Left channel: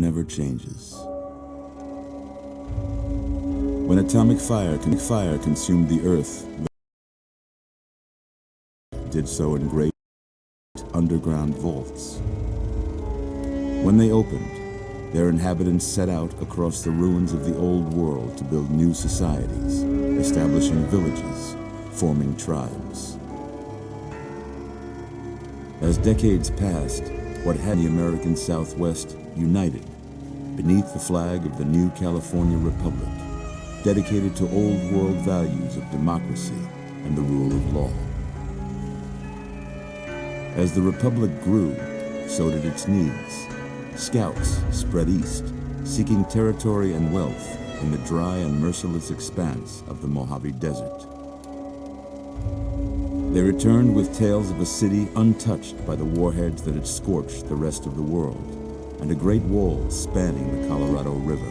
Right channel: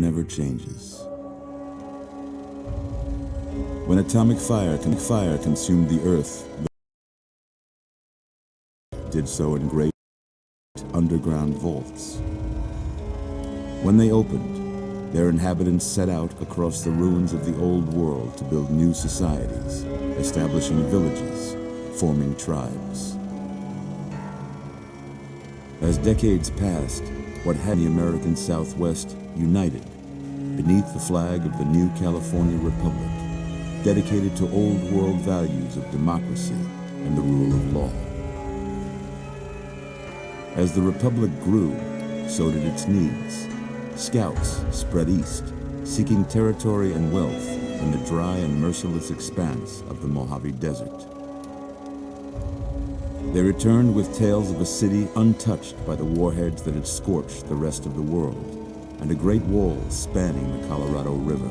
never changes. When atomic fire consumed the Earth, did so in great underground vaults. When they opened, their inhabitants set out across the ruins of the old world to build new societies, establishing villages, forming tribes. As decades passed, what had the American Southwest united beneath the flag of the new California Republic, dedicated to old world values of democracy and the rule of law. As the Republic grew, so did its needs. Scouts spread east, seeking territory and wealth in the dry and merciless expanse of the Mojave Desert. They returned with tales of a city untouched by the warheads that had scorched the rest of the world, and a great wall spanning the Colorado River.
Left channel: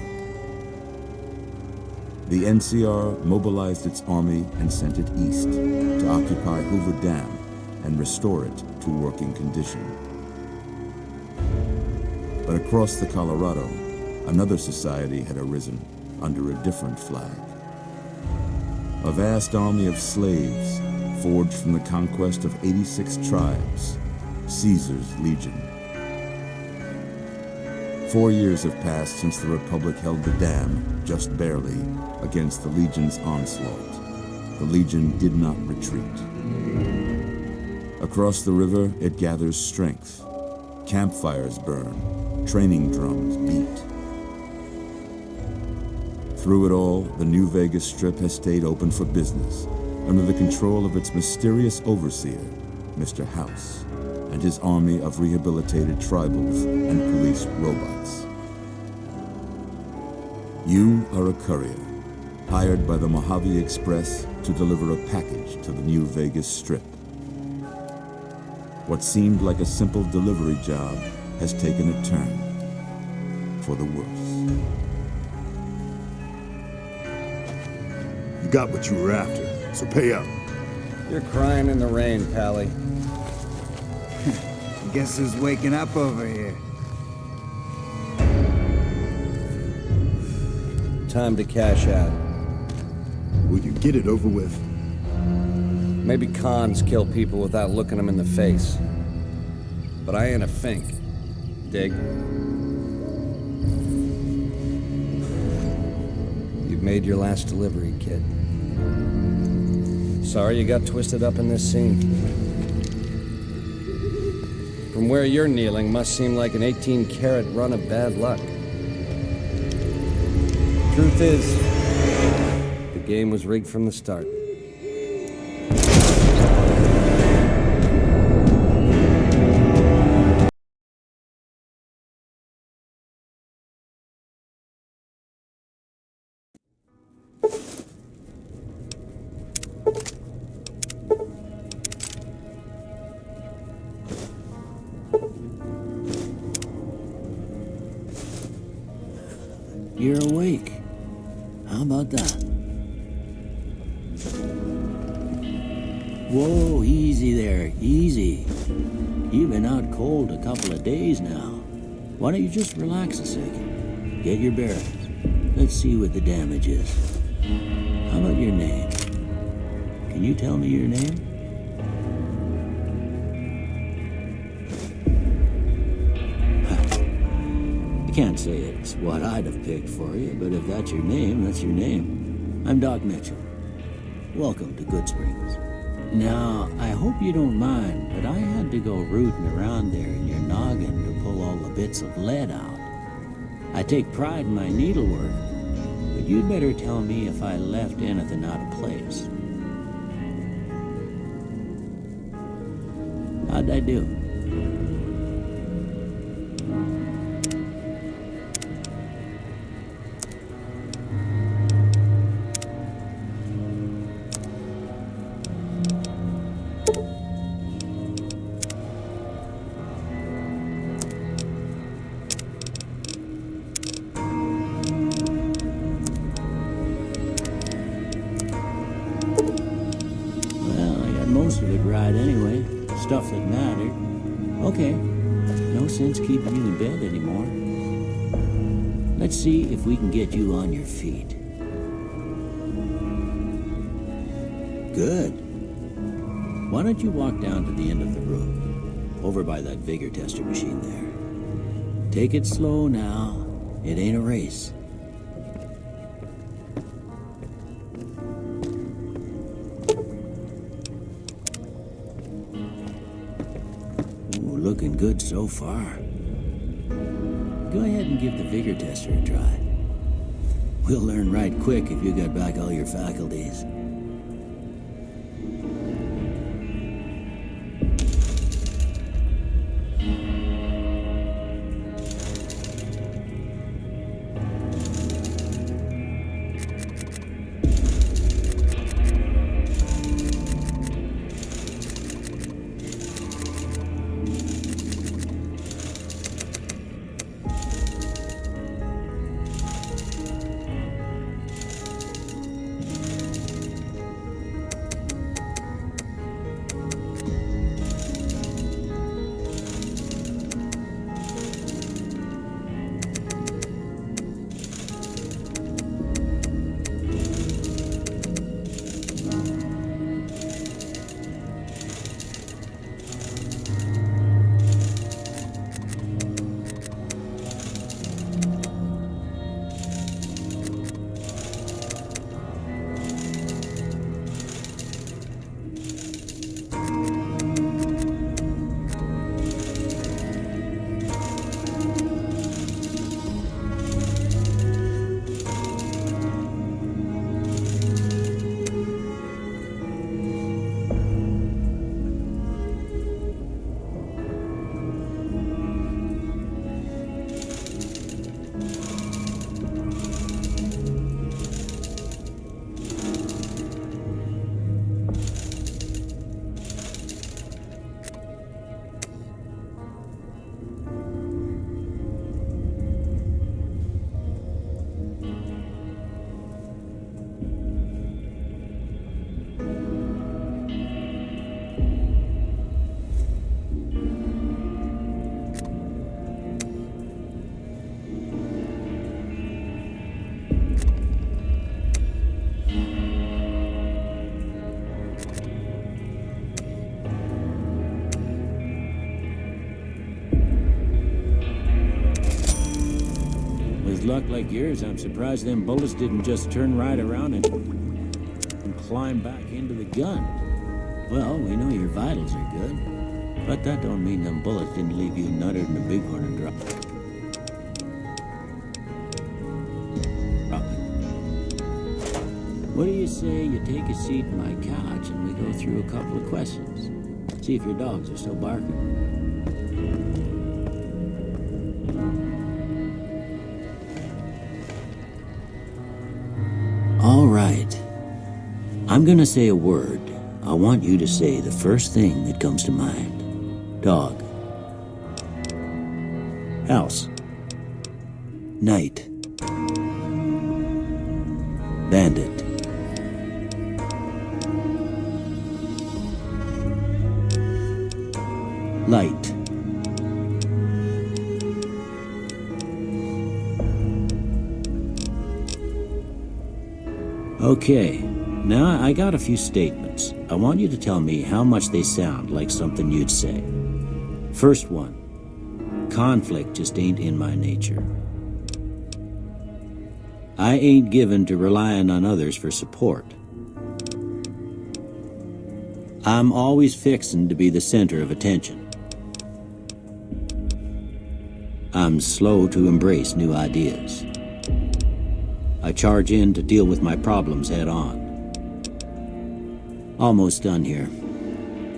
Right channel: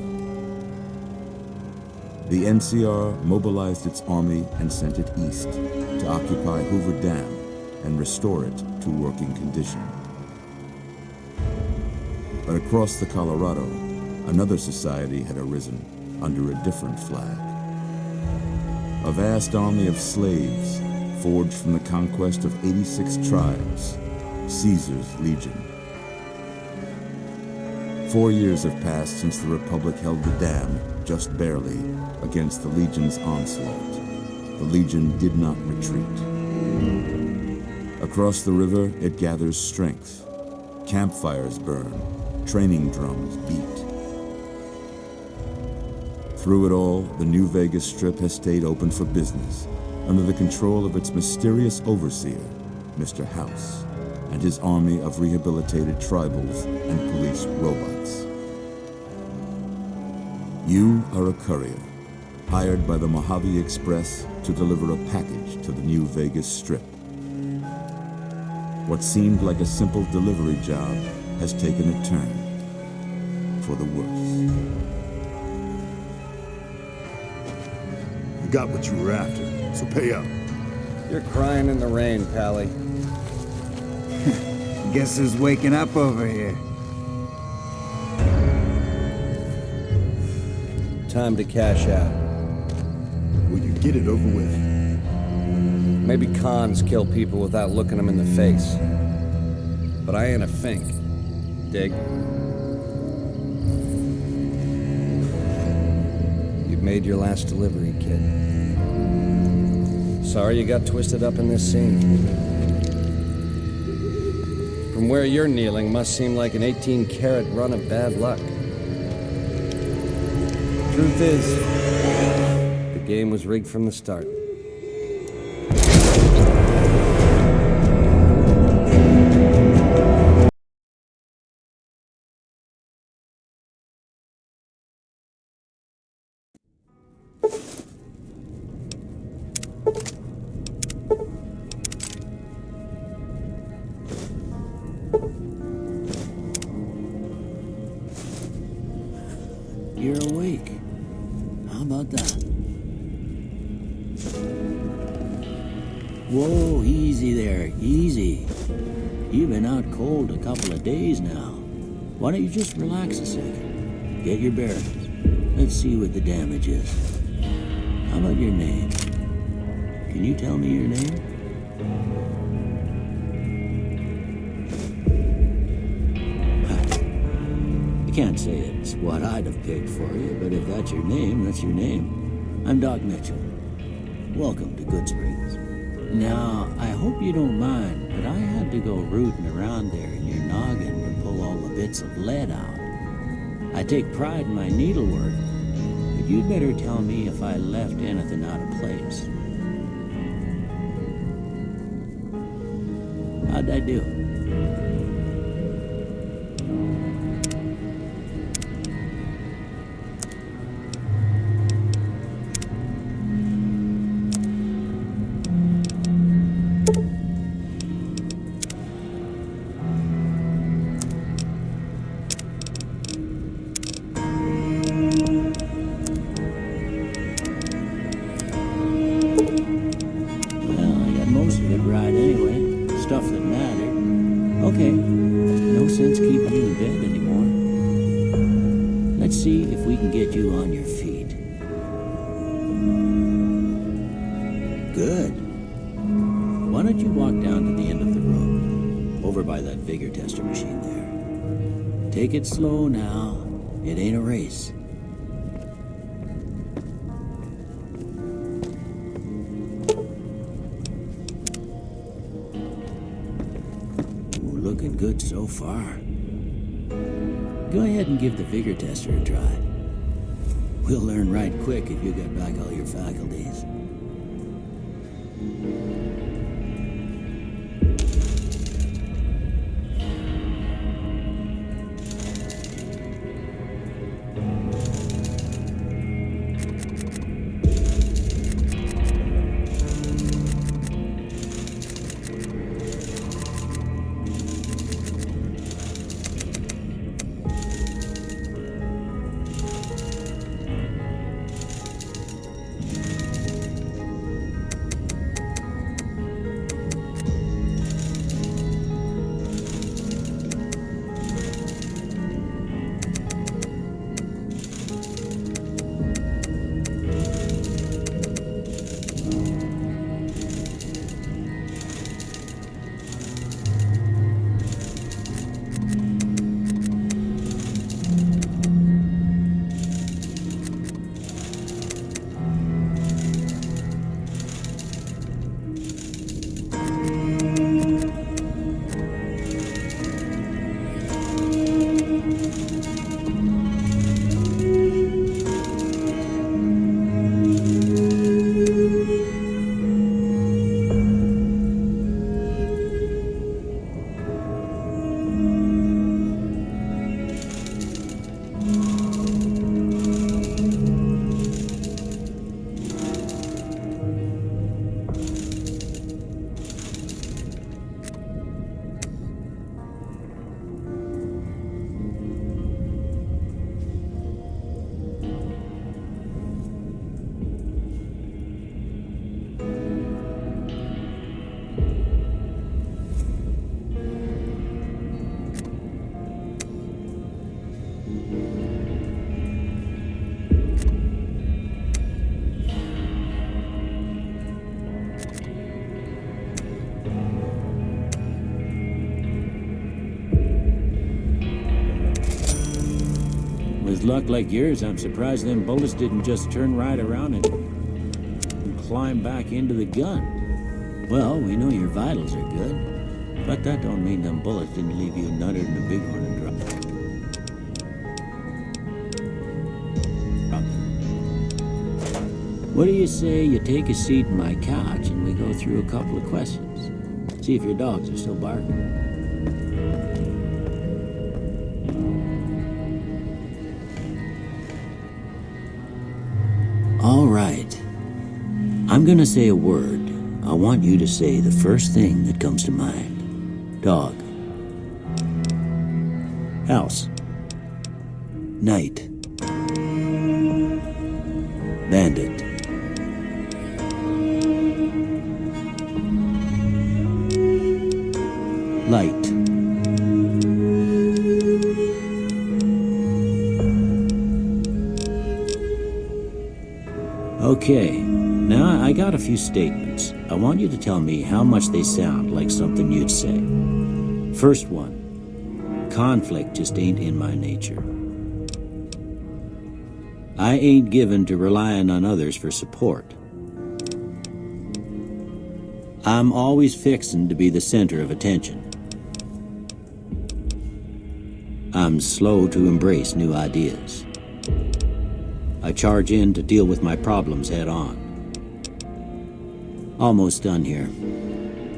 The NCR mobilized its army and sent it east to occupy Hoover Dam and restore it to working condition. But across the Colorado, another society had arisen under a different flag. A vast army of slaves forged from the conquest of 86 tribes, Caesar's Legion. 4 years have passed since the Republic held the dam, just barely, against the Legion's onslaught. The Legion did not retreat. Across the river, it gathers strength. Campfires burn, training drums beat. Through it all, the New Vegas Strip has stayed open for business, under the control of its mysterious overseer, Mr. House, and his army of rehabilitated tribals and police robots. You are a courier, hired by the Mojave Express to deliver a package to the New Vegas Strip. What seemed like a simple delivery job has taken a turn for the worse. You got what you were after, so pay up. You're crying in the rain, Pally. Guess who's waking up over here? Time to cash out. Will you get it over with? Maybe cons kill people without looking them in the face. But I ain't a fink. Dig? You've made your last delivery, kid. Sorry you got twisted up in this scene. From where you're kneeling must seem like an 18-carat run of bad luck. Truth is, the game was rigged from the start. You're awake. How about that? Whoa, easy there, easy. You've been out cold a couple of days now. Why don't you just relax a second? Get your bearings. Let's see what the damage is. How about your name? Can you tell me your name? I can't say it's what I'd have picked for you, but if that's your name, that's your name. I'm Doc Mitchell. Welcome to Goodsprings. Now, I hope you don't mind, but I had to go rooting around there in your noggin to pull all the bits of lead out. I take pride in my needlework, but you'd better tell me if I left anything out of place. How'd I do? Most of it right anyway. Stuff that mattered. Okay. No sense keeping you in bed anymore. Let's see if we can get you on your feet. Good. Why don't you walk down to the end of the room, over by that vigor tester machine there. Take it slow now. It ain't a race. Ooh, looking good so far. Go ahead and give the vigor tester a try. We'll learn right quick if you got back all your faculties. With luck like yours, I'm surprised them bullets didn't just turn right around and climb back into the gun. Well, we know your vitals are good, but that don't mean them bullets didn't leave you nuttered in the bighorn and drop. What do you say you take a seat in my couch and we go through a couple of questions? See if your dogs are still barking. All right. I'm gonna say a word. I want you to say the first thing that comes to mind. Dog. House. Night. Bandit. Light. Okay, now I got a few statements. I want you to tell me how much they sound like something you'd say. First one, conflict just ain't in my nature. I ain't given to relying on others for support. I'm always fixin' to be the center of attention. I'm slow to embrace new ideas. I charge in to deal with my problems head on. Almost done here.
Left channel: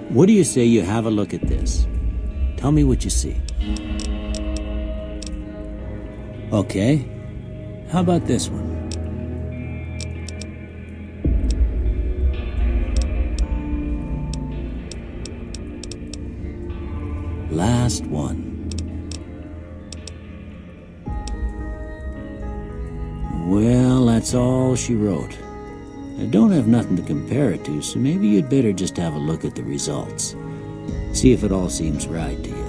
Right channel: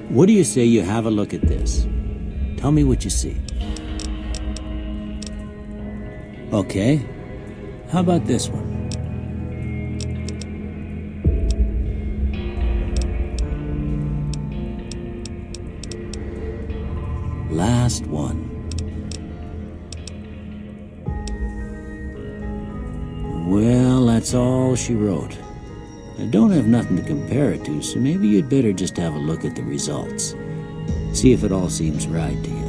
What do you say you have a look at this? Tell me what you see. Okay. How about this one? Last one. Well, that's all she wrote. I don't have nothing to compare it to, so maybe you'd better just have a look at the results. See if it all seems right to you.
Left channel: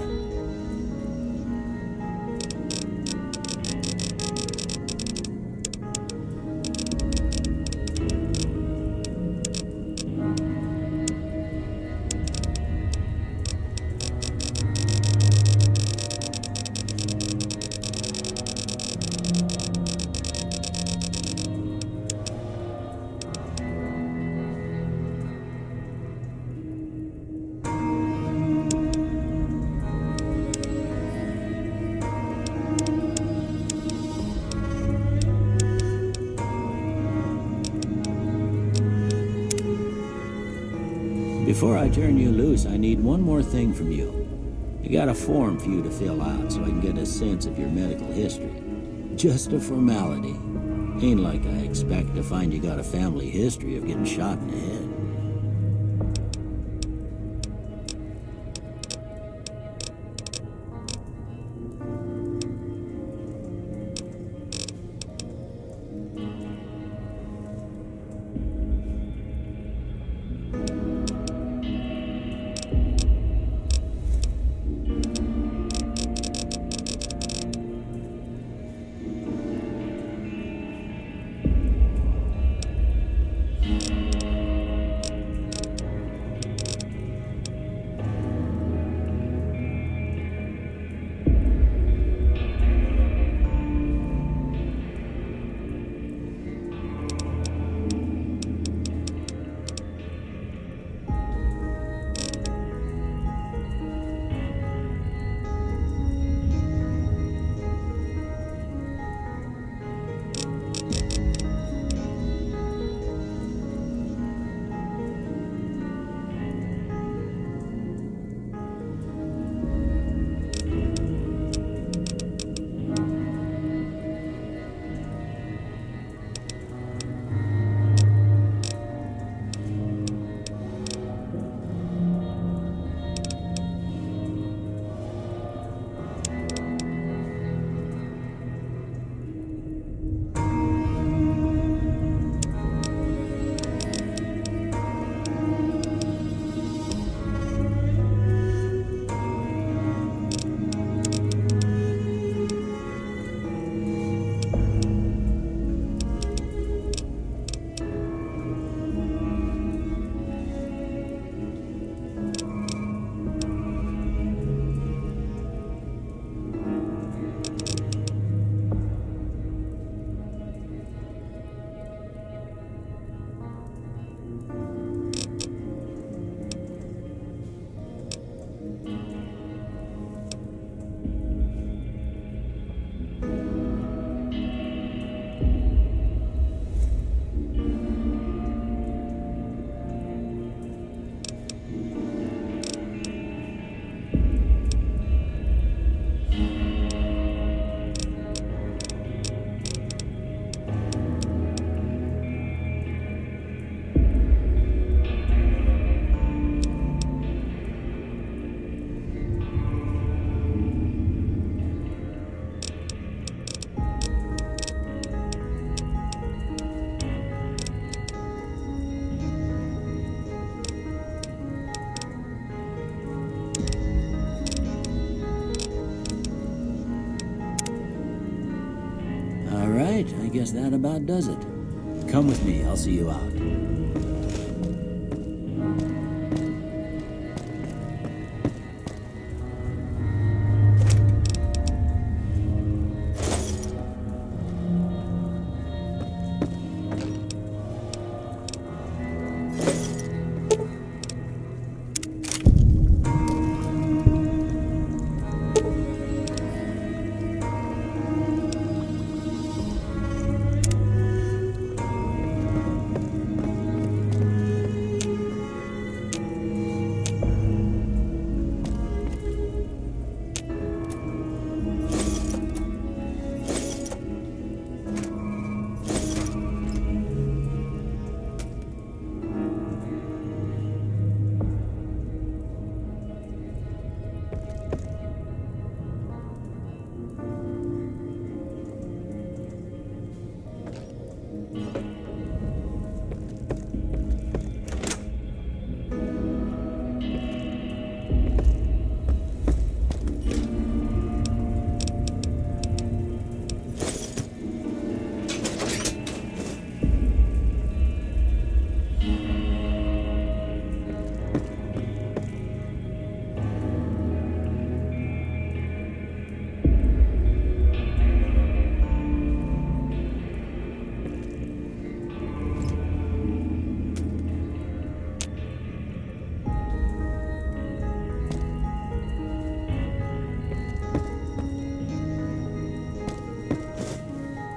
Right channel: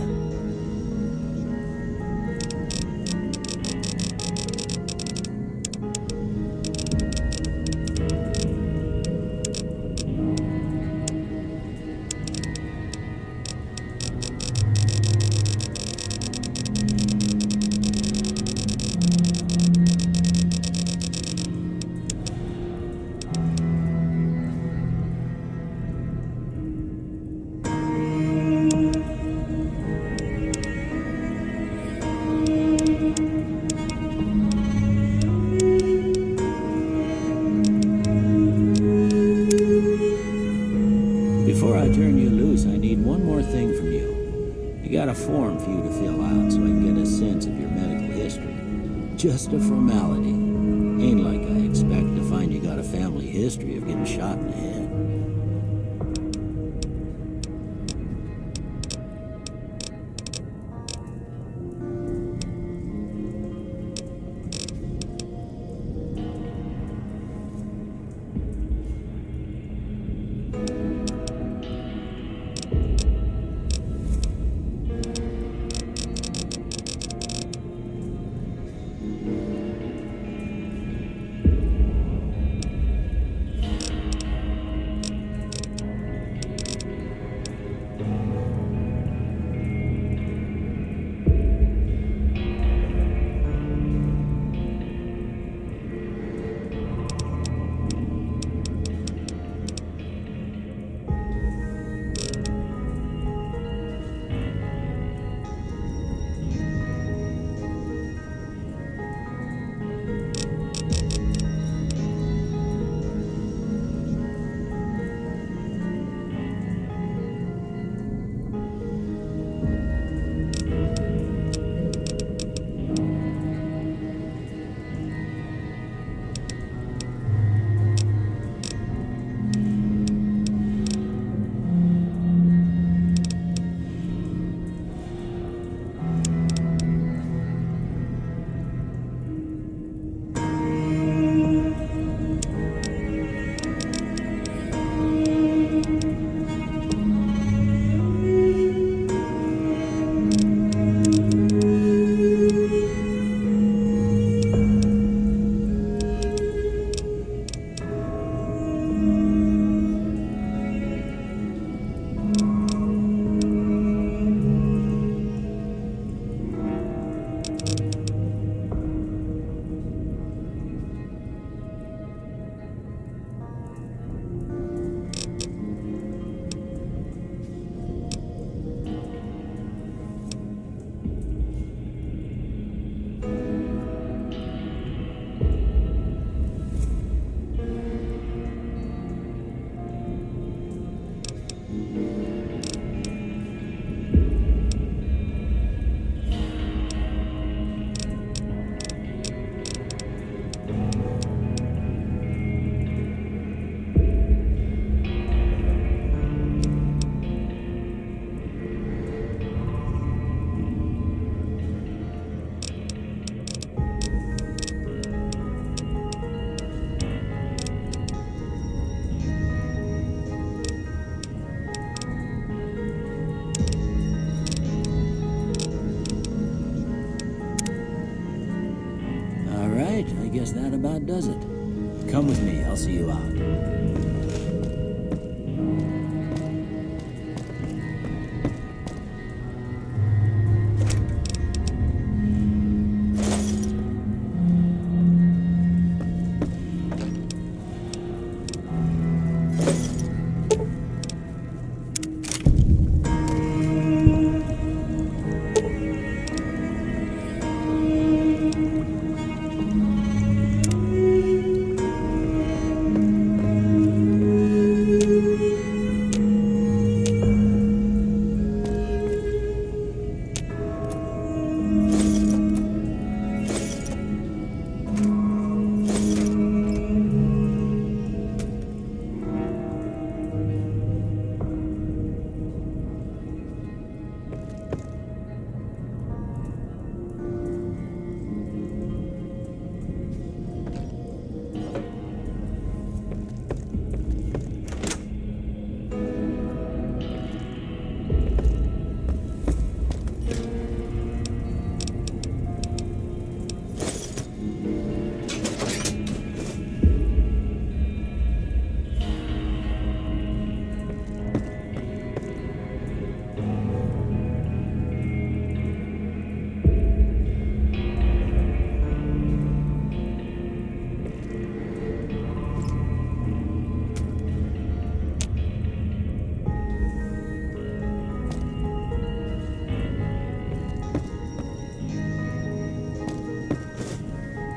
Before I turn you loose, I need one more thing from you. I got a form for you to fill out so I can get a sense of your medical history. Just a formality. Ain't like I expect to find you got a family history of getting shot in the head. All right, I guess that about does it. Come with me, I'll see you out.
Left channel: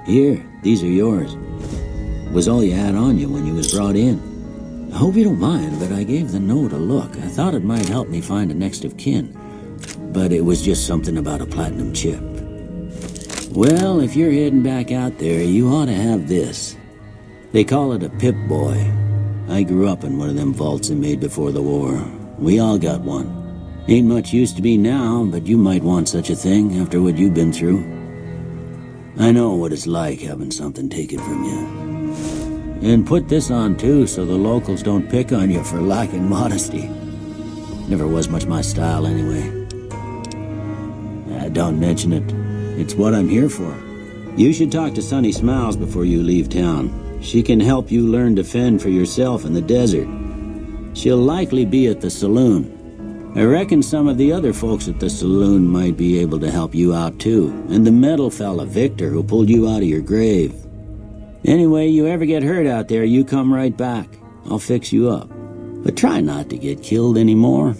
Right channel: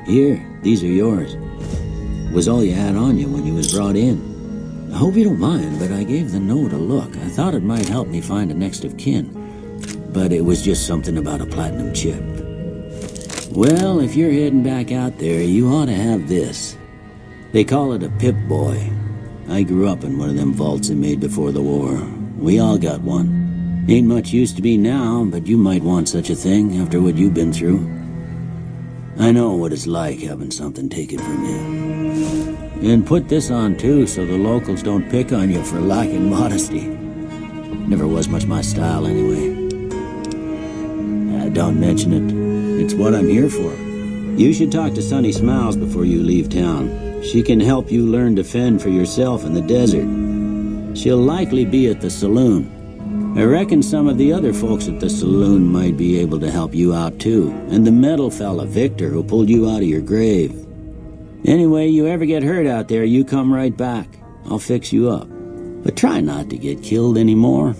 Here, these are yours. Was all you had on you when you was brought in. I hope you don't mind, but I gave the note a look. I thought it might help me find a next of kin. But it was just something about a platinum chip. Well, if you're heading back out there, you ought to have this. They call it a Pip-Boy. I grew up in one of them vaults they made before the war. We all got one. Ain't much use to me now, but you might want such a thing after what you've been through. I know what it's like having something taken from you. And put this on too, so the locals don't pick on you for lacking modesty. Never was much my style anyway. Don't mention it. It's what I'm here for. You should talk to Sunny Smiles before you leave town. She can help you learn to fend for yourself in the desert. She'll likely be at the saloon. I reckon some of the other folks at the saloon might be able to help you out too. And the metal fella, Victor, who pulled you out of your grave. Anyway, you ever get hurt out there, you come right back. I'll fix you up. But try not to get killed anymore.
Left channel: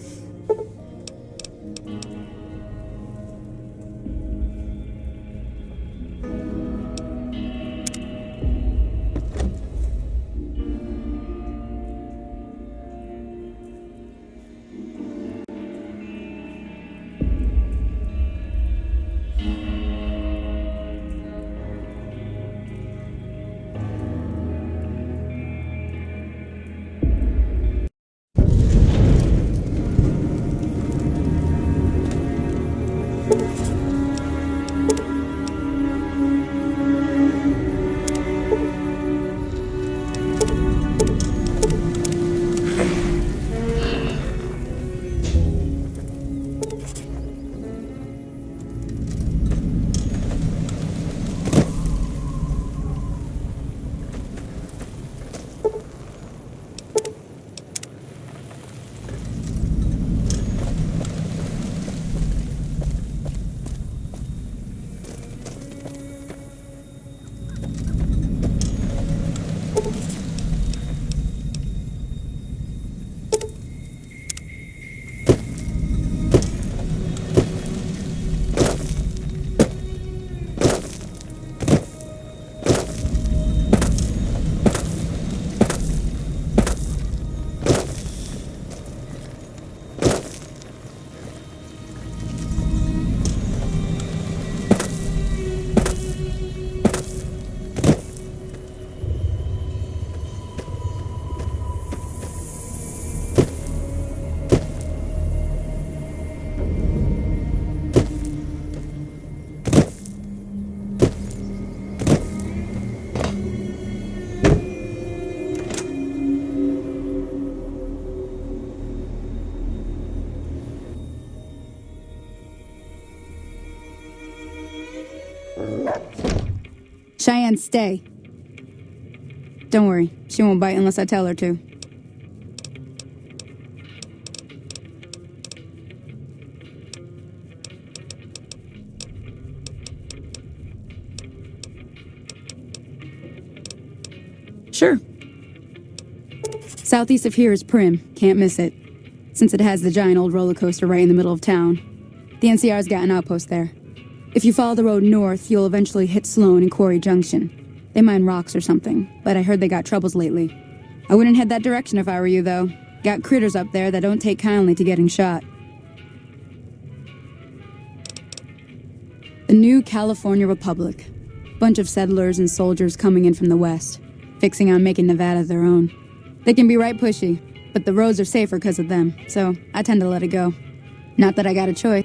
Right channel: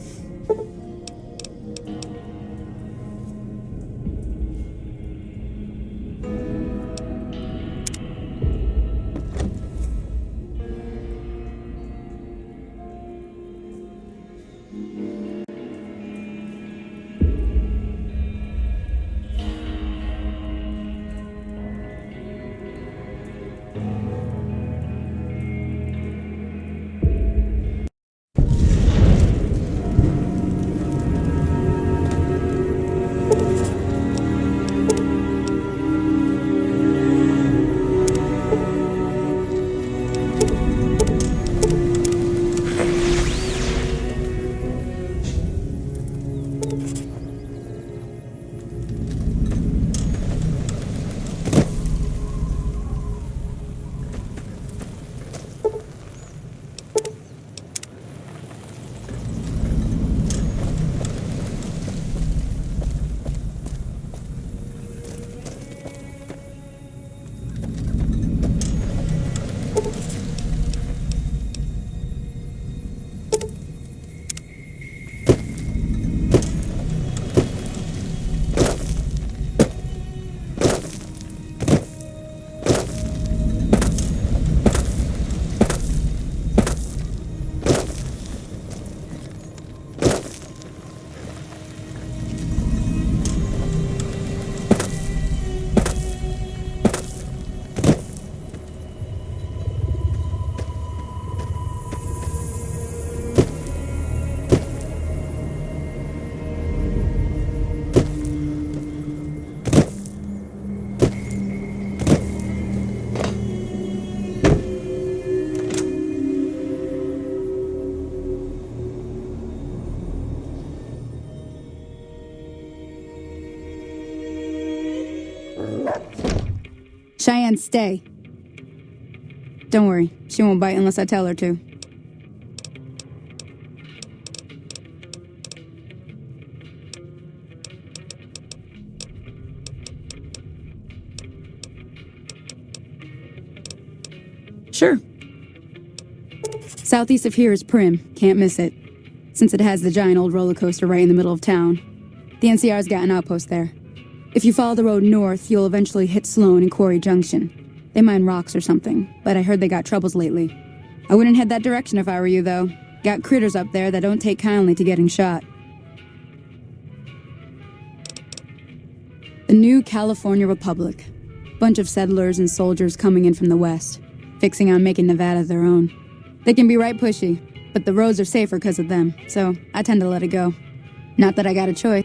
Cheyenne, stay. Don't worry, she won't bite unless I tell her to. Sure. Southeast of here is Prim. Can't miss it. Since it has the giant old roller coaster right in the middle of town. The NCR's got an outpost there. If you follow the road north, you'll eventually hit Sloan and Quarry Junction. They mine rocks or something, but I heard they got troubles lately. I wouldn't head that direction if I were you, though. Got critters up there that don't take kindly to getting shot. The new California Republic. Bunch of settlers and soldiers coming in from the west, fixing on making Nevada their own. They can be right pushy, but the roads are safer because of them, so I tend to let it go. Not that I got a choice.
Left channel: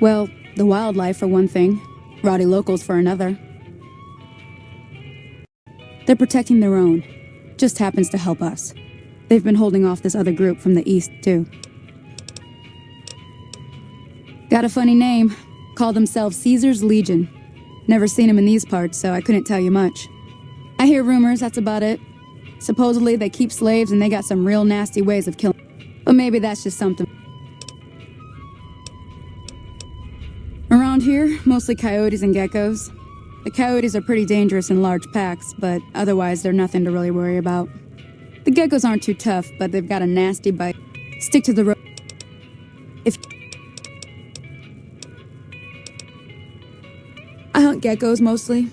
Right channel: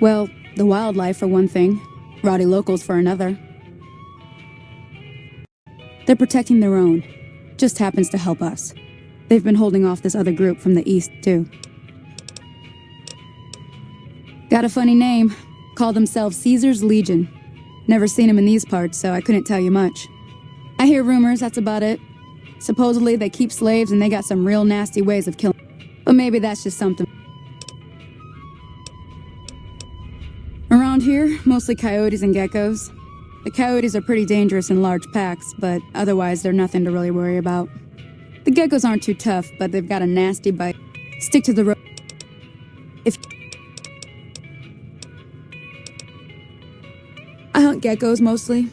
Well, the wildlife for one thing, rowdy locals for another. They're protecting their own. Just happens to help us. They've been holding off this other group from the east, too. Got a funny name. Call themselves Caesar's Legion. Never seen them in these parts, so I couldn't tell you much. I hear rumors, that's about it. Supposedly they keep slaves and they got some real nasty ways of killing. But maybe that's just something. Around here, mostly coyotes and geckos. The coyotes are pretty dangerous in large packs, but otherwise they're nothing to really worry about. The geckos aren't too tough, but they've got a nasty bite. Stick to the road. I hunt geckos mostly.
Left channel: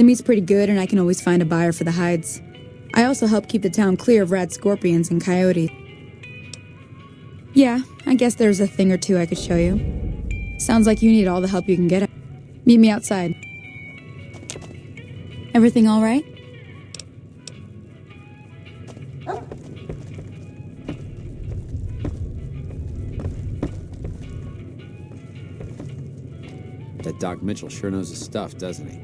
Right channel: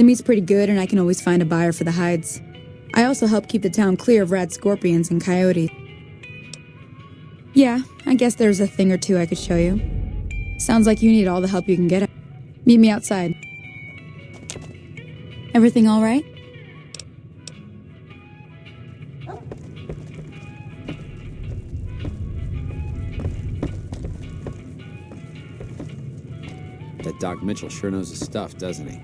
The meat's pretty good, and I can always find a buyer for the hides. I also help keep the town clear of rat scorpions and coyotes. Yeah, I guess there's a thing or two I could show you. Sounds like you need all the help you can get. Meet me outside. Everything all right? That Doc Mitchell sure knows his stuff, doesn't he?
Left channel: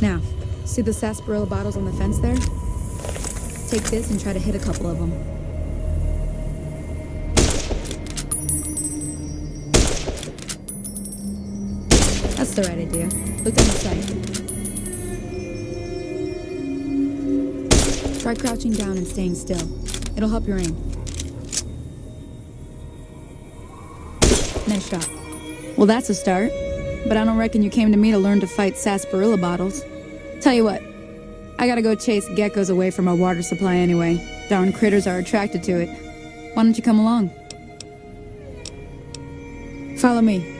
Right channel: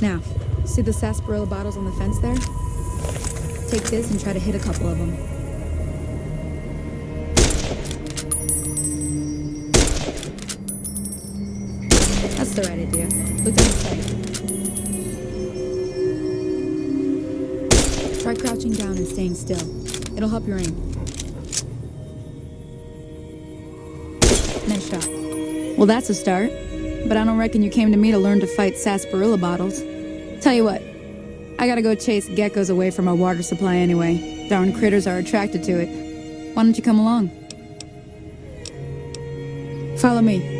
Now, see the sarsaparilla bottles on the fence there? Take this and try to hit a couple of them. That's the right idea. Look down the sight. Try crouching down and staying still. It'll help your aim. Nice shot. Well, that's a start. But I don't reckon you came to me to learn to fight sarsaparilla bottles. Tell you what, I gotta go chase geckos away from our water supply anyway. Darn critters are attracted to it. Why don't you come along? Follow me.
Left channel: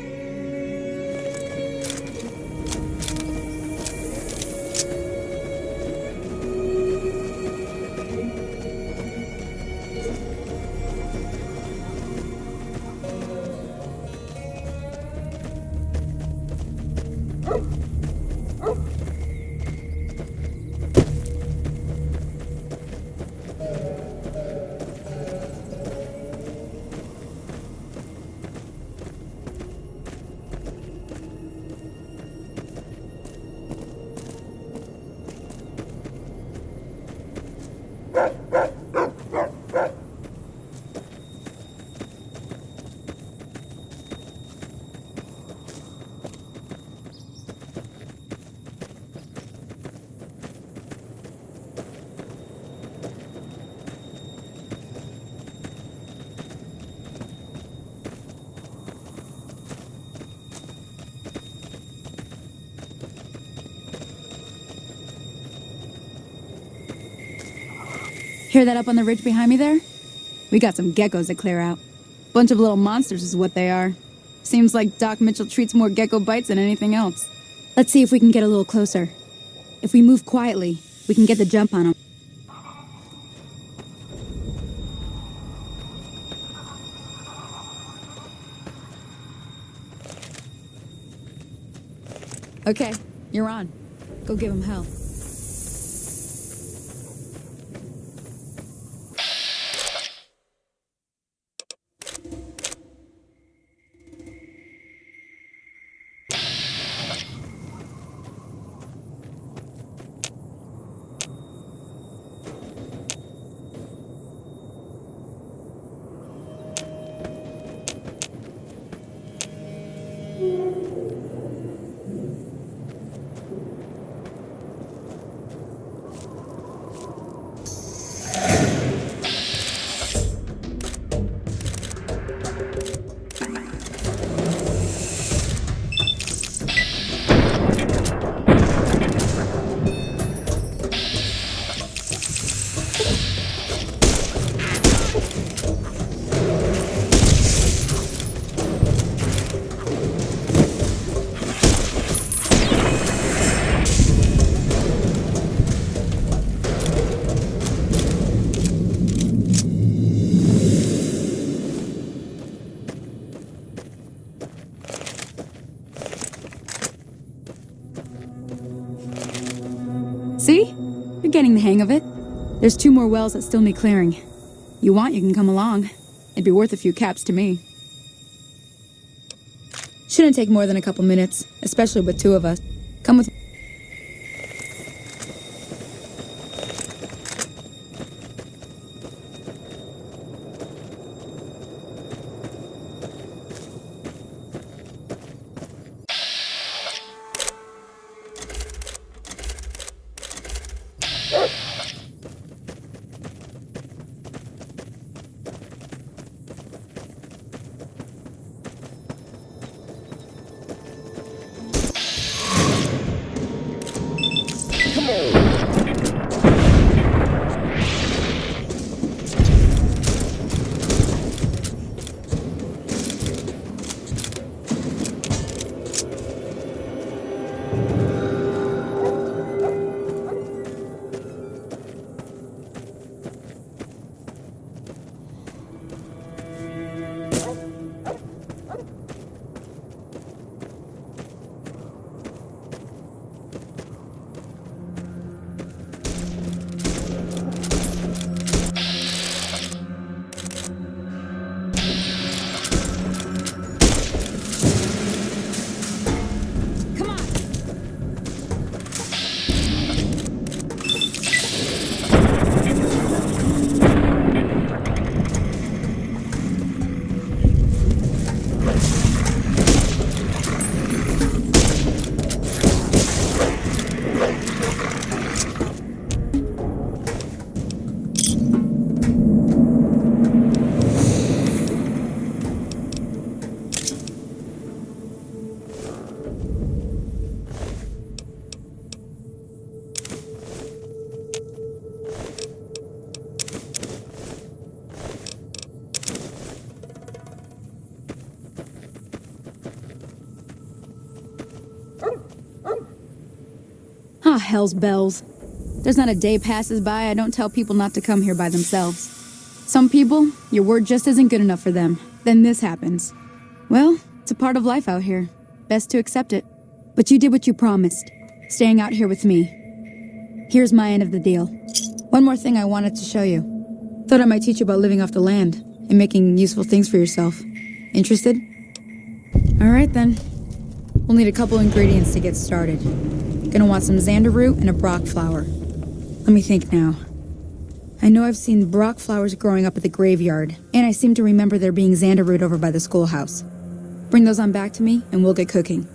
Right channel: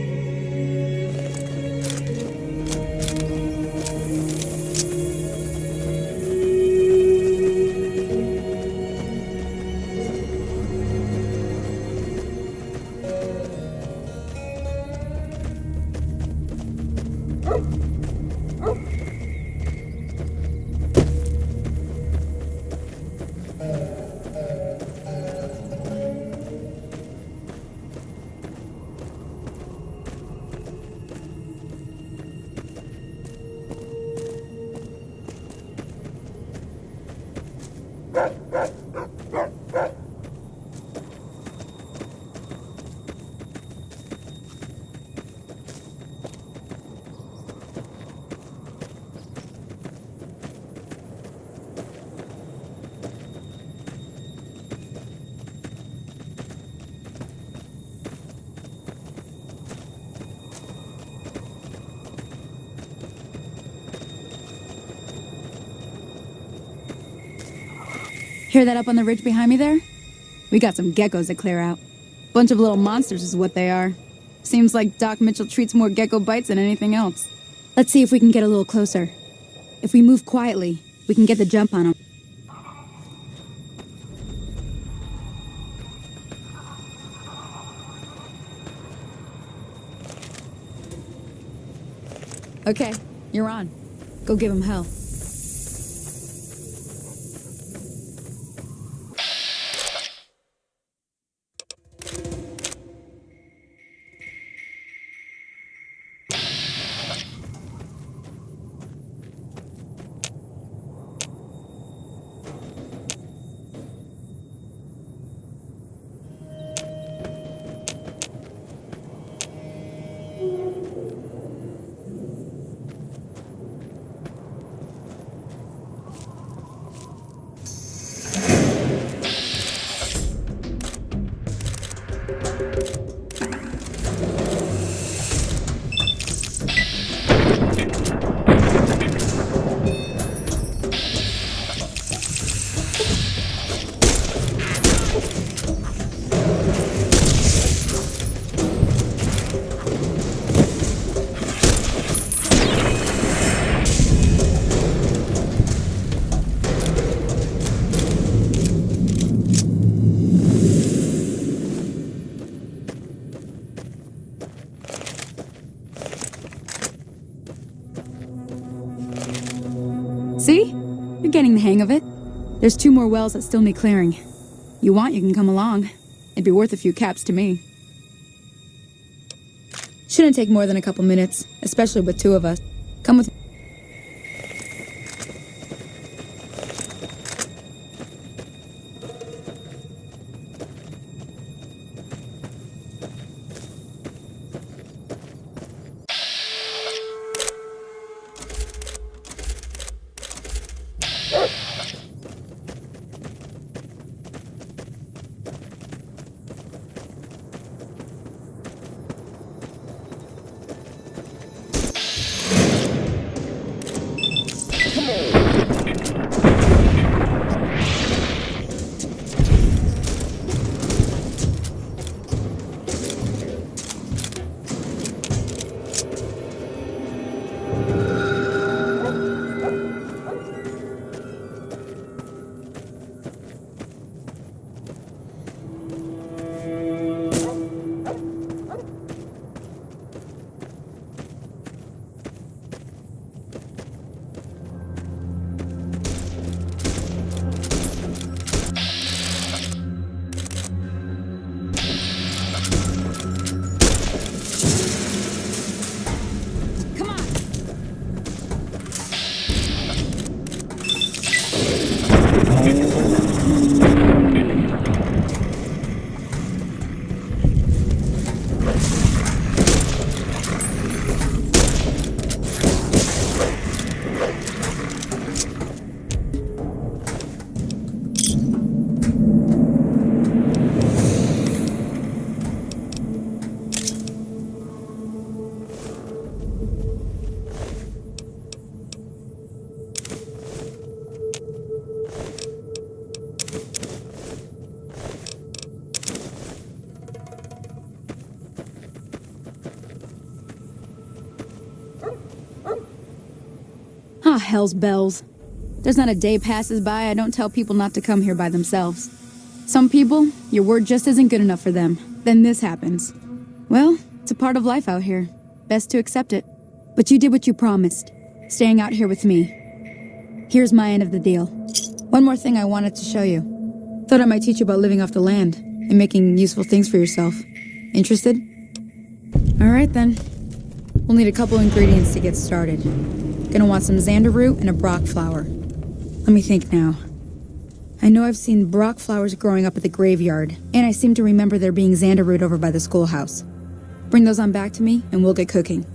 Hear that up on the ridge behind me there? We got some geckos to clear out. Bunch of little monsters is what they are. Seems like Doc Mitchell treats more gecko bites than anything else. Let's see if we can get a little closer. If we move quietly, we can get the jump on them. Okay, you're on. Go give them hell. See? You're getting the hang of it. There's 2 more wells that still need clearing. You want, you can come along. It'd be worth a few caps to me. Shouldn't take more than a couple minutes, especially with two of us. Come with me. Ah, hell's bells. There's not a day passes by I don't tell people not to come here by themselves. Some people, your word just isn't good enough for them. Then this happens. Well, it's a part of life out here. Best to accept it. But you did what you promised, staying out here with me. Here's my end of the deal. One more thing I wanted to show you. Thought I might teach you about living off the land and making useful things for yourself. Interested? Alright then. We'll need a couple ingredients to get started. Gonna want some xander root and a brock flower. Let me think now. I know I've seen brock flowers growing up at the graveyard, and I seem to remember there being xander root over by the schoolhouse. Bring those on back to me, and we'll get cooking.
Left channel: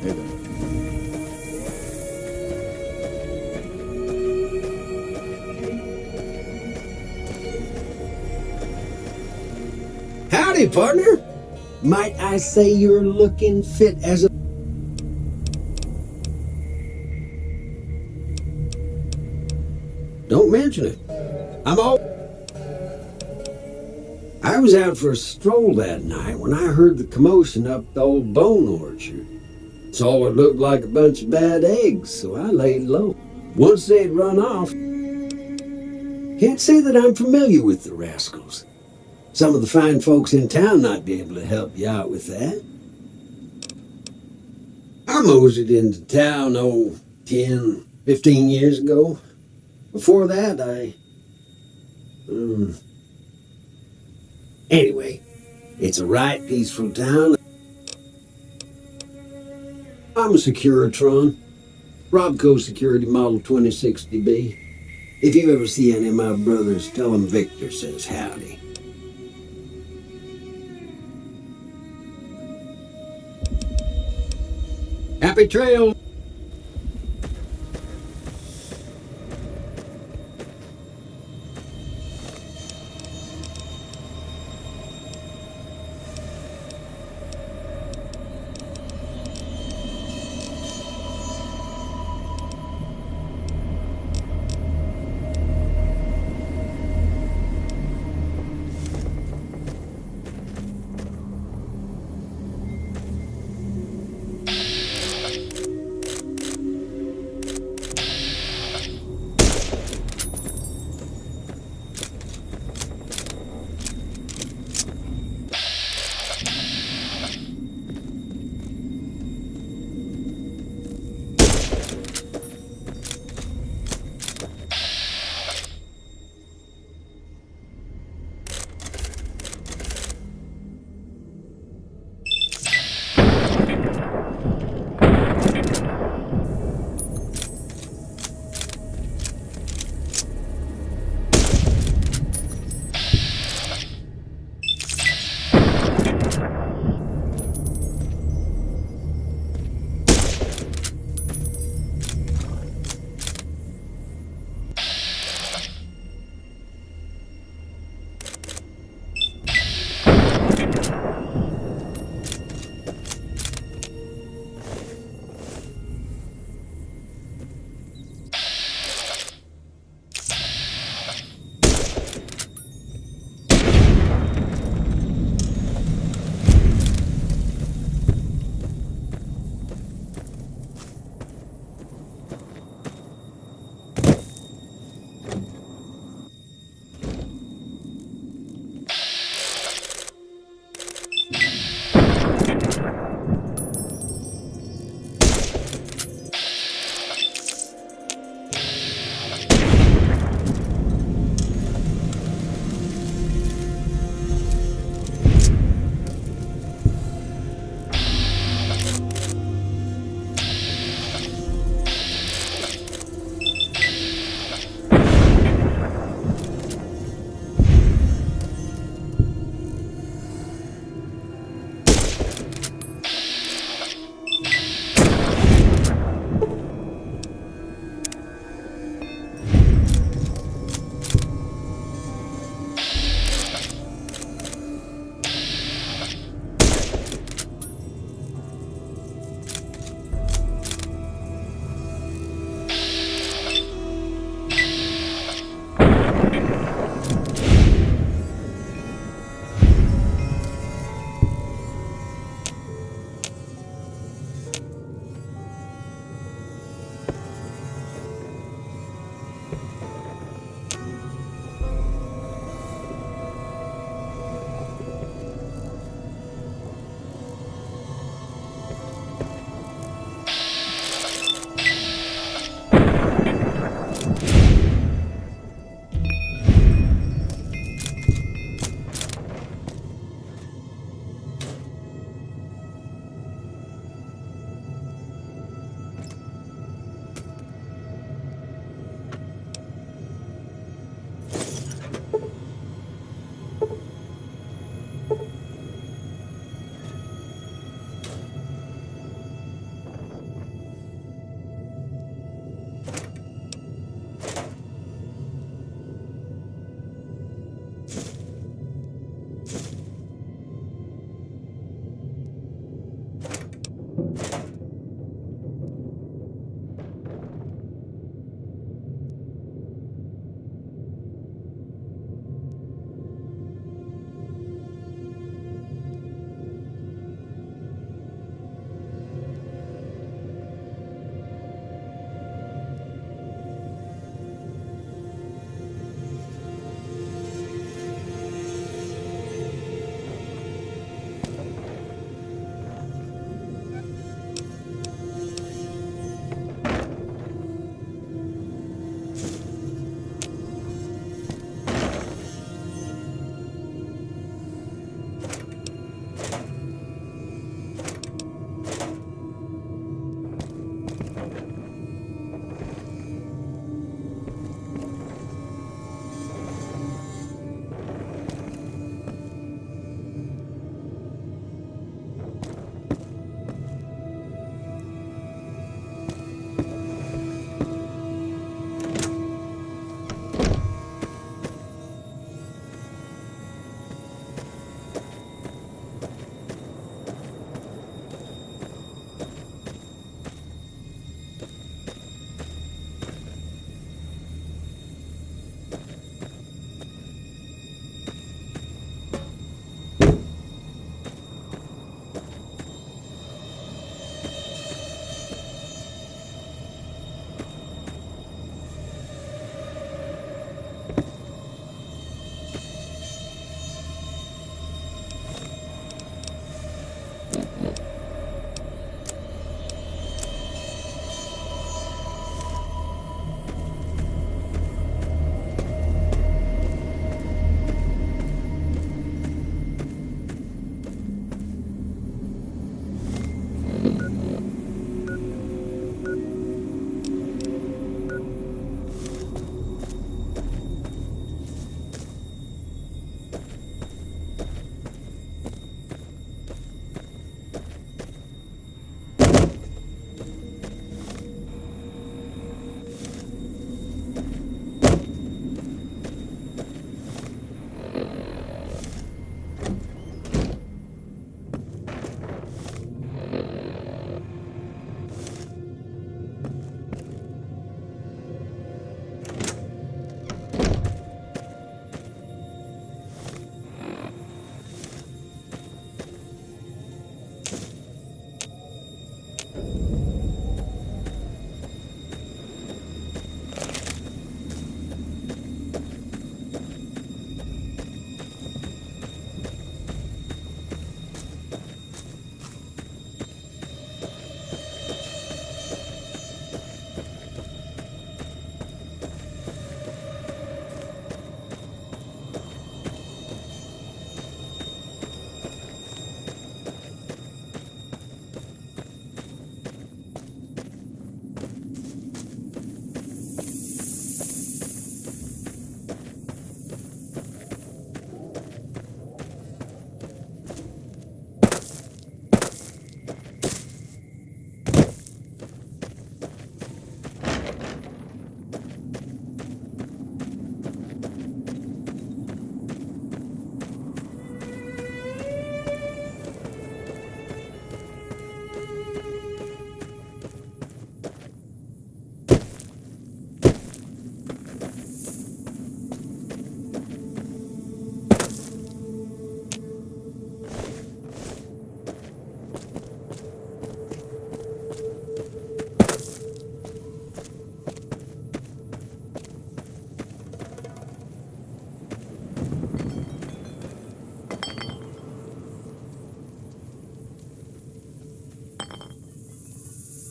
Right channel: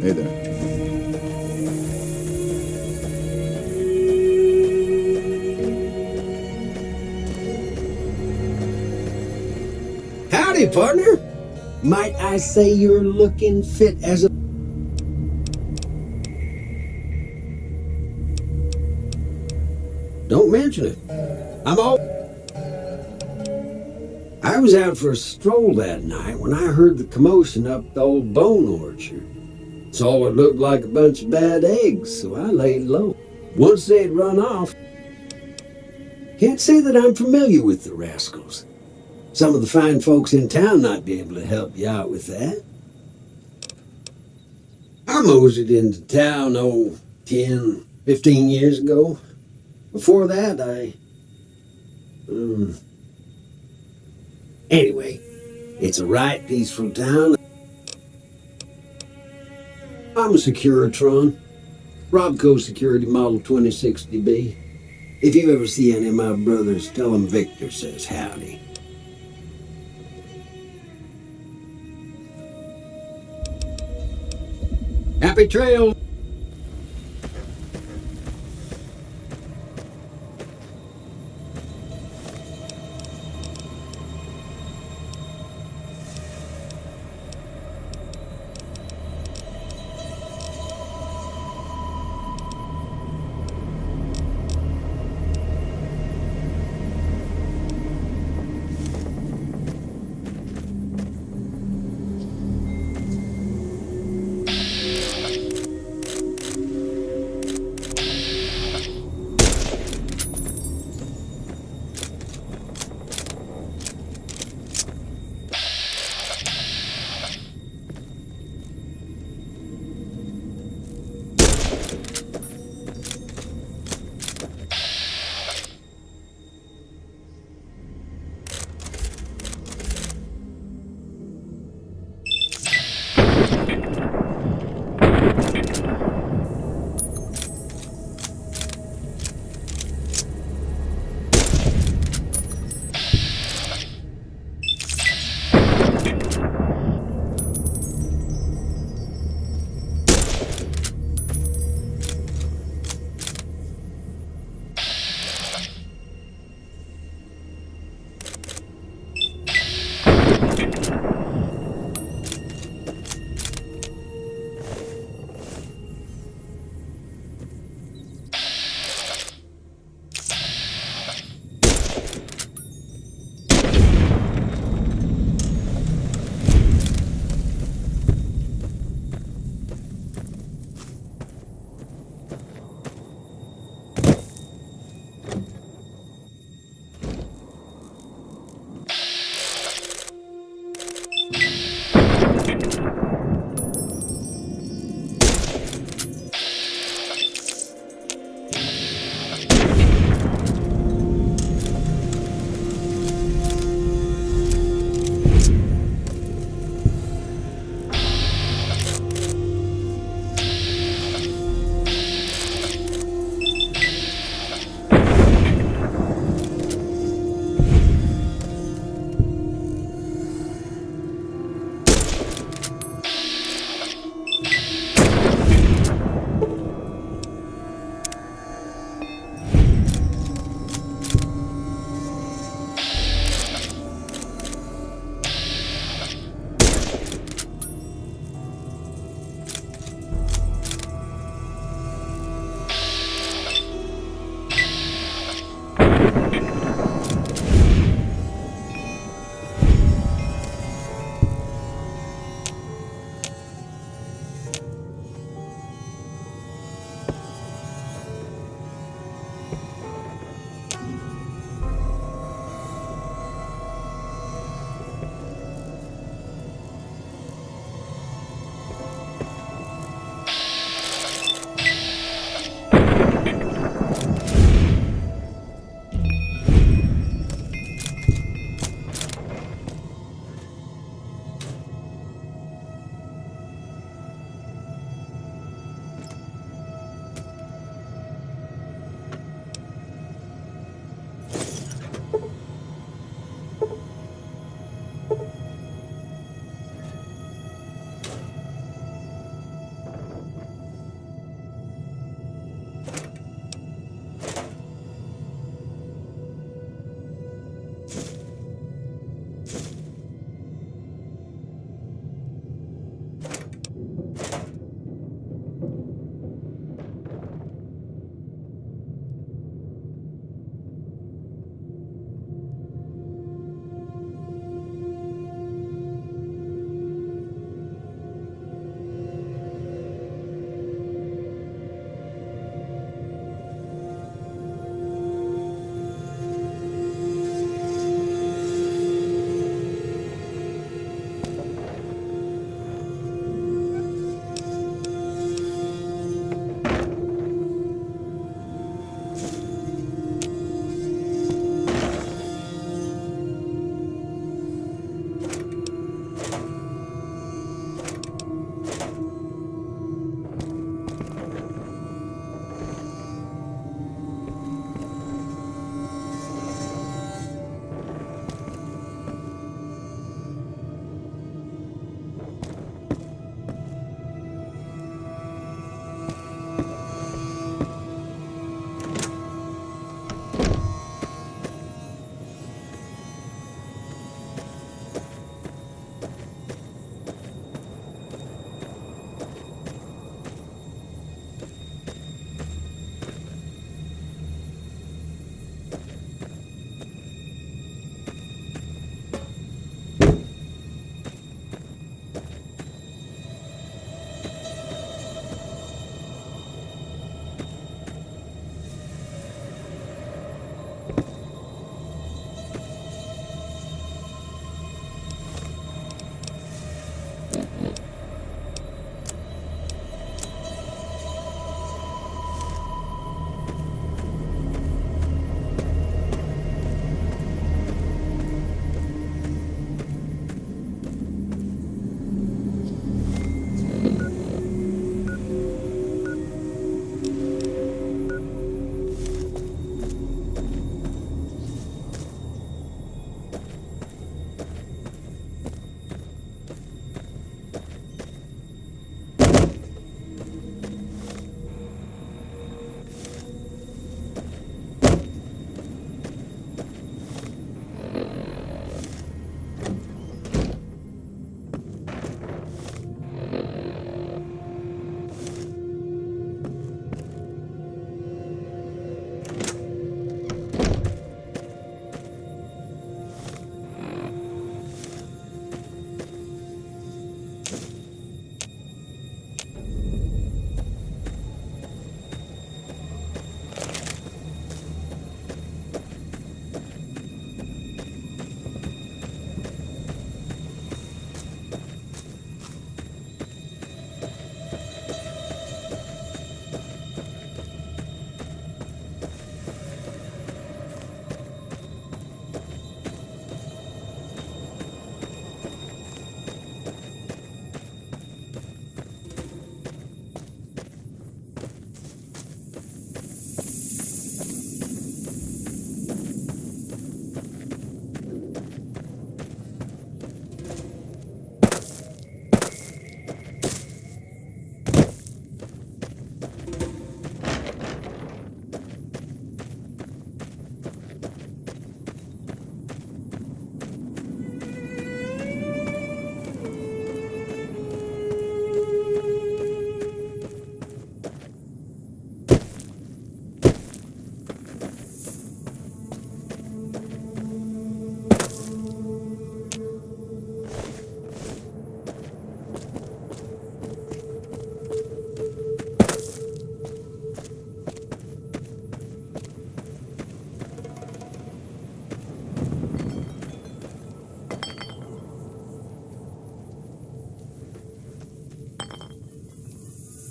Hey there. Howdy, partner. Might I say you're looking fit as a... Don't mention it. I was out for a stroll that night when I heard the commotion up the old bone orchard. Saw what looked like a bunch of bad eggs, so I laid low. Once they'd run off, can't say that I'm familiar with the rascals. Some of the fine folks in town might be able to help you out with that. I moseyed into town, 10, 15 years ago. Before that, Anyway, it's a right peaceful town. I'm a Securitron. Robco Security Model 2060B. If you ever see any of my brothers, tell them Victor says howdy. Happy trail!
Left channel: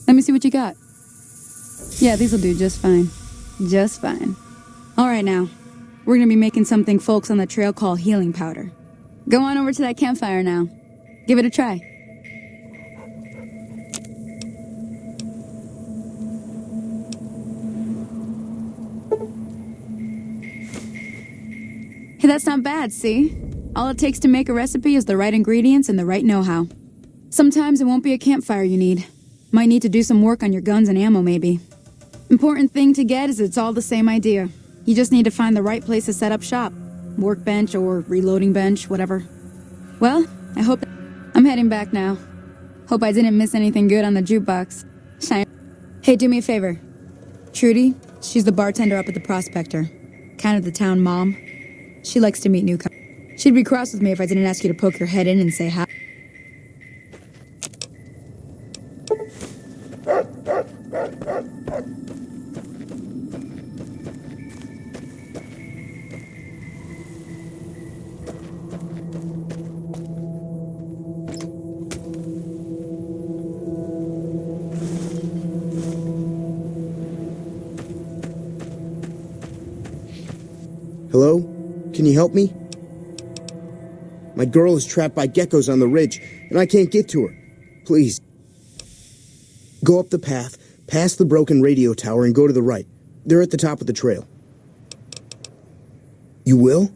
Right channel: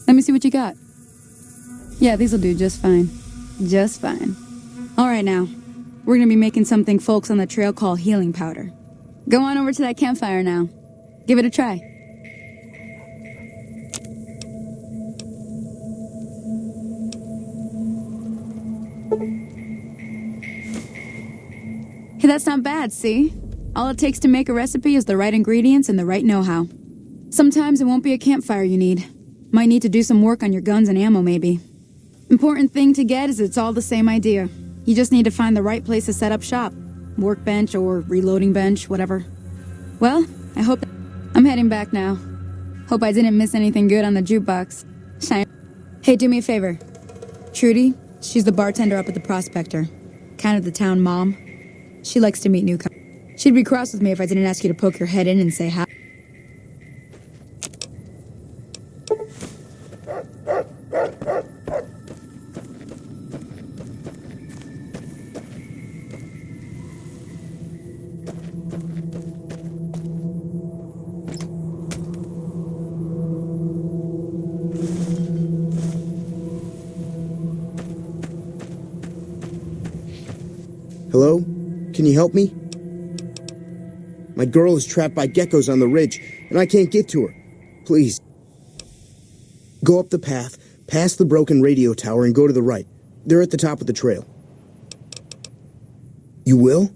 Let me see what you got. Yeah, these'll do just fine. Just fine. All right, now. We're gonna be making something folks on the trail call healing powder. Go on over to that campfire now. Give it a try. Hey, that's not bad, see? All it takes to make a recipe is the right ingredients and the right know-how. Sometimes it won't be a campfire you need. Might need to do some work on your guns and ammo, maybe. Important thing to get is it's all the same idea. You just need to find the right place to set up shop. Workbench or reloading bench, whatever. Well, I hope... I'm heading back now. Hope I didn't miss anything good on the jukebox. Hey, do me a favor. Trudy, she's the bartender up at the Prospector. Kind of the town mom. She likes to meet newcomers. She'd be cross with me if I didn't ask you to poke your head in and say hi. Hello? Can you help me? My girl is trapped by geckos on the ridge, and I can't get to her. Please. Go up the path, past the broken radio tower, and go to the right. They're at the top of the trail. You will?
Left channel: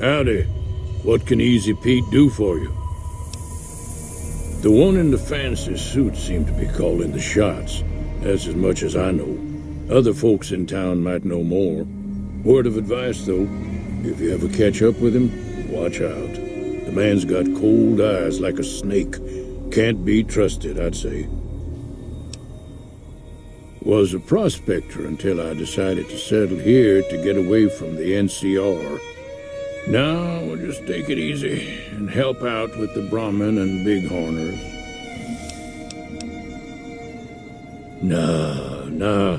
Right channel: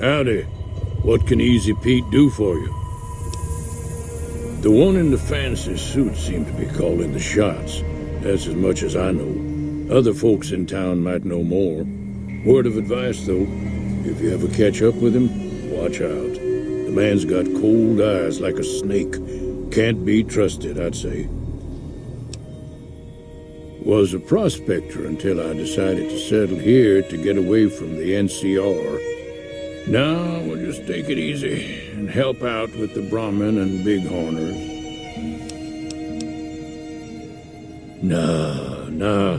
Howdy. What can Easy Pete do for you? The one in the fancy suit seemed to be calling the shots. That's as much as I know. Other folks in town might know more. Word of advice, though, if you ever catch up with him, watch out. The man's got cold eyes like a snake. Can't be trusted, I'd say. Was a prospector until I decided to settle here to get away from the NCR. Now we'll just take it easy and help out with the Brahmin and Bighorners. Nah.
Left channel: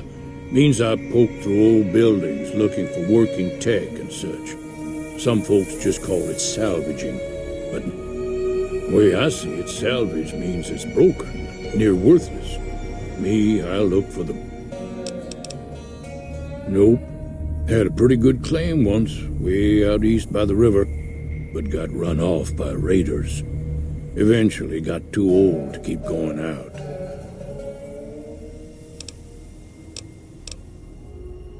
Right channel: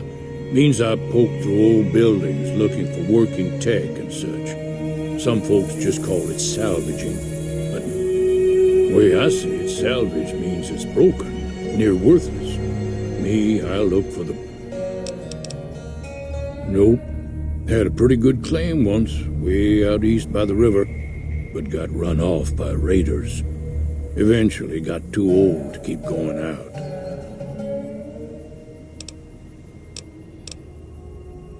Means I poke through old buildings looking for working tech and such. Some folks just call it salvaging, but the way I see it, salvage means it's broken, near worthless. Me, I look for the... Nope. Had a pretty good claim once, way out east by the river, but got run off by raiders. Eventually got too old to keep going out.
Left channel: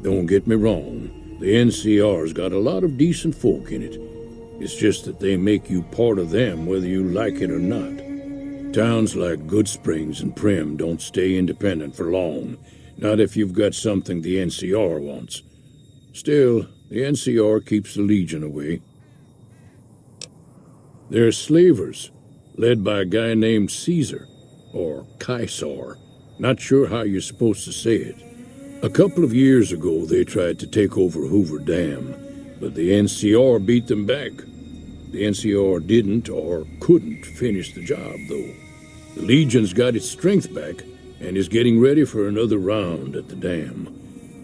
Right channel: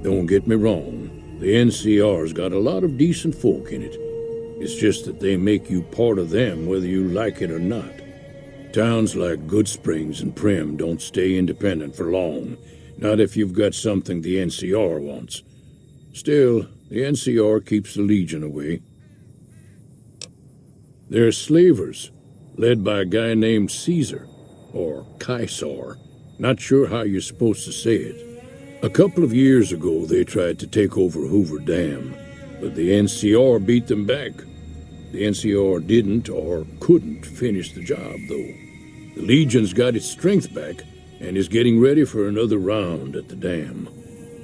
Don't get me wrong, the NCR's got a lot of decent folk in it. It's just that they make you part of them whether you like it or not. Towns like Goodsprings and Prim don't stay independent for long, not if you've got something the NCR wants. Still, the NCR keeps the Legion away. They're slavers, led by a guy named Caesar. or Kaisar. Not sure how you're supposed to say it. A couple of years ago, they tried to take over Hoover Dam, but the NCR beat them back. The NCR didn't or couldn't finish the job, though. The Legion's got its strength back and is getting ready for another round at the dam.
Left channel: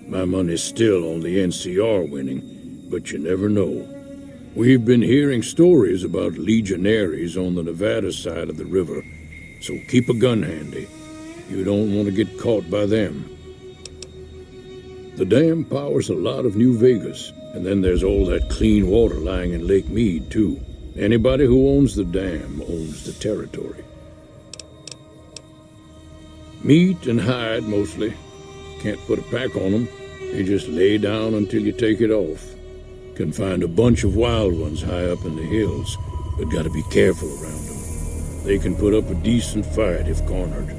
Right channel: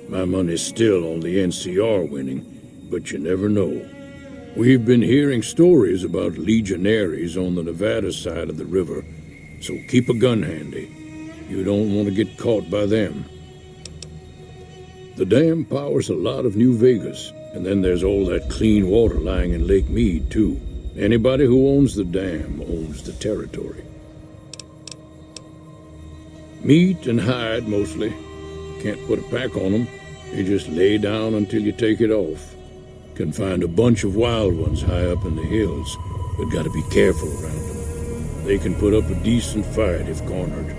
My money's still on the NCR winning, but you never know. We've been hearing stories about legionaries on the Nevada side of the river, so keep a gun handy. You don't want to get caught by them. The dam powers a lot of New Vegas, and then there's all that clean water lying in Lake Mead, too. Anybody who owns the dam owns the territory. Meat and hide, mostly. Can't put a pack on them. They just lay down until you take it off. Can find a bunch of wild ones high up in the hills, but gotta be careful around them. They can put up a decent fight if cornered.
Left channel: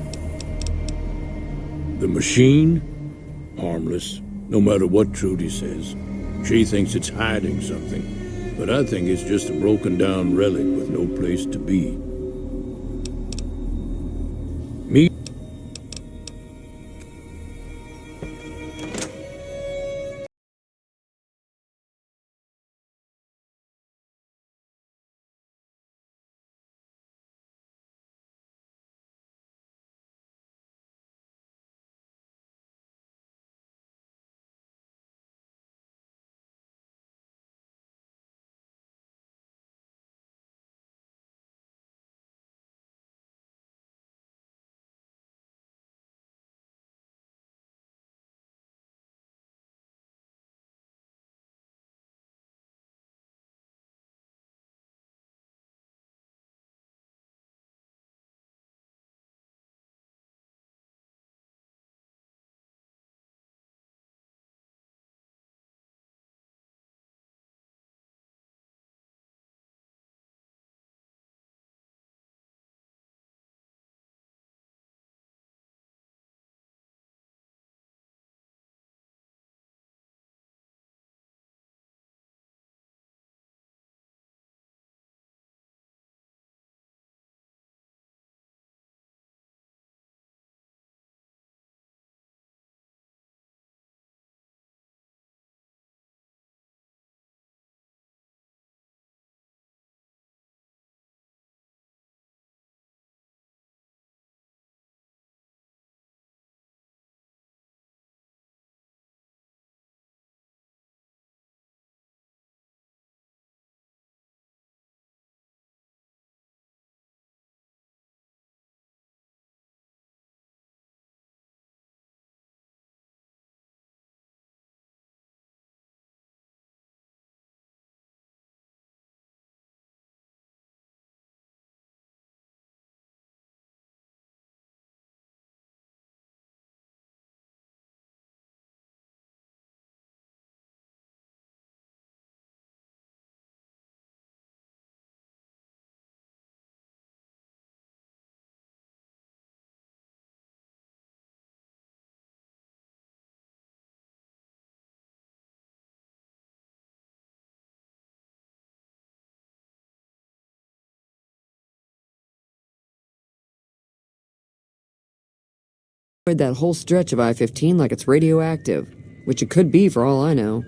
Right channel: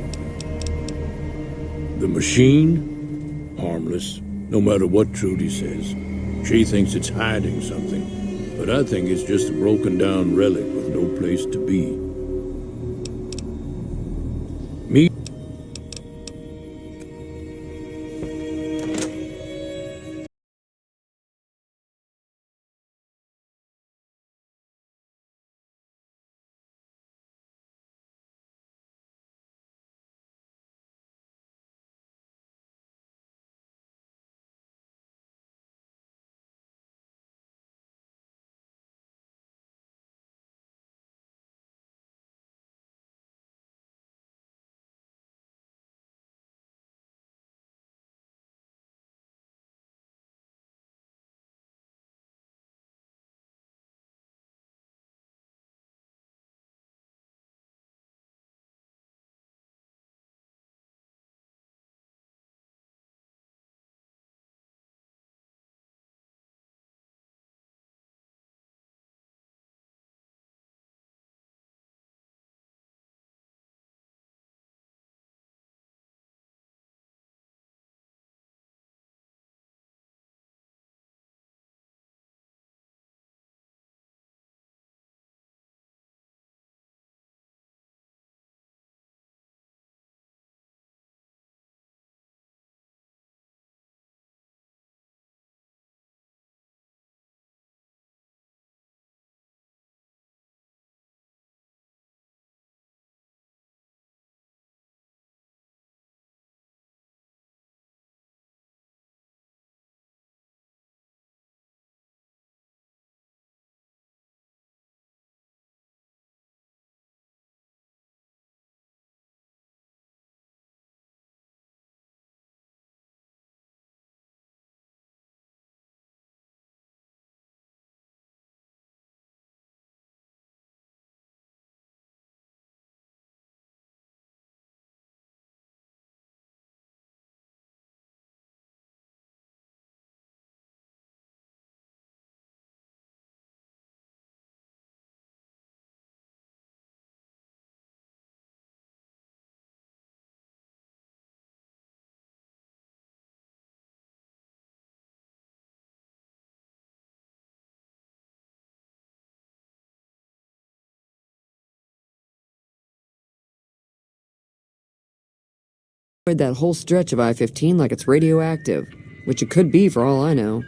The machine? Harmless, no matter what Trudy says. She thinks it's hiding something, but I think it's just a broken down relic with no place to be. Me. That whole stretch of I-15 like it's radioactive, which it could be for all I know.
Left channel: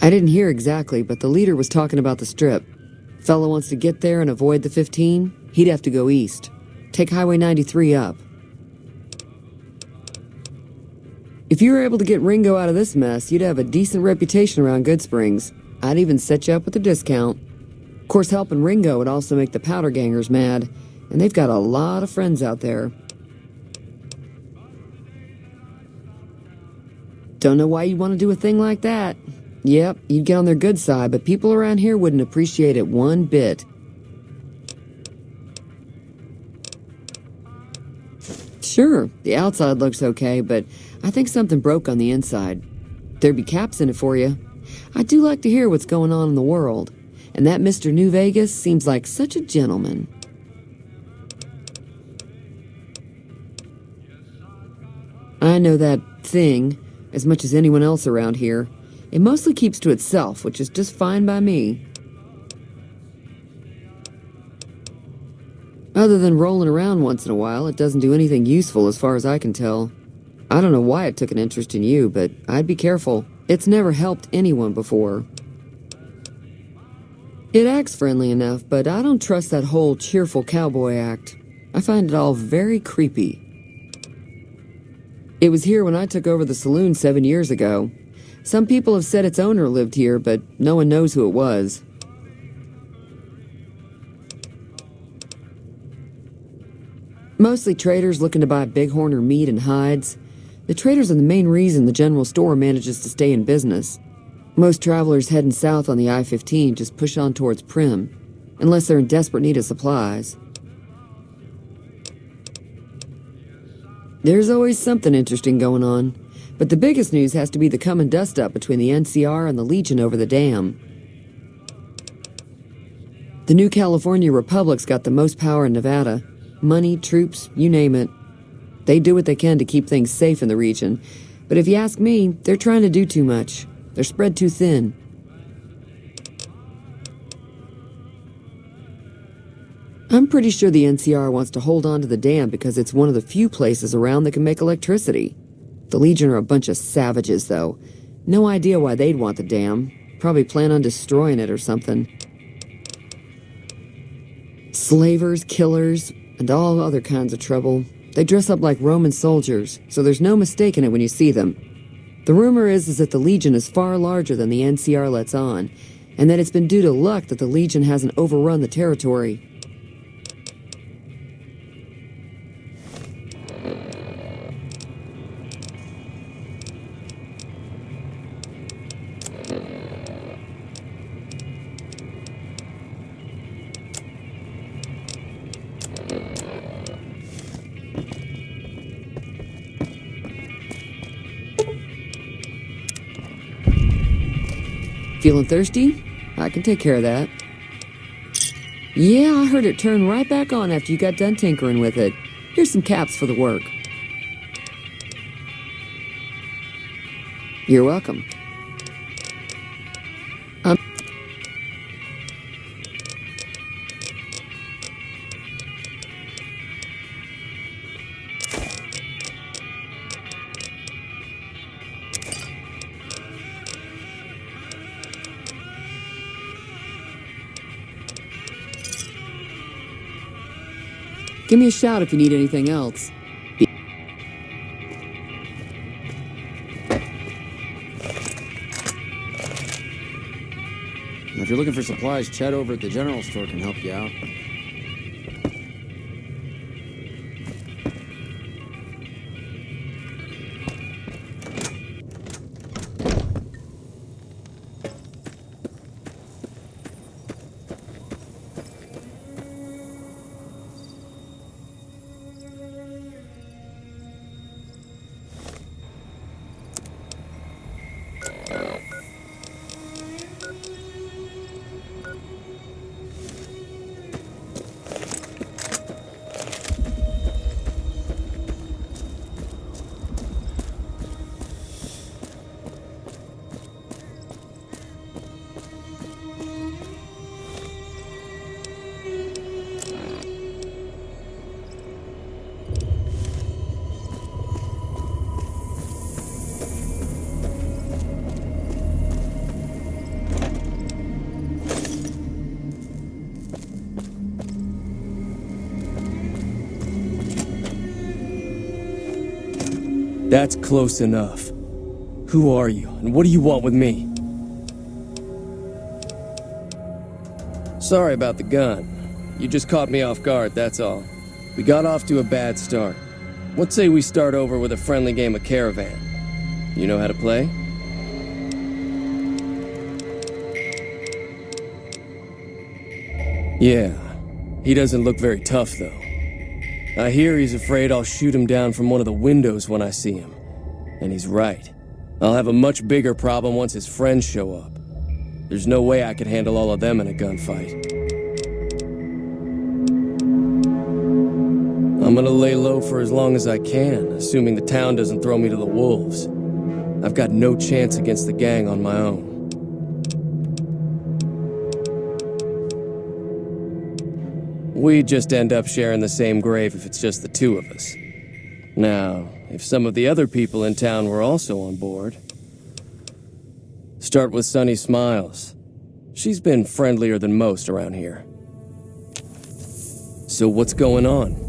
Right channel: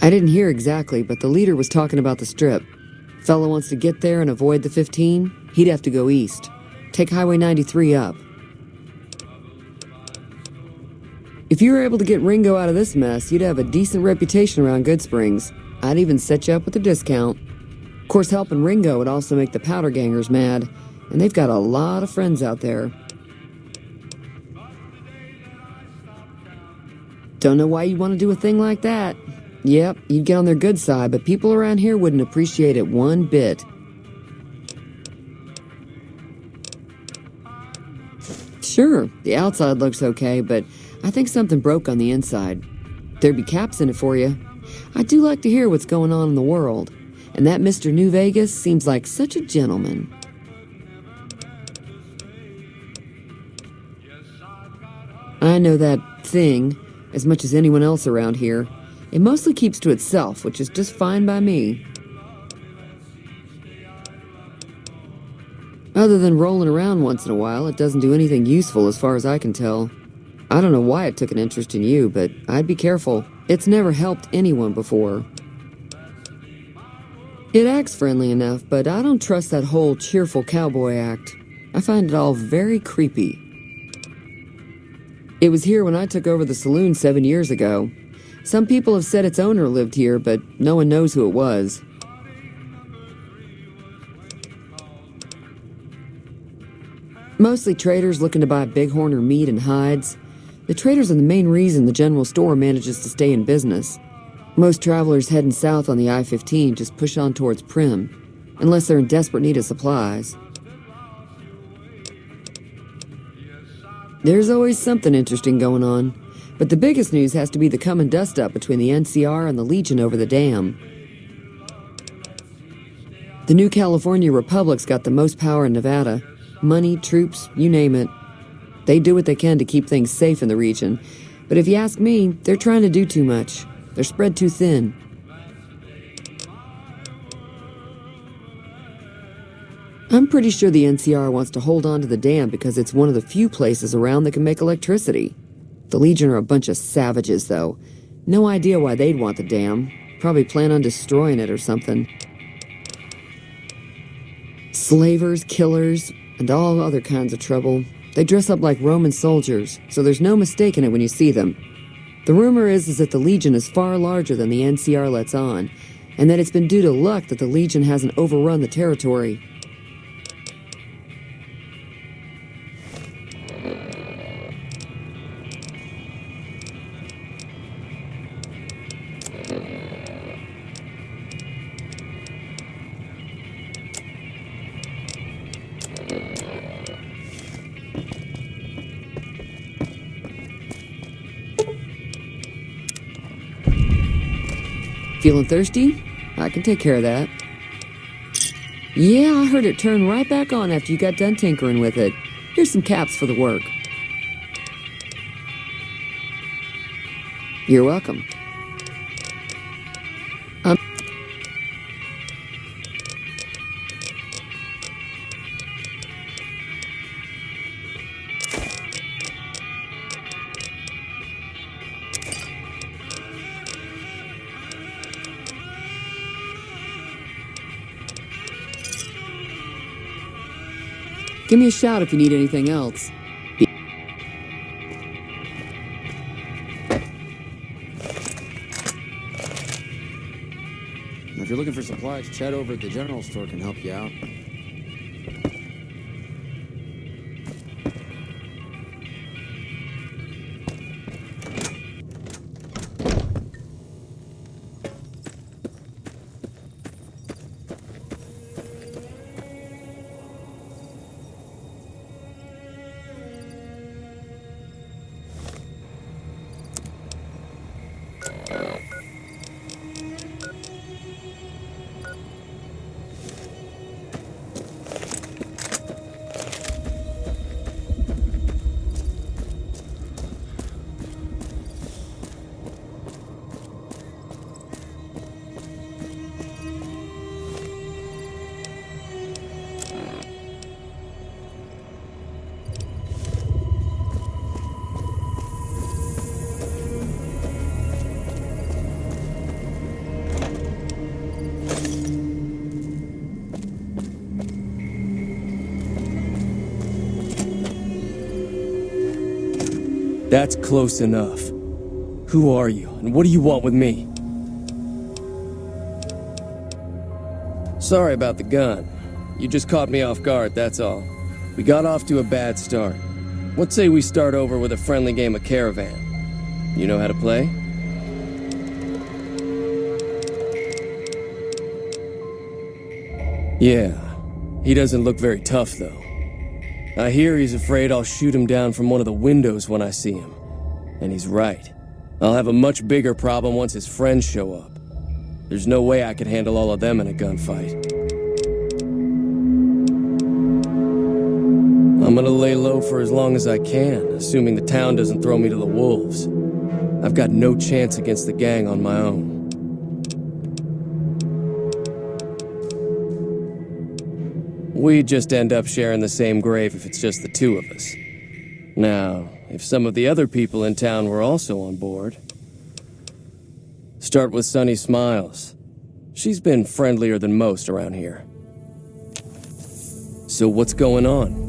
I didn't hear exactly, but the leader was talking about the strip. Fella wants to get there and avoid the 15, he'd have to go east. Take Highway 93 up. If you were able to get Ringo out of this mess, you'd have a decent reputation around Goodsprings. I'd even set you up with a discount. Of course, helping Ringo would also make the powder gangers mad, and they've got a lot of friends out there. Don't know why you'd want to do a thing like that. Yep, you'd get on their good side, but people around here wouldn't appreciate it one bit. Sure, the outside looks okay, but I think something broke on the inside. There'd be caps in it for you. I do like to hear what's going on in the world, and that Mr. New Vegas seems like such a gentleman. I know that thing as much as anyone else around here. It mostly keeps to itself, which is just fine by me. Other than rolling around once in a while, it doesn't do anything useful as far as I can tell. I don't know why it took an interest in you, but I'd be careful. It's never helped anyone before. It acts friendly enough, but I don't trust that whole cheerful cowboy act. I find it all very creepy. It was here when I took over the saloon 7 years ago. Some people have said its owner lived here, but no one knows who it was. Mostly traders looking to buy bighorn or meat and hides. The traders are the main reason the general store manages to stay in business. Most travelers heading south on the I-15 just push on towards Prim, unless they're in desperate need of supplies. There's always something interesting going on, but the biggest news has to be the come and dust up between the NCR and the Legion over the dam. The new California Republic's got the most power in Nevada. Money, troops, you name it. They do what they can to keep things safe in the region, but if you ask me, they're trying to do too much. They're spread too thin. I'm pretty sure the NCR wants to hold on to the dam because it's one of the few places around that can make electricity. The Legion are a bunch of savages, though. No idea why they'd want the dam. Probably plan on destroying it or something. Slavers, killers, and all other kinds of trouble. They dress up like Roman soldiers, so there's no mistaking it when you see them. The rumor is that the Legion is far larger than the NCR lets on, and that it's been due to luck that the Legion hasn't overrun the territory. Feeling thirsty? I can take care of that. Yeah, I heard it turn right back on after you got done tinkering with it. Here's some caps for the work. You're welcome. Give me a shout if you need anything else. If you're looking for supplies, Chad over at the general store can help you out. That's close enough. Who are you, and what do you want with me? Sorry about the gun. You just caught me off guard, that's all. We got off to a bad start. What say we start over with a friendly game of Caravan? You know how to play? Yeah. He doesn't look very tough, though. I hear he's afraid I'll shoot him down from one of the windows when I see him. And he's right. I'll have a much bigger problem once his friends show up. There's no way I could handle all of them in a gunfight. I'm gonna lay low for as long as I can, assuming the town doesn't throw me to the wolves. I've got no chance against the gang on my own. We'd just end up sharing the same grave if it's just the two of us. Now, if some of the other people in town were also on board... Start with Sunny Smiles. She's been friendlier than most around here. So what's going on?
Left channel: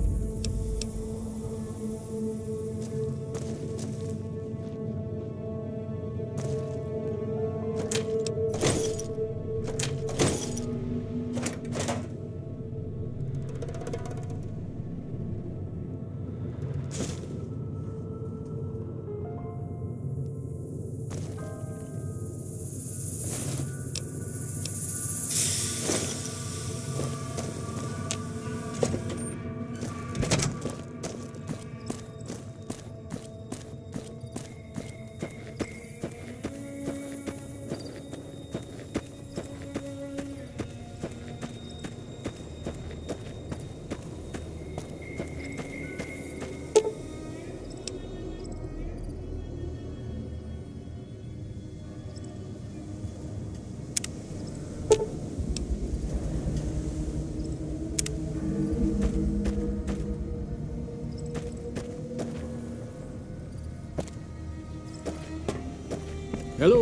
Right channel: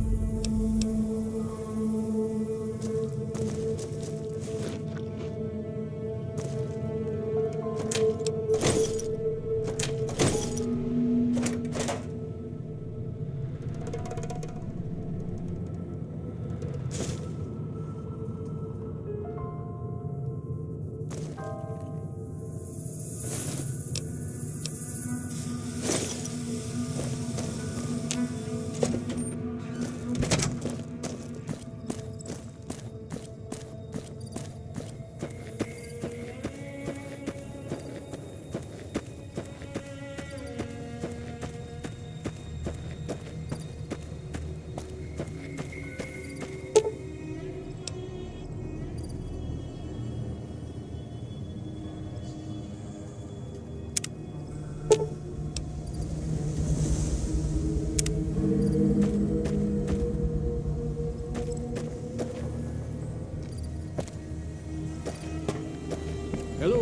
Hello.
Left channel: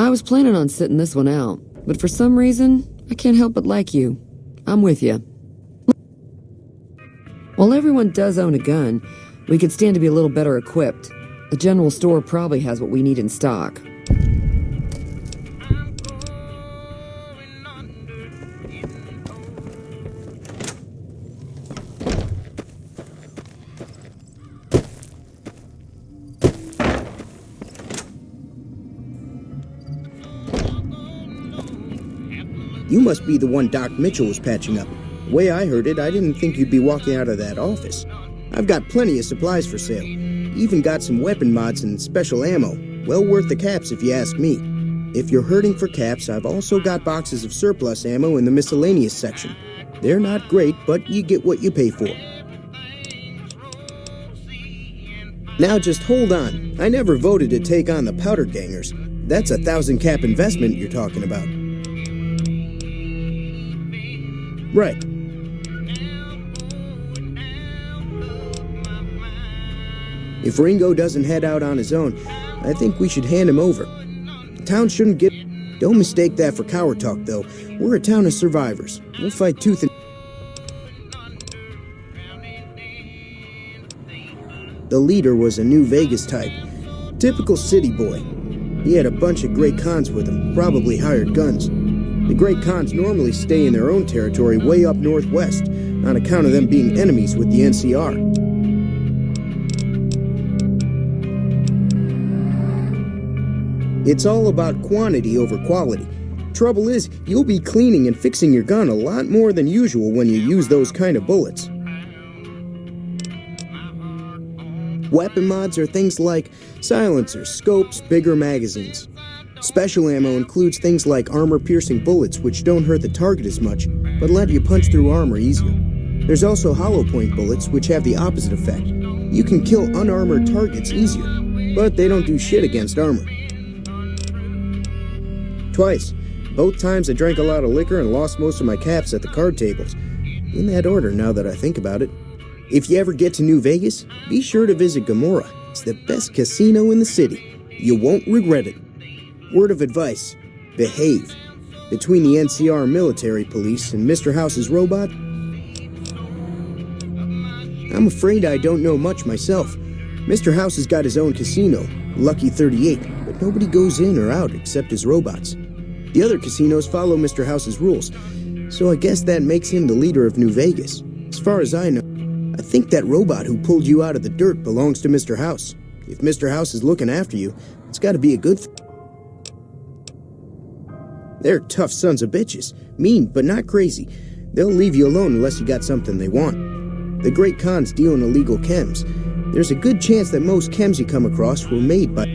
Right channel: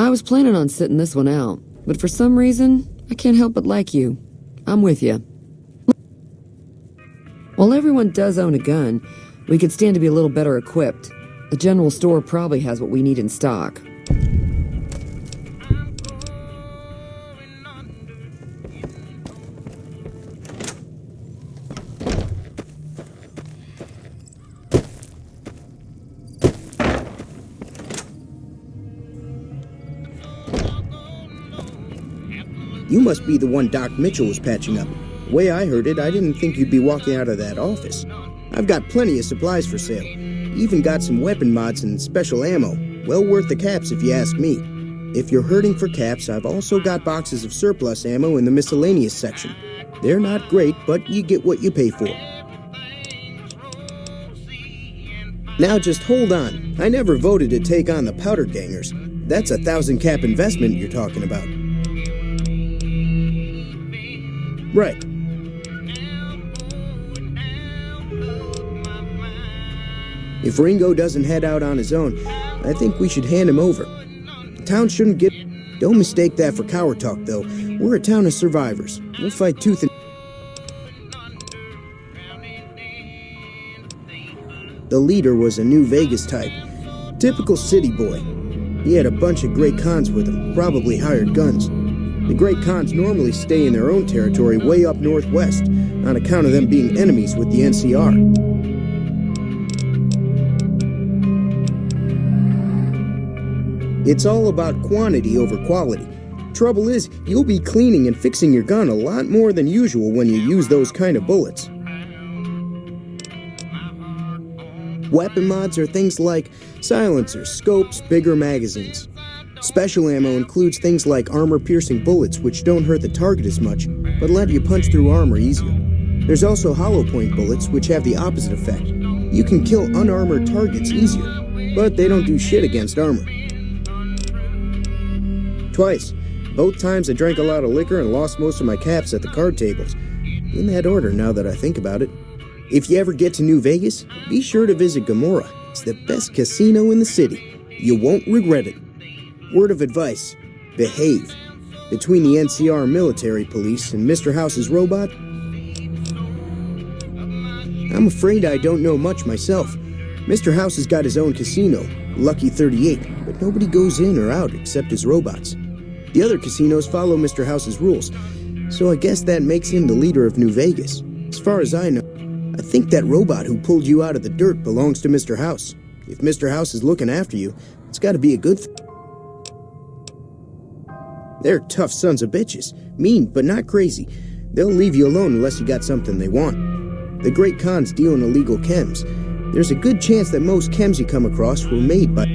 I was planning on sitting this one out, but for some reason, I can't help but like you. I'm with you. While everyone does own a gun, we could stand to be a little better equipped. The general store probably has what we need in stock. You must be the one Doc Mitchell was patching up. The way I heard it, I didn't think you'd be walking out of that office. I've got plenty of supplies for sale. Even got some weapon mods and special ammo. Well worth the caps if you ask me. If you're hurting for caps, I've also got boxes of surplus ammo in the miscellaneous section. They're not great, but you get what you pay for. Now just hold on. I never voted to take on the powder gangers. That's a 1,000 cap investment you're talking about. Right. If Ringo doesn't head out on his own, I think we should hand him over. The town shouldn't get... Don't mistake that for coward talk, though. We're a town of survivors. We'll fight tooth and... The leader was a New Vegas type. Typical city boy. He had a bunch of Great Khans with him, probably hired guns. The Great Khans normally stay in their own territory way up northwest, on account of them being enemies with the NCR. It's all about quantity over quality. Trouble is, you'll be cleaning and fixing your gun a lot more than usual when you use those kind of bullets. Weapon mods are things like silencers, scopes, bigger magazines. Special ammo includes things like armor-piercing bullets, which don't hurt the target as much, but let you punch through armor easier. There's also hollow-point bullets, which have the opposite effect. You can kill unarmored targets easier, but they don't do shit against armor. Twice. Both times I drank a lot of liquor and lost most of my caps at the card tables. In that order, now that I think about it. If you ever get to New Vegas, be sure to visit Gomorrah. It's the best casino in the city. You won't regret it. Word of advice, behave. Between the NCR military police and Mr. House's robot, I'm afraid I don't know much myself. Mr. House has got his own casino, Lucky 38, but nobody goes in or out except his robots. The other casinos follow Mr. House's rules, so I guess that makes him the leader of New Vegas. As far as I know, I think that robot who pulled you out of the dirt belongs to Mr. House. If Mr. House is looking after you, it's got to be a good thing. They're tough sons of bitches. Mean, but not crazy. They'll leave you alone unless you got something they want. The Great Khans deal in illegal chems. There's a good chance that most chems you come across were made by...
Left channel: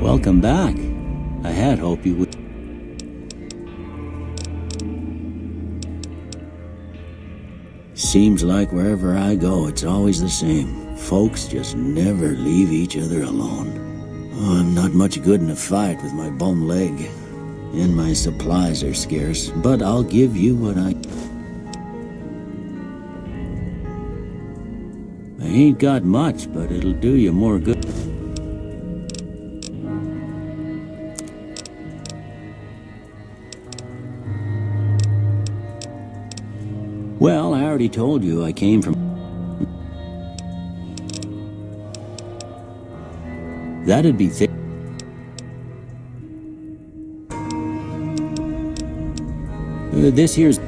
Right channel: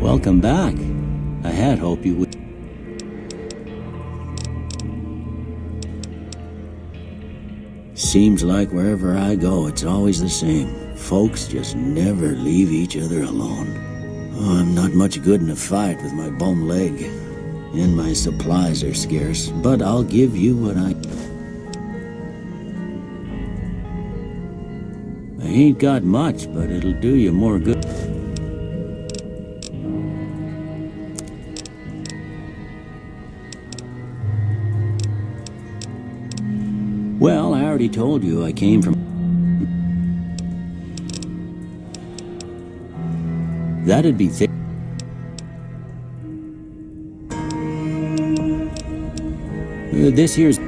Welcome back. I had hoped you would. Seems like wherever I go, it's always the same. Folks just never leave each other alone. Oh, I'm not much good in a fight with my bum leg. And my supplies are scarce, but I'll give you what I... I ain't got much, but it'll do you more good. Well, I already told you I came from... That'd be thick. This here's...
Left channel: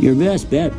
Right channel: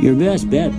your best bet.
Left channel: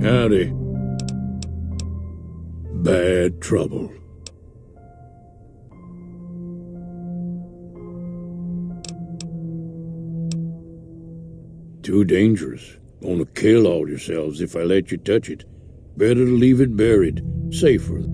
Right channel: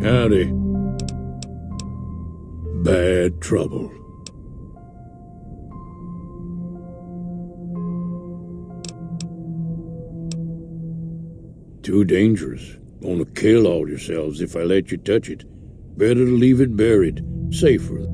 Howdy. Bad trouble. Too dangerous. Gonna kill all yourselves if I let you touch it. Better to leave it buried. Safer.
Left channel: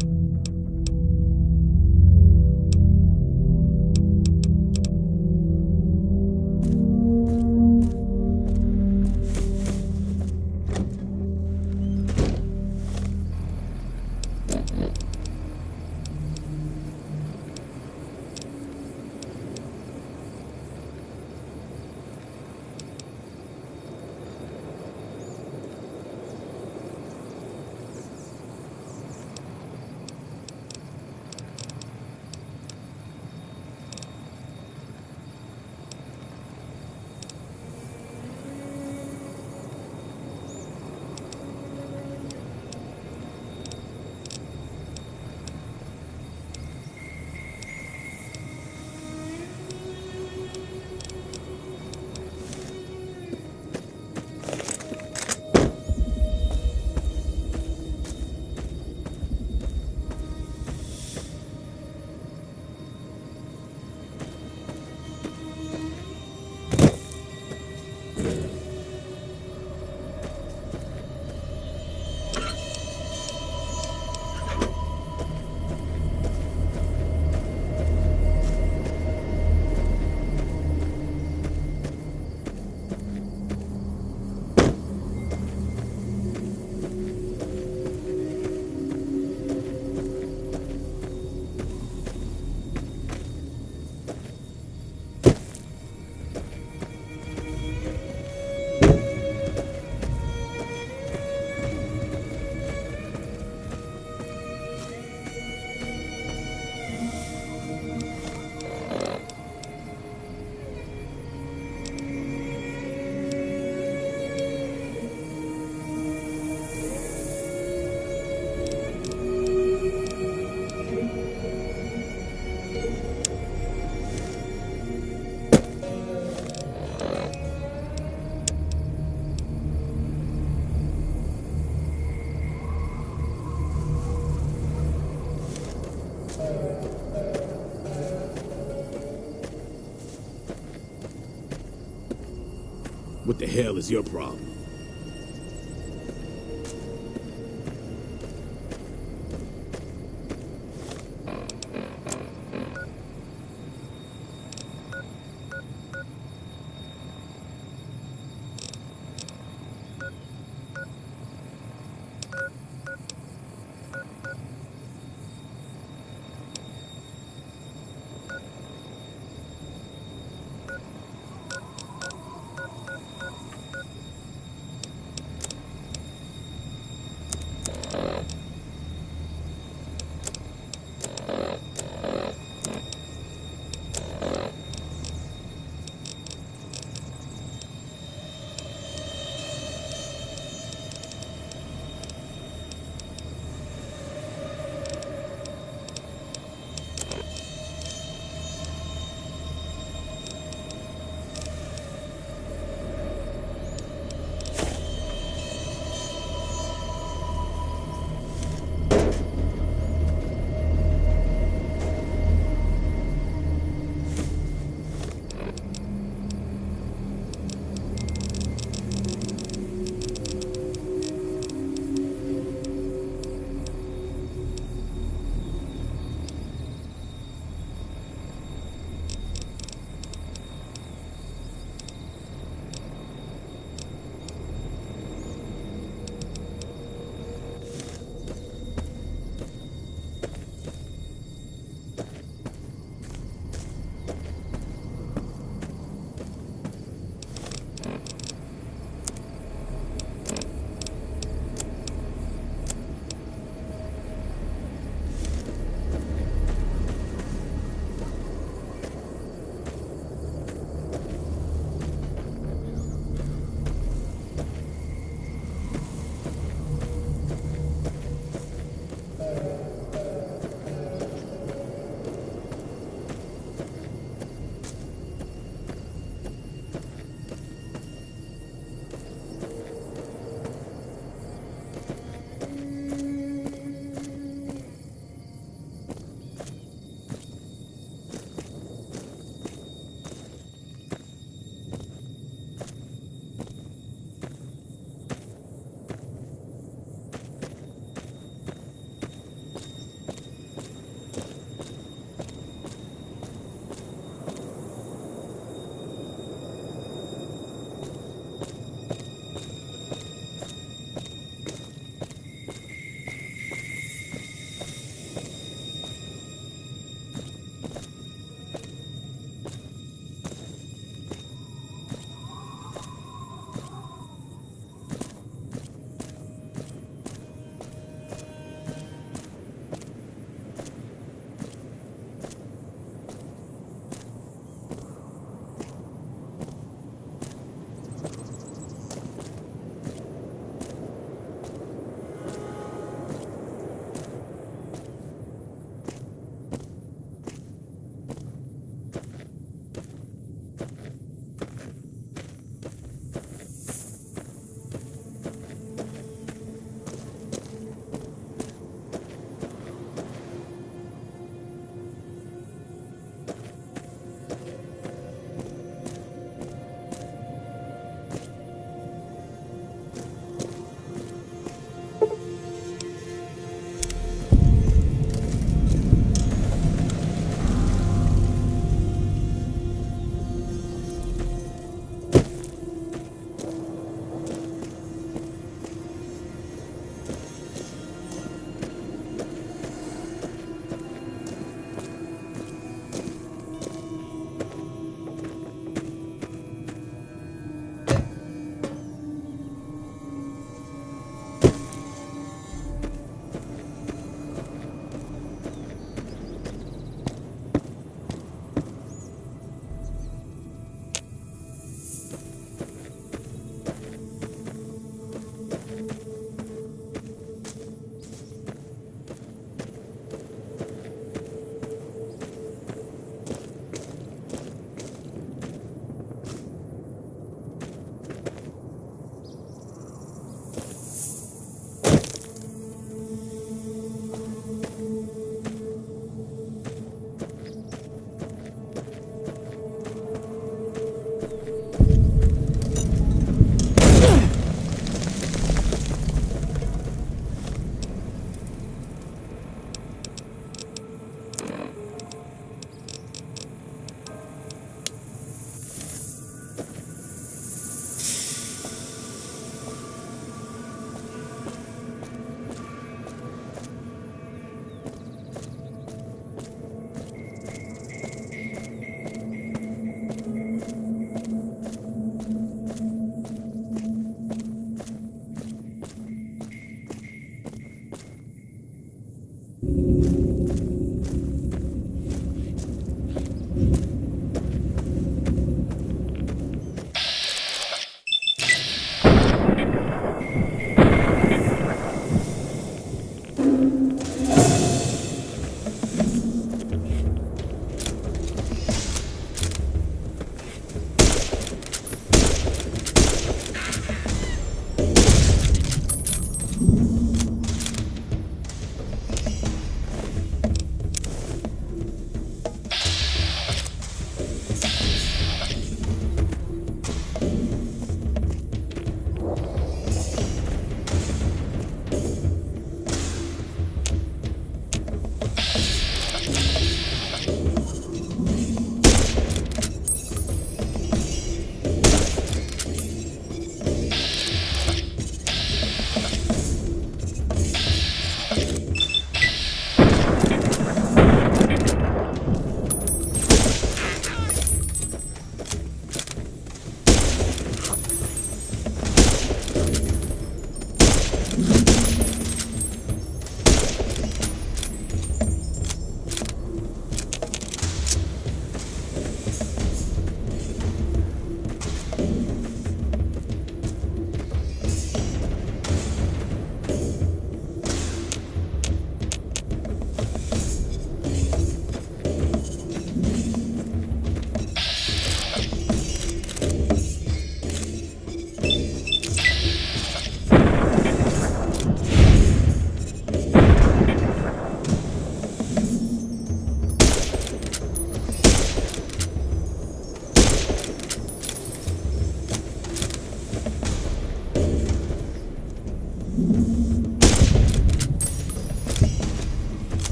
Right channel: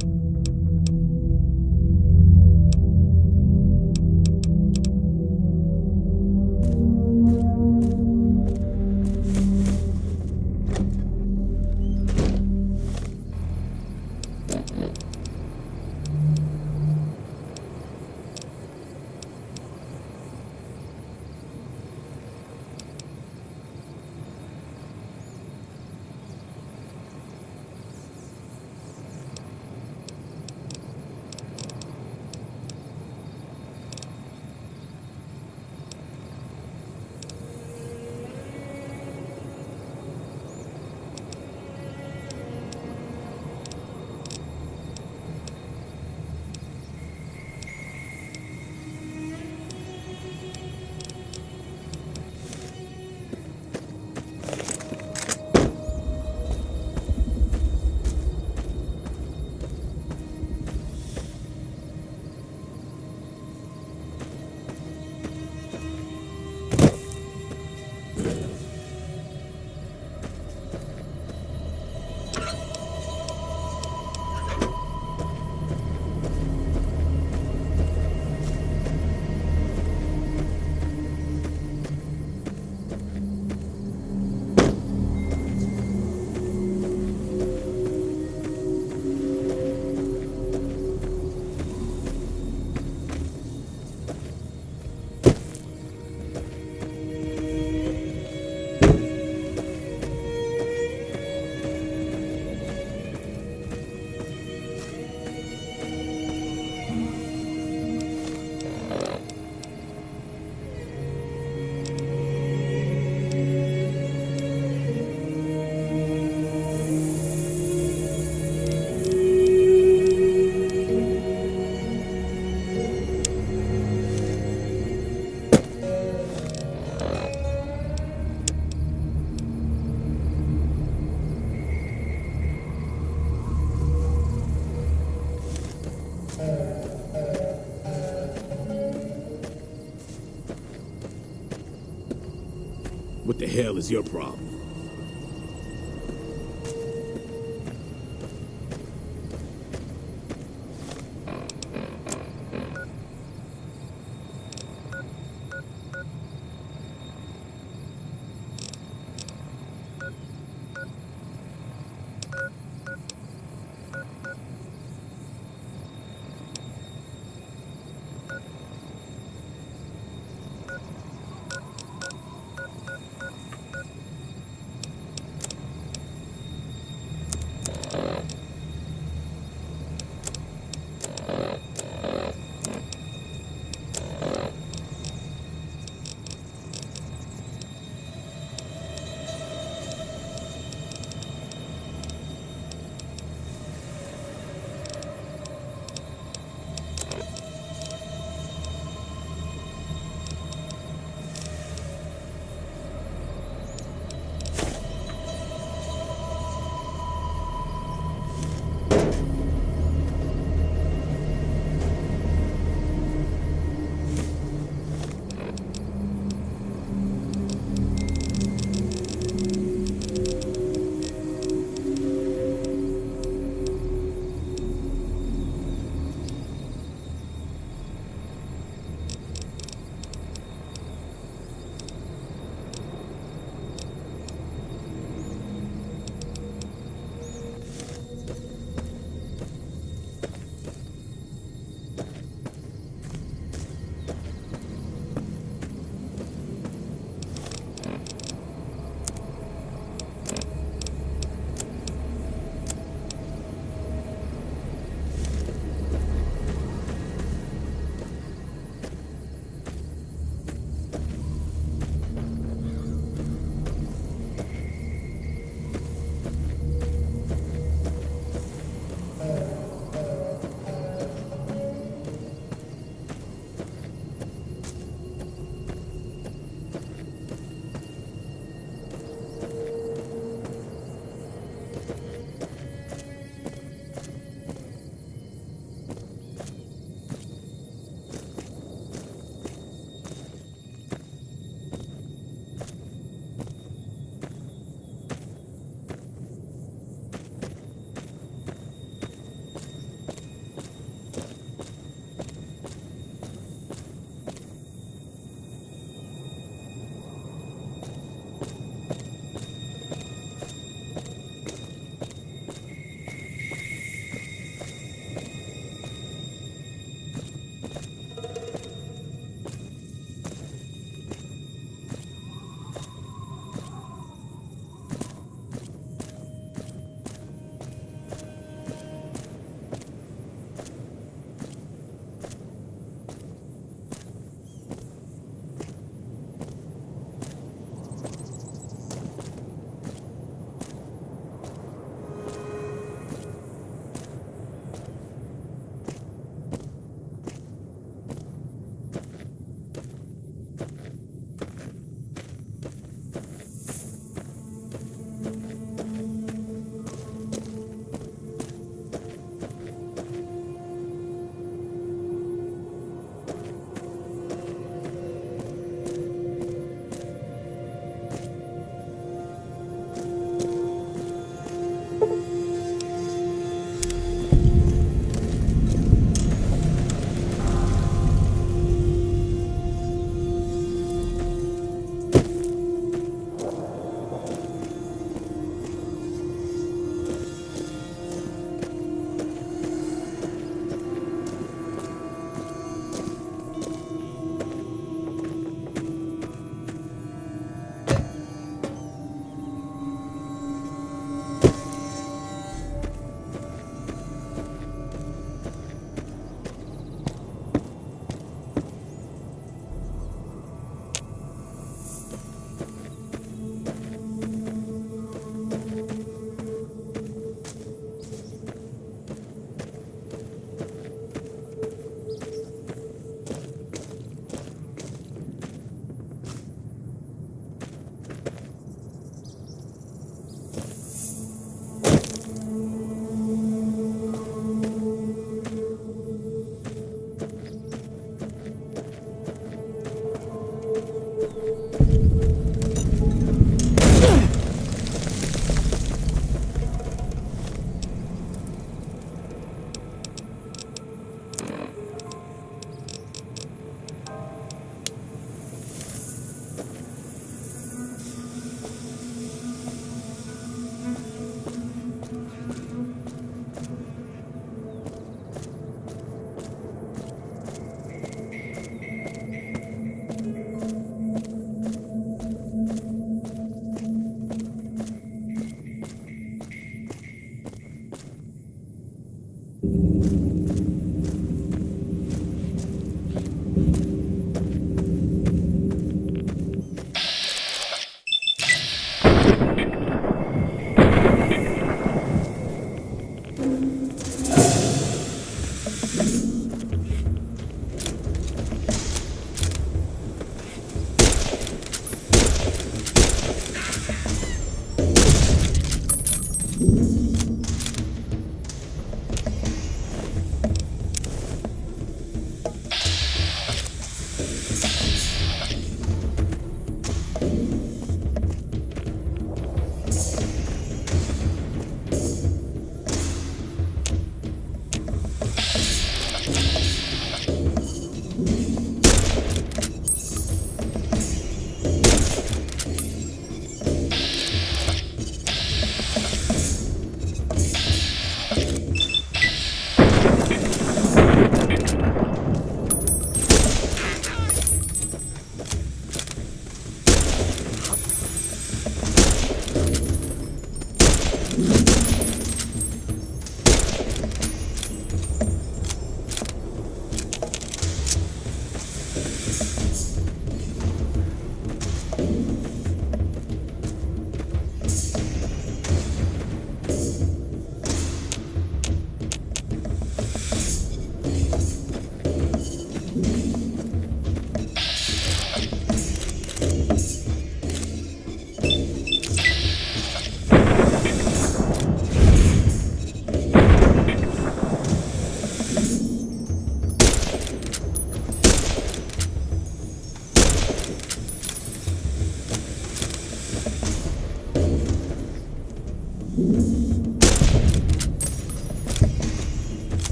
What the hell is your problem?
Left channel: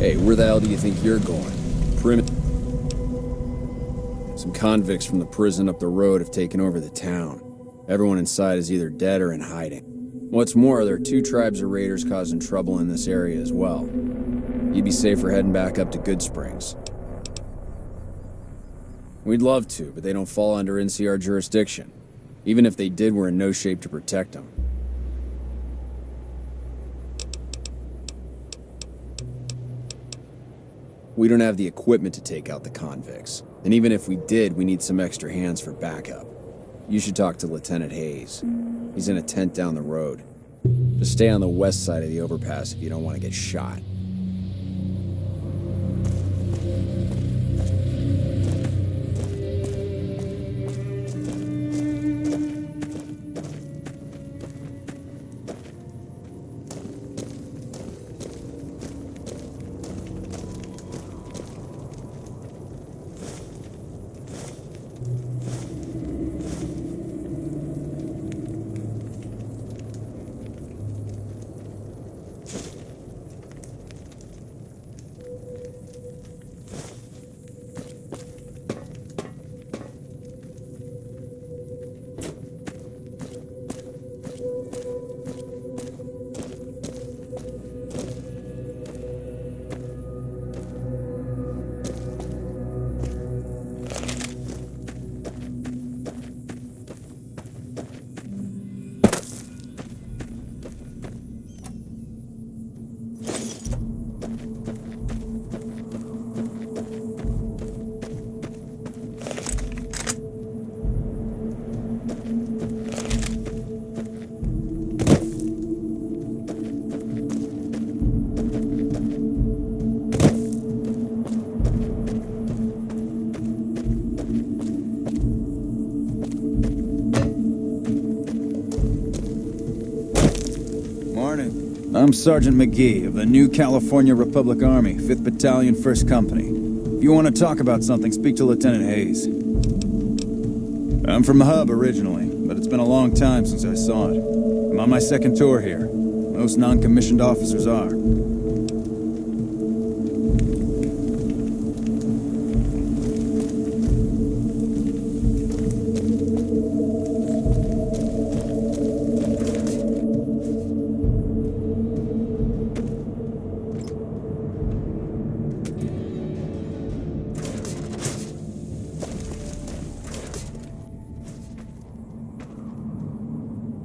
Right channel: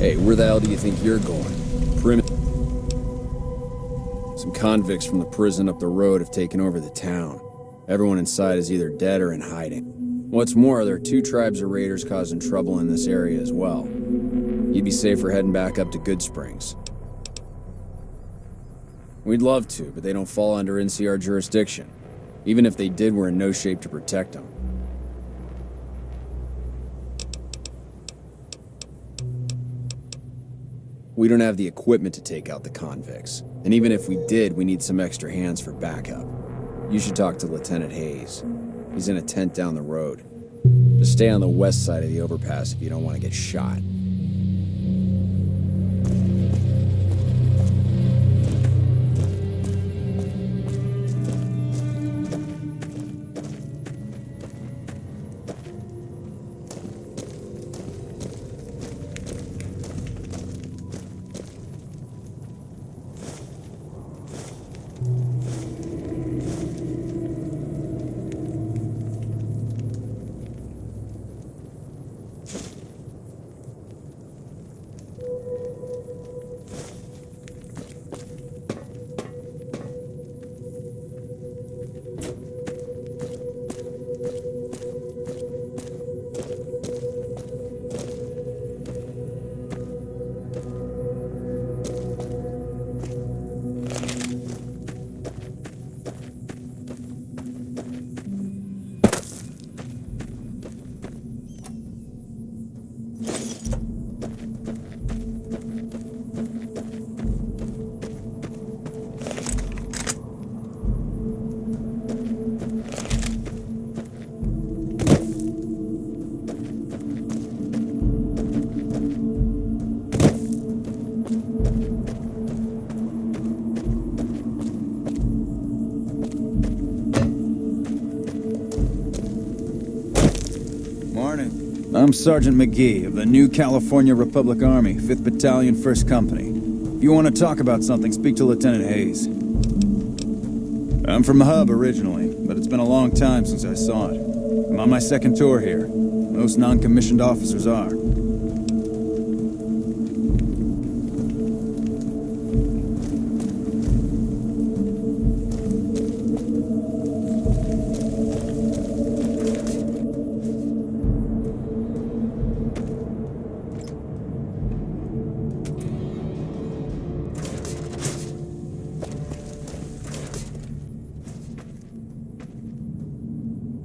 Hey, where the hell do you think you're going? Some convicts from the prison up the road have taken over the town. Everyone inside is either dead or in hiding. What's more, there are 2 tribes of raiders causing trouble in this area as well. You'd be safer heading back up to Good Springs. We'd love to, but they don't fall under NCR jurisdiction. Even if they did, we're in no shape to protect them. We don't have the equipment to take out the convicts. And even if we did, we need some extra hands for backup. You should talk to Lieutenant Hayes. He's in a tent down the road. Just stay on the west side of the overpass if you don't want to get shot. I'm Sergeant McGee of the New California Republic Army, 5th Battalion, 1st Company. If you want to talk about something, speak to Lieutenant Hayes. I'm from the Hub originally, but it's been a long time since I saw it. I'm on my 2nd tour here. Most non-commissioned officers are.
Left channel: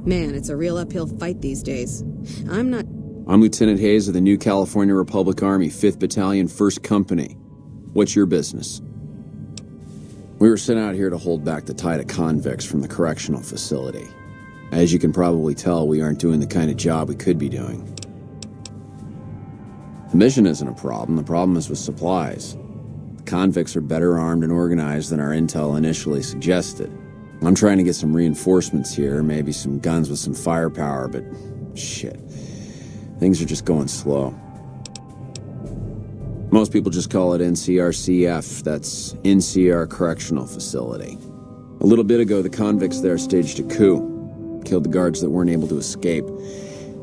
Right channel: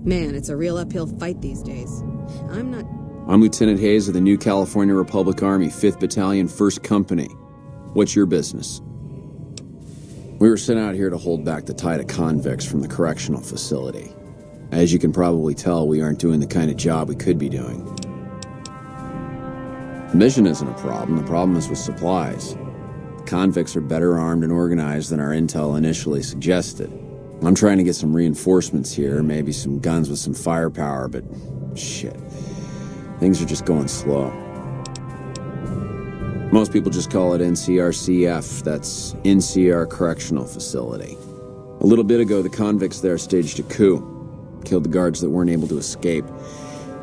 Man, it's a real uphill fight these days. I'm Lieutenant Hayes of the New California Republic Army, 5th Battalion, 1st Company. What's your business? We were sent out here to hold back the tide of convicts from the correctional facility. As you can probably tell, we aren't doing the kind of job we could be doing. The mission isn't a problem. The problem is with supplies. The convicts are better armed and organized than our intel initially suggested. I'm trying to get some reinforcements here, maybe some guns with some firepower, but shit. Things are just going slow. Most people just call it NCRCF, that's NCR Correctional Facility. A little bit ago, the convicts there staged a coup, killed the guards that weren't able to escape,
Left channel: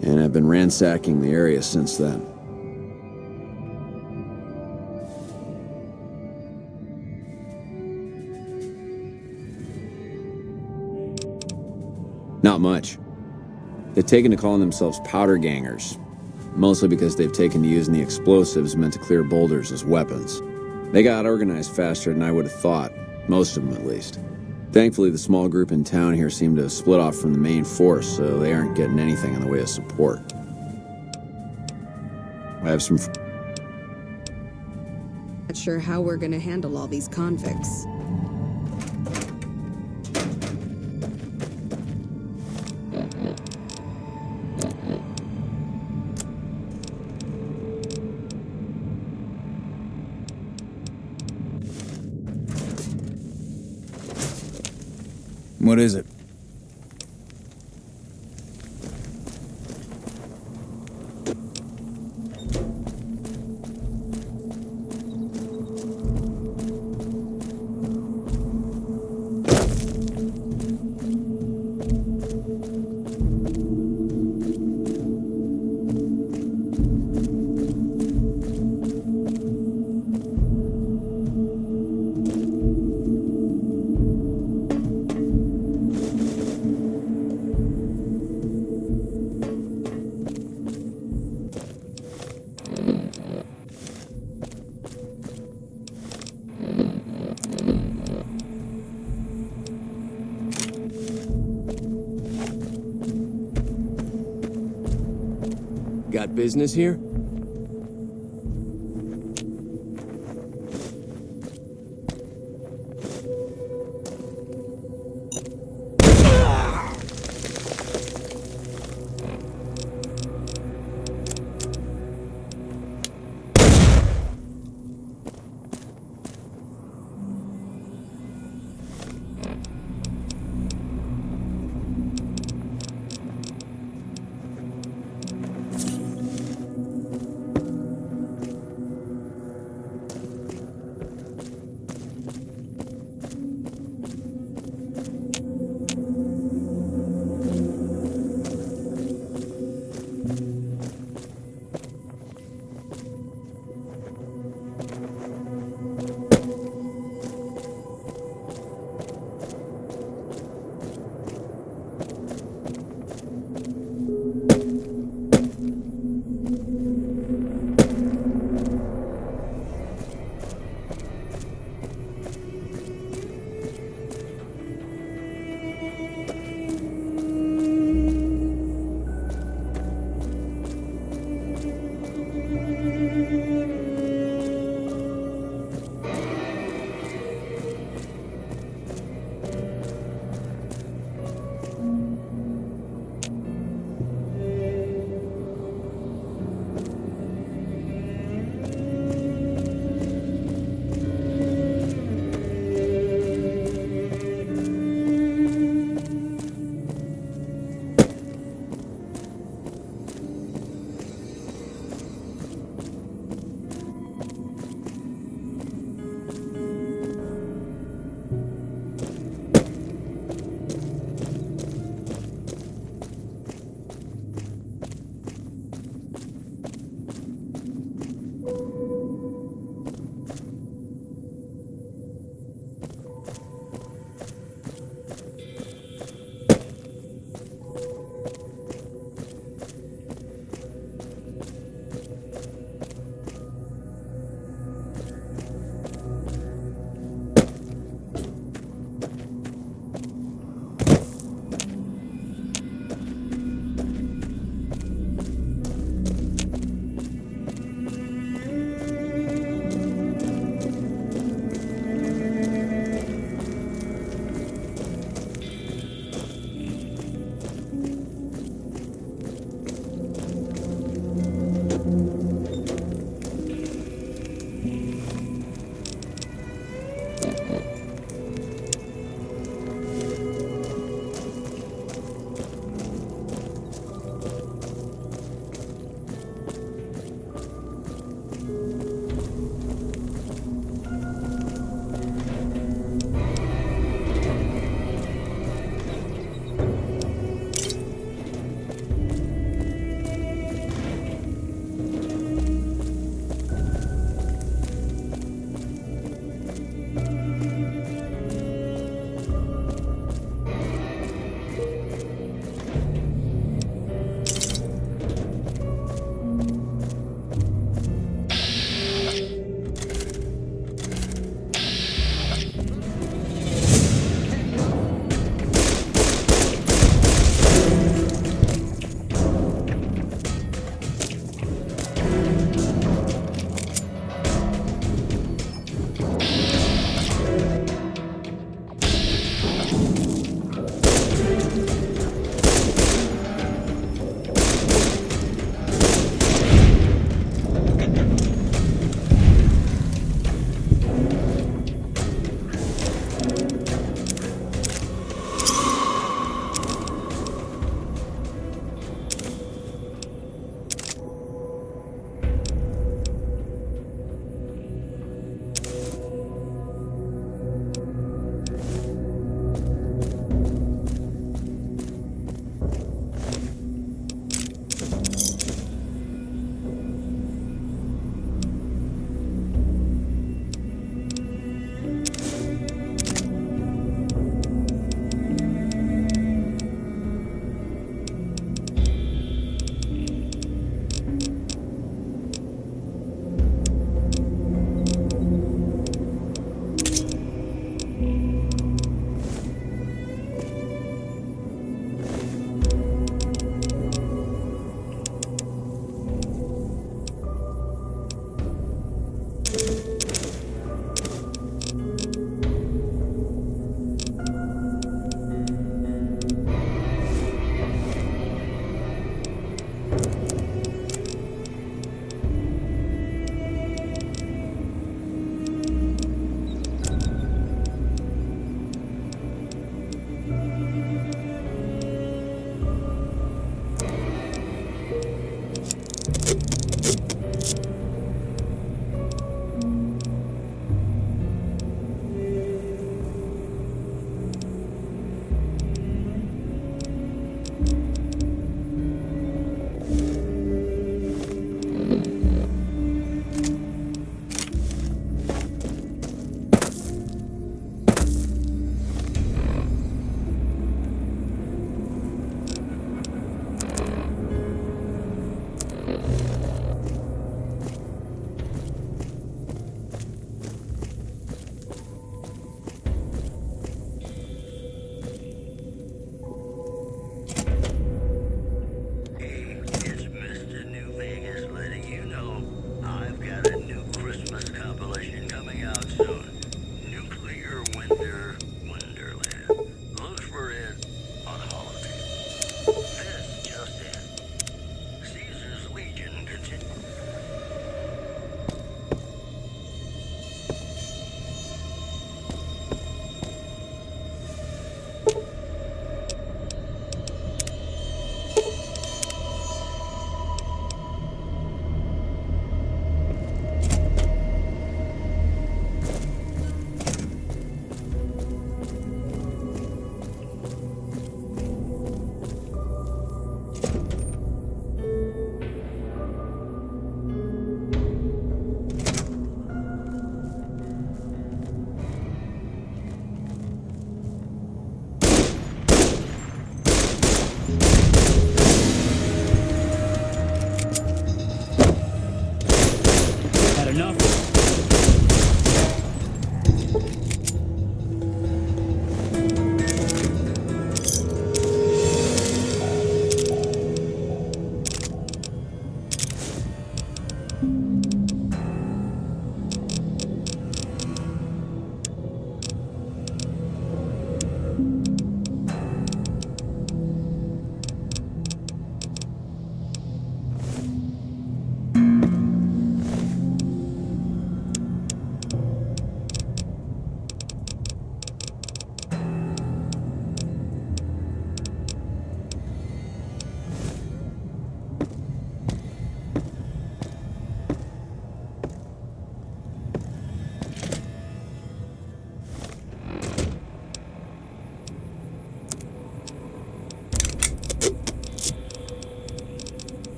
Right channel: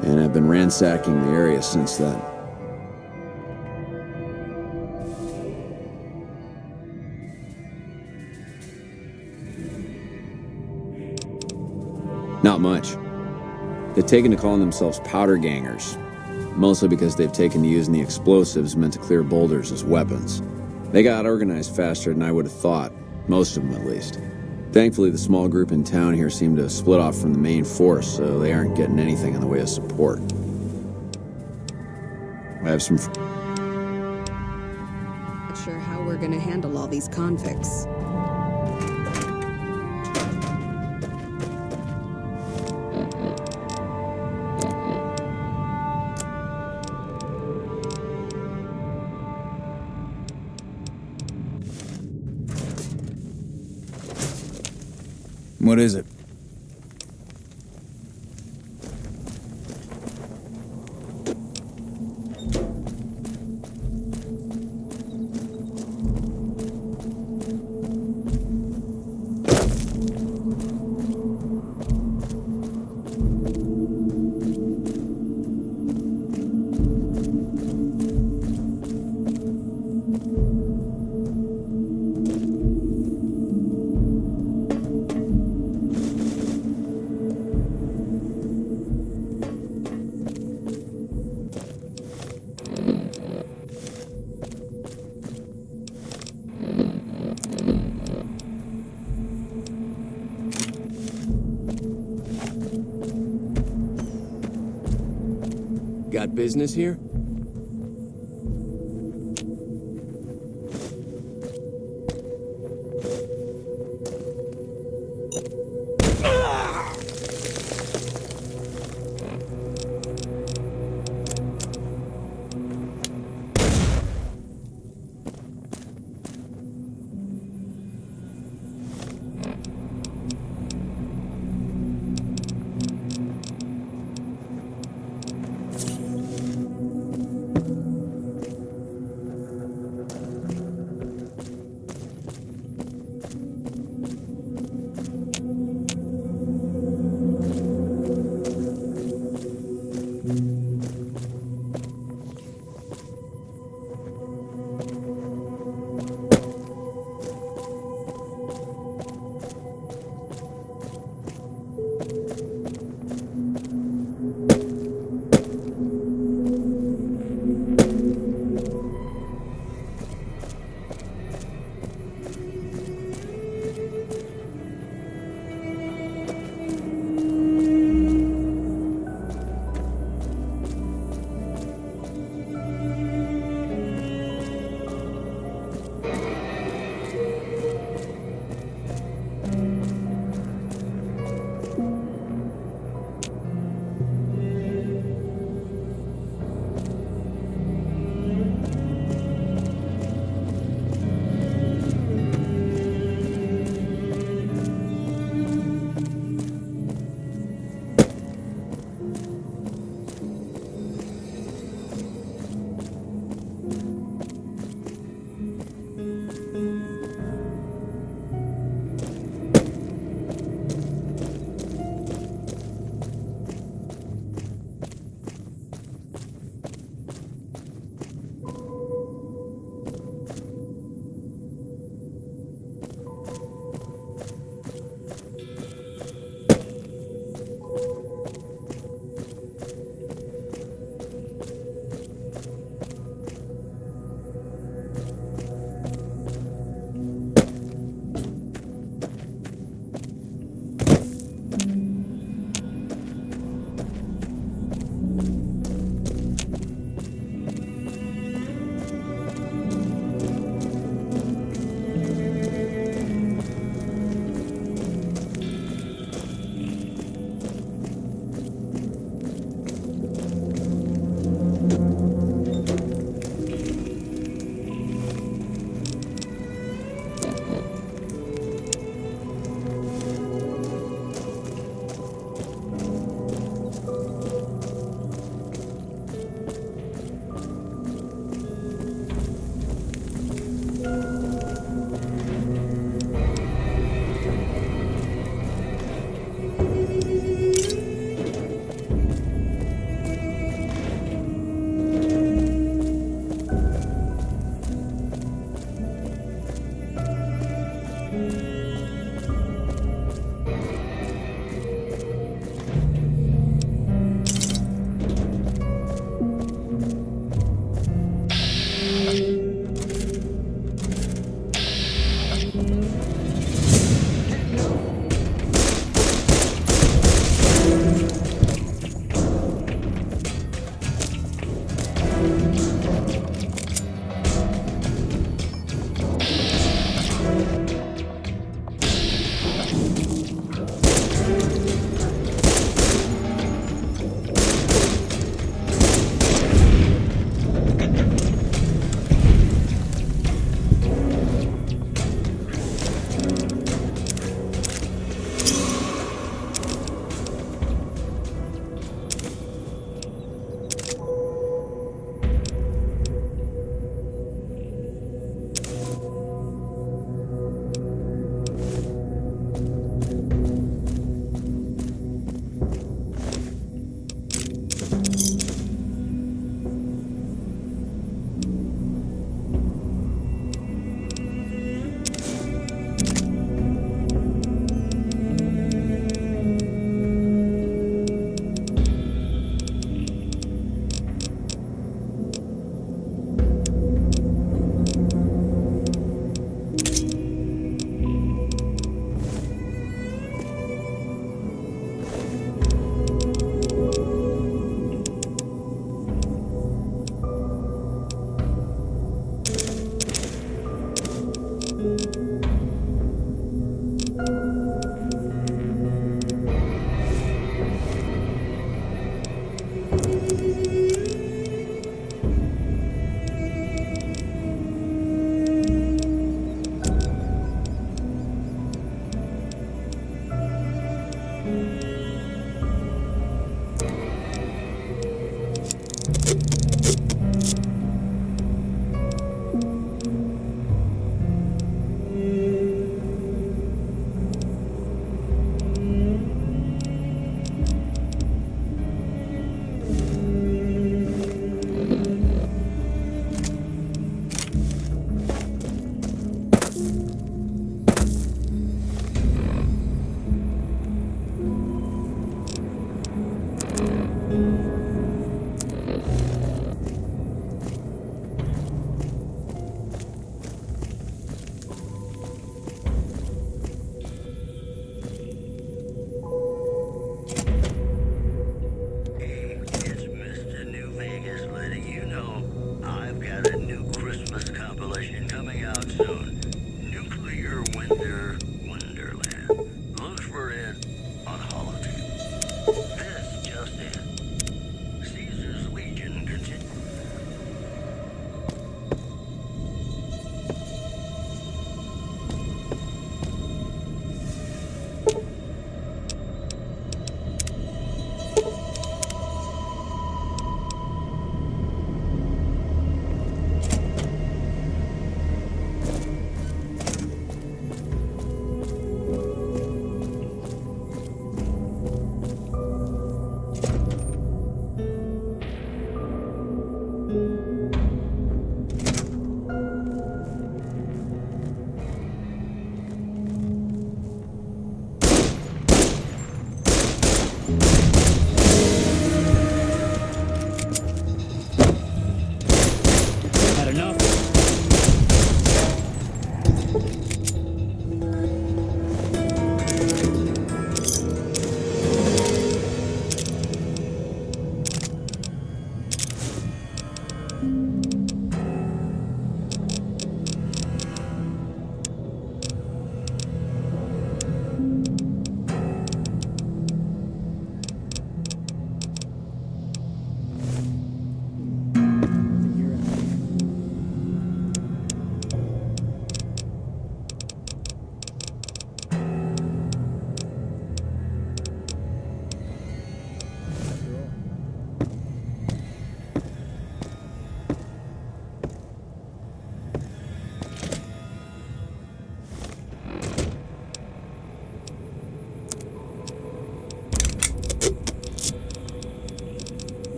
and have been ransacking the area since then. Not much. They've taken to calling themselves powder gangers, mostly because they've taken to using the explosives meant to clear boulders as weapons. They got organized faster than I would have thought, most of them at least. Thankfully, the small group in town here seem to have split off from the main force, so they aren't getting anything in the way of support. I have some... not sure how we're gonna handle all these convicts. What is it? got business here?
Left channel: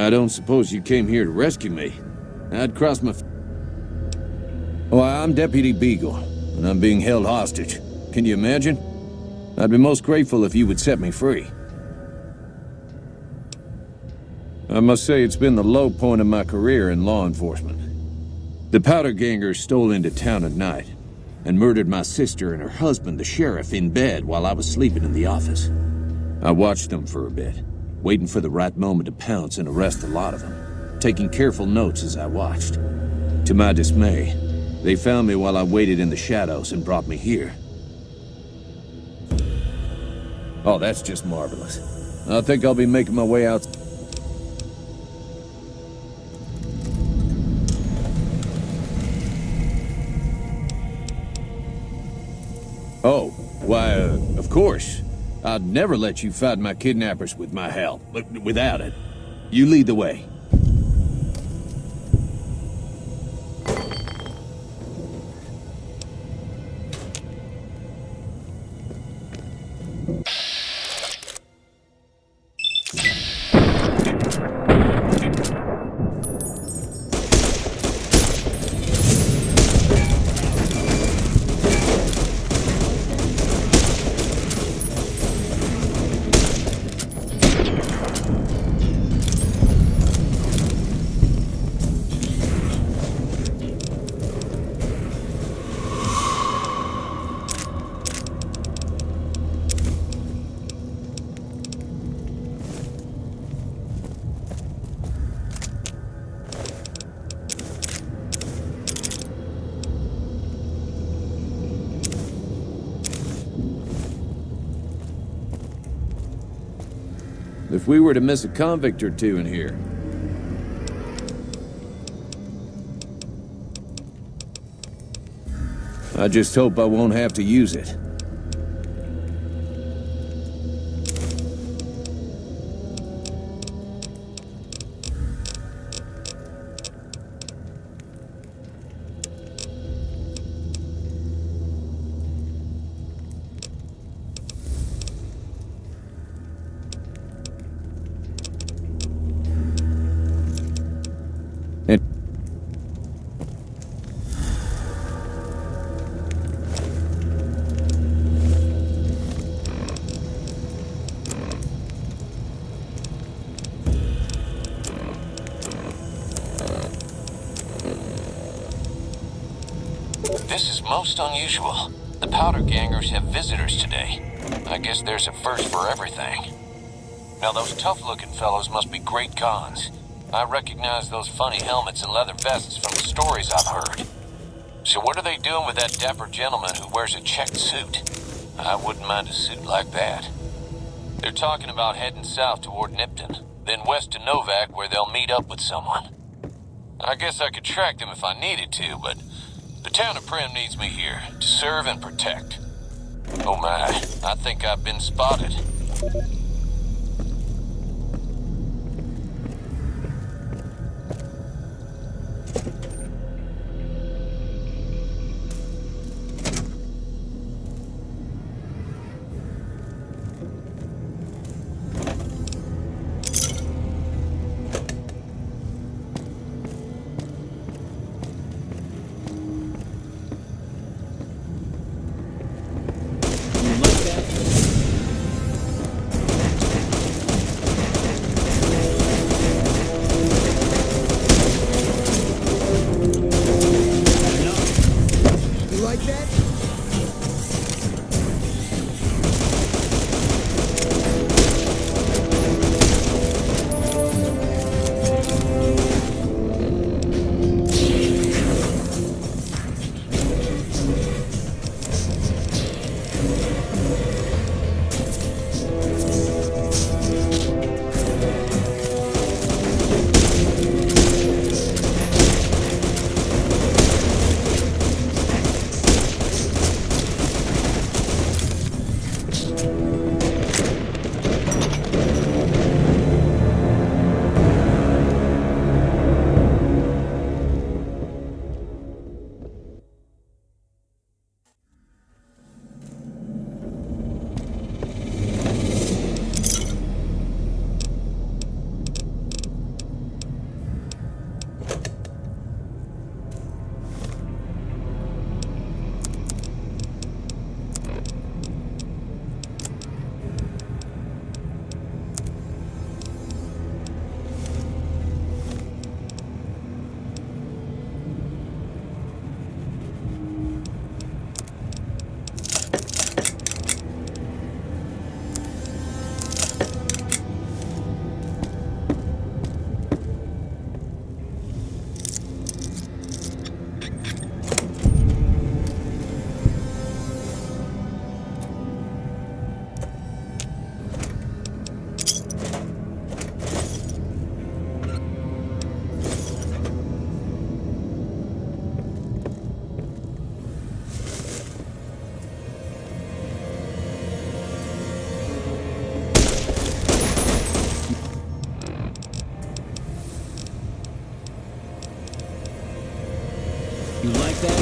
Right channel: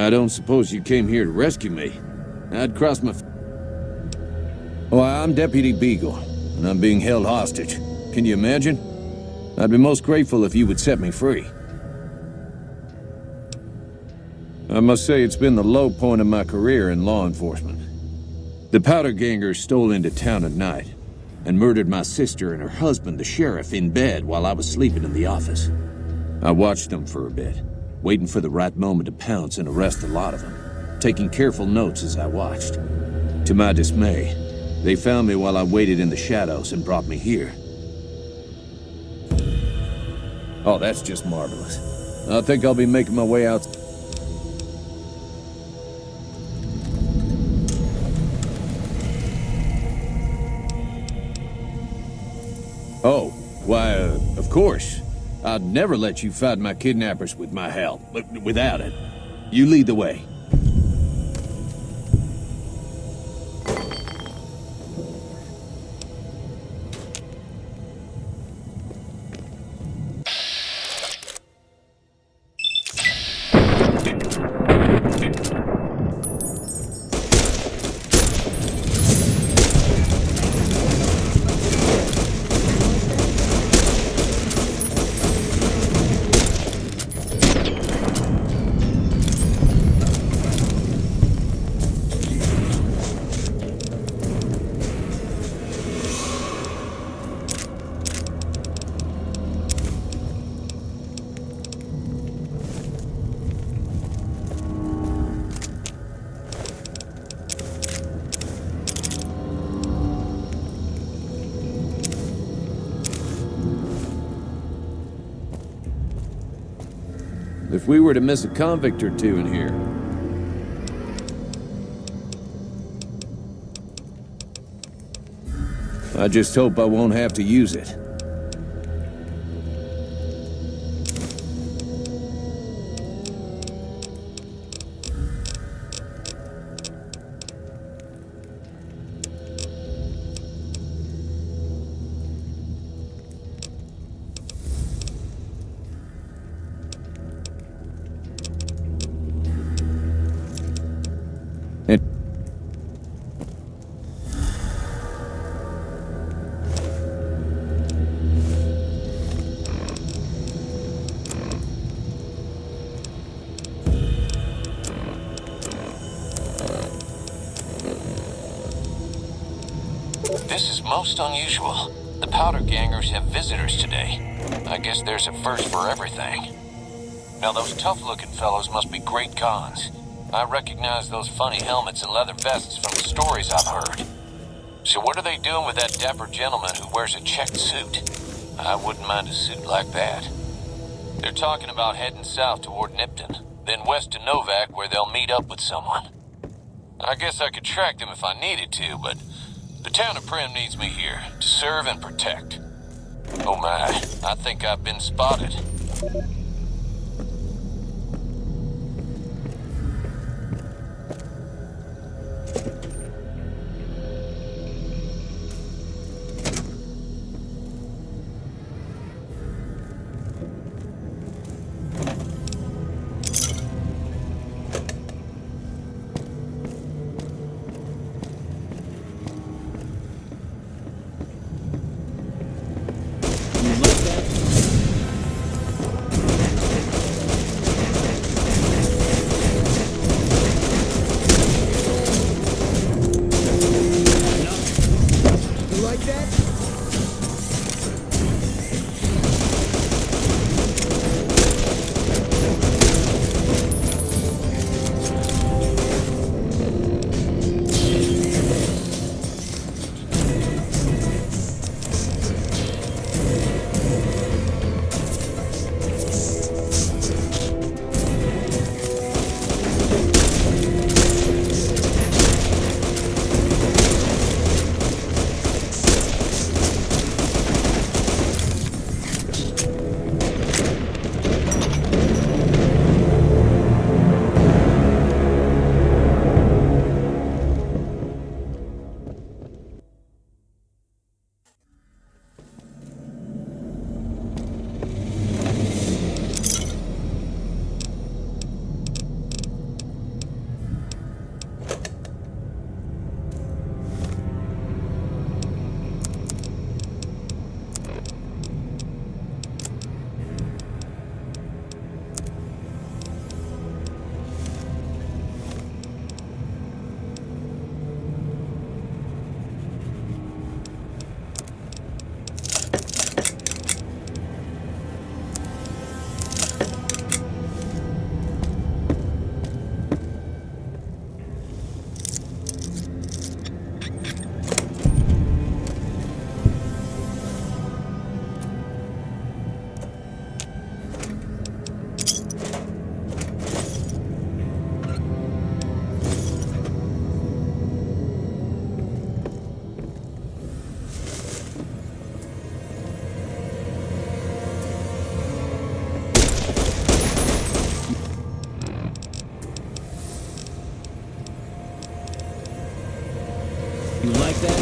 I don't suppose you came here to rescue me. I'd cross my... Well, I'm Deputy Beagle, and I'm being held hostage. Can you imagine? I'd be most grateful if you would set me free. I must say it's been the low point of my career in law enforcement. The powder gangers stole into town at night and murdered my sister and her husband, the sheriff, in bed while I was sleeping in the office. I watched them for a bit, waiting for the right moment to pounce and arrest a lot of them, taking careful notes as I watched. To my dismay, they found me while I waited in the shadows and brought me here. Oh, that's just marvelous. I think I'll be making my way out. Oh, why, of course. I'd never let you fight my kidnappers with my help, but without it. You lead the way. If we were to miss a convict or two in here. I just hope I won't have to use it. This is most unusual. The powder gangers have visitors today. I guess there's a first for everything. Now those tough-looking fellows must be great cons. I recognize those funny helmets and leather vests from the stories I've heard. So what are they doing with that dapper gentleman who wears a checked suit? I wouldn't mind a suit like that. They're talking about heading south toward Nipton, then west to Novak where they'll meet up with someone. I guess I could track them if I needed to, but the town of Primm needs me here to serve and protect. Oh my, I think I've been spotted. You like that?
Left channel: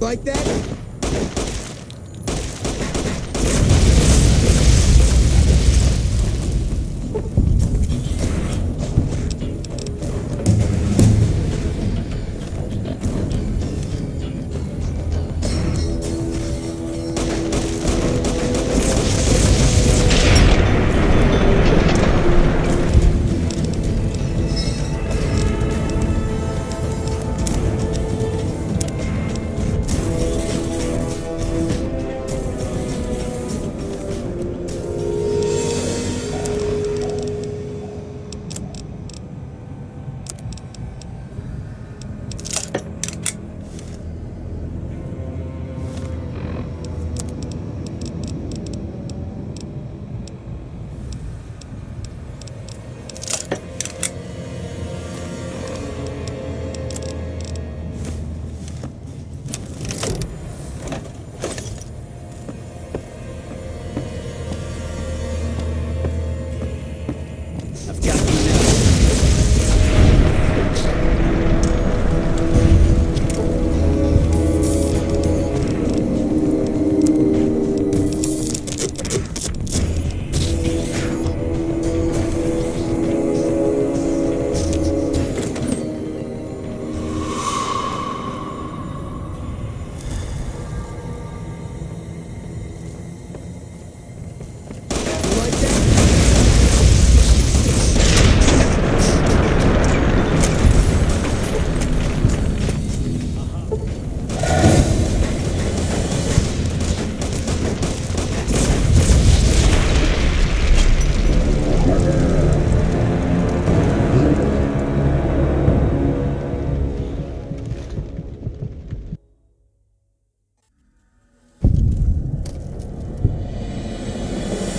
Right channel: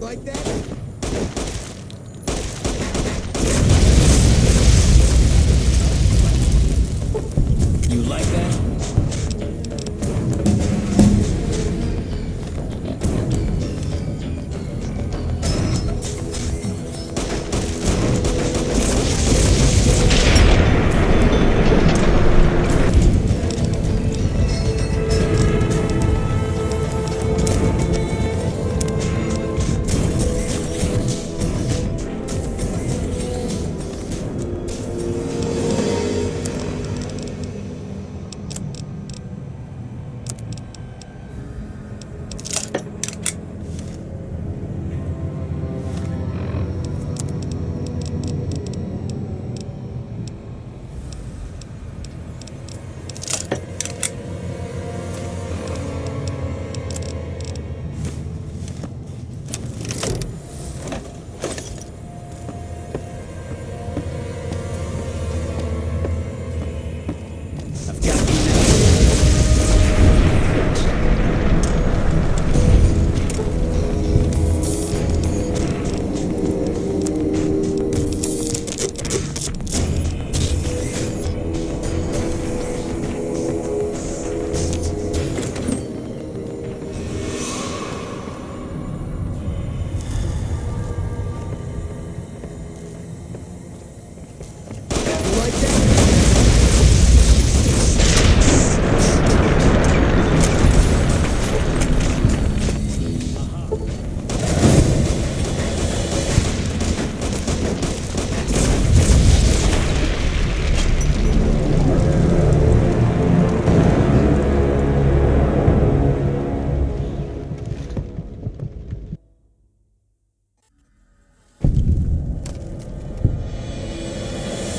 Like that? You like that?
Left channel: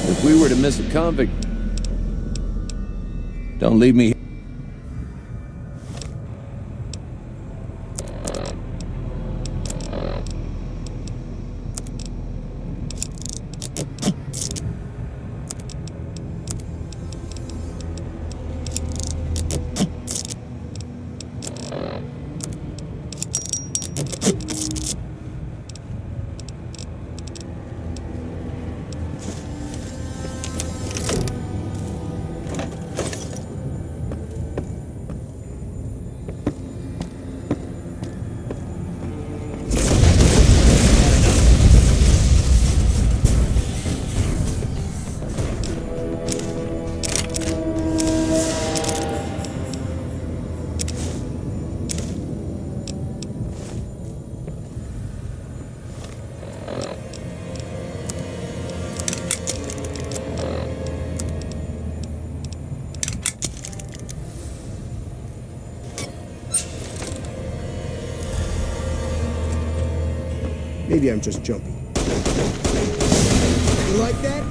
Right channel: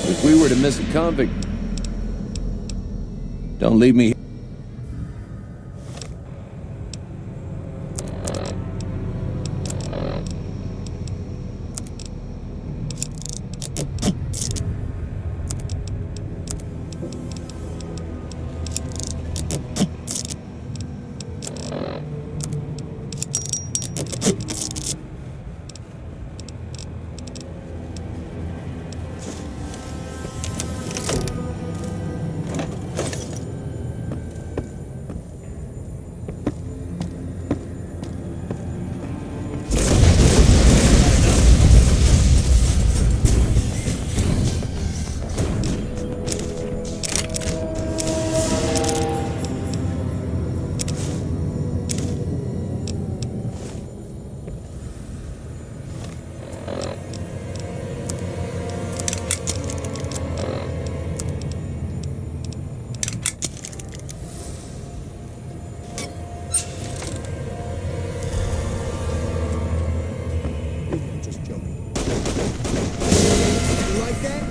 If we were to miss a convict, don't leave me here. Maybe I'm just jumpy. You like that?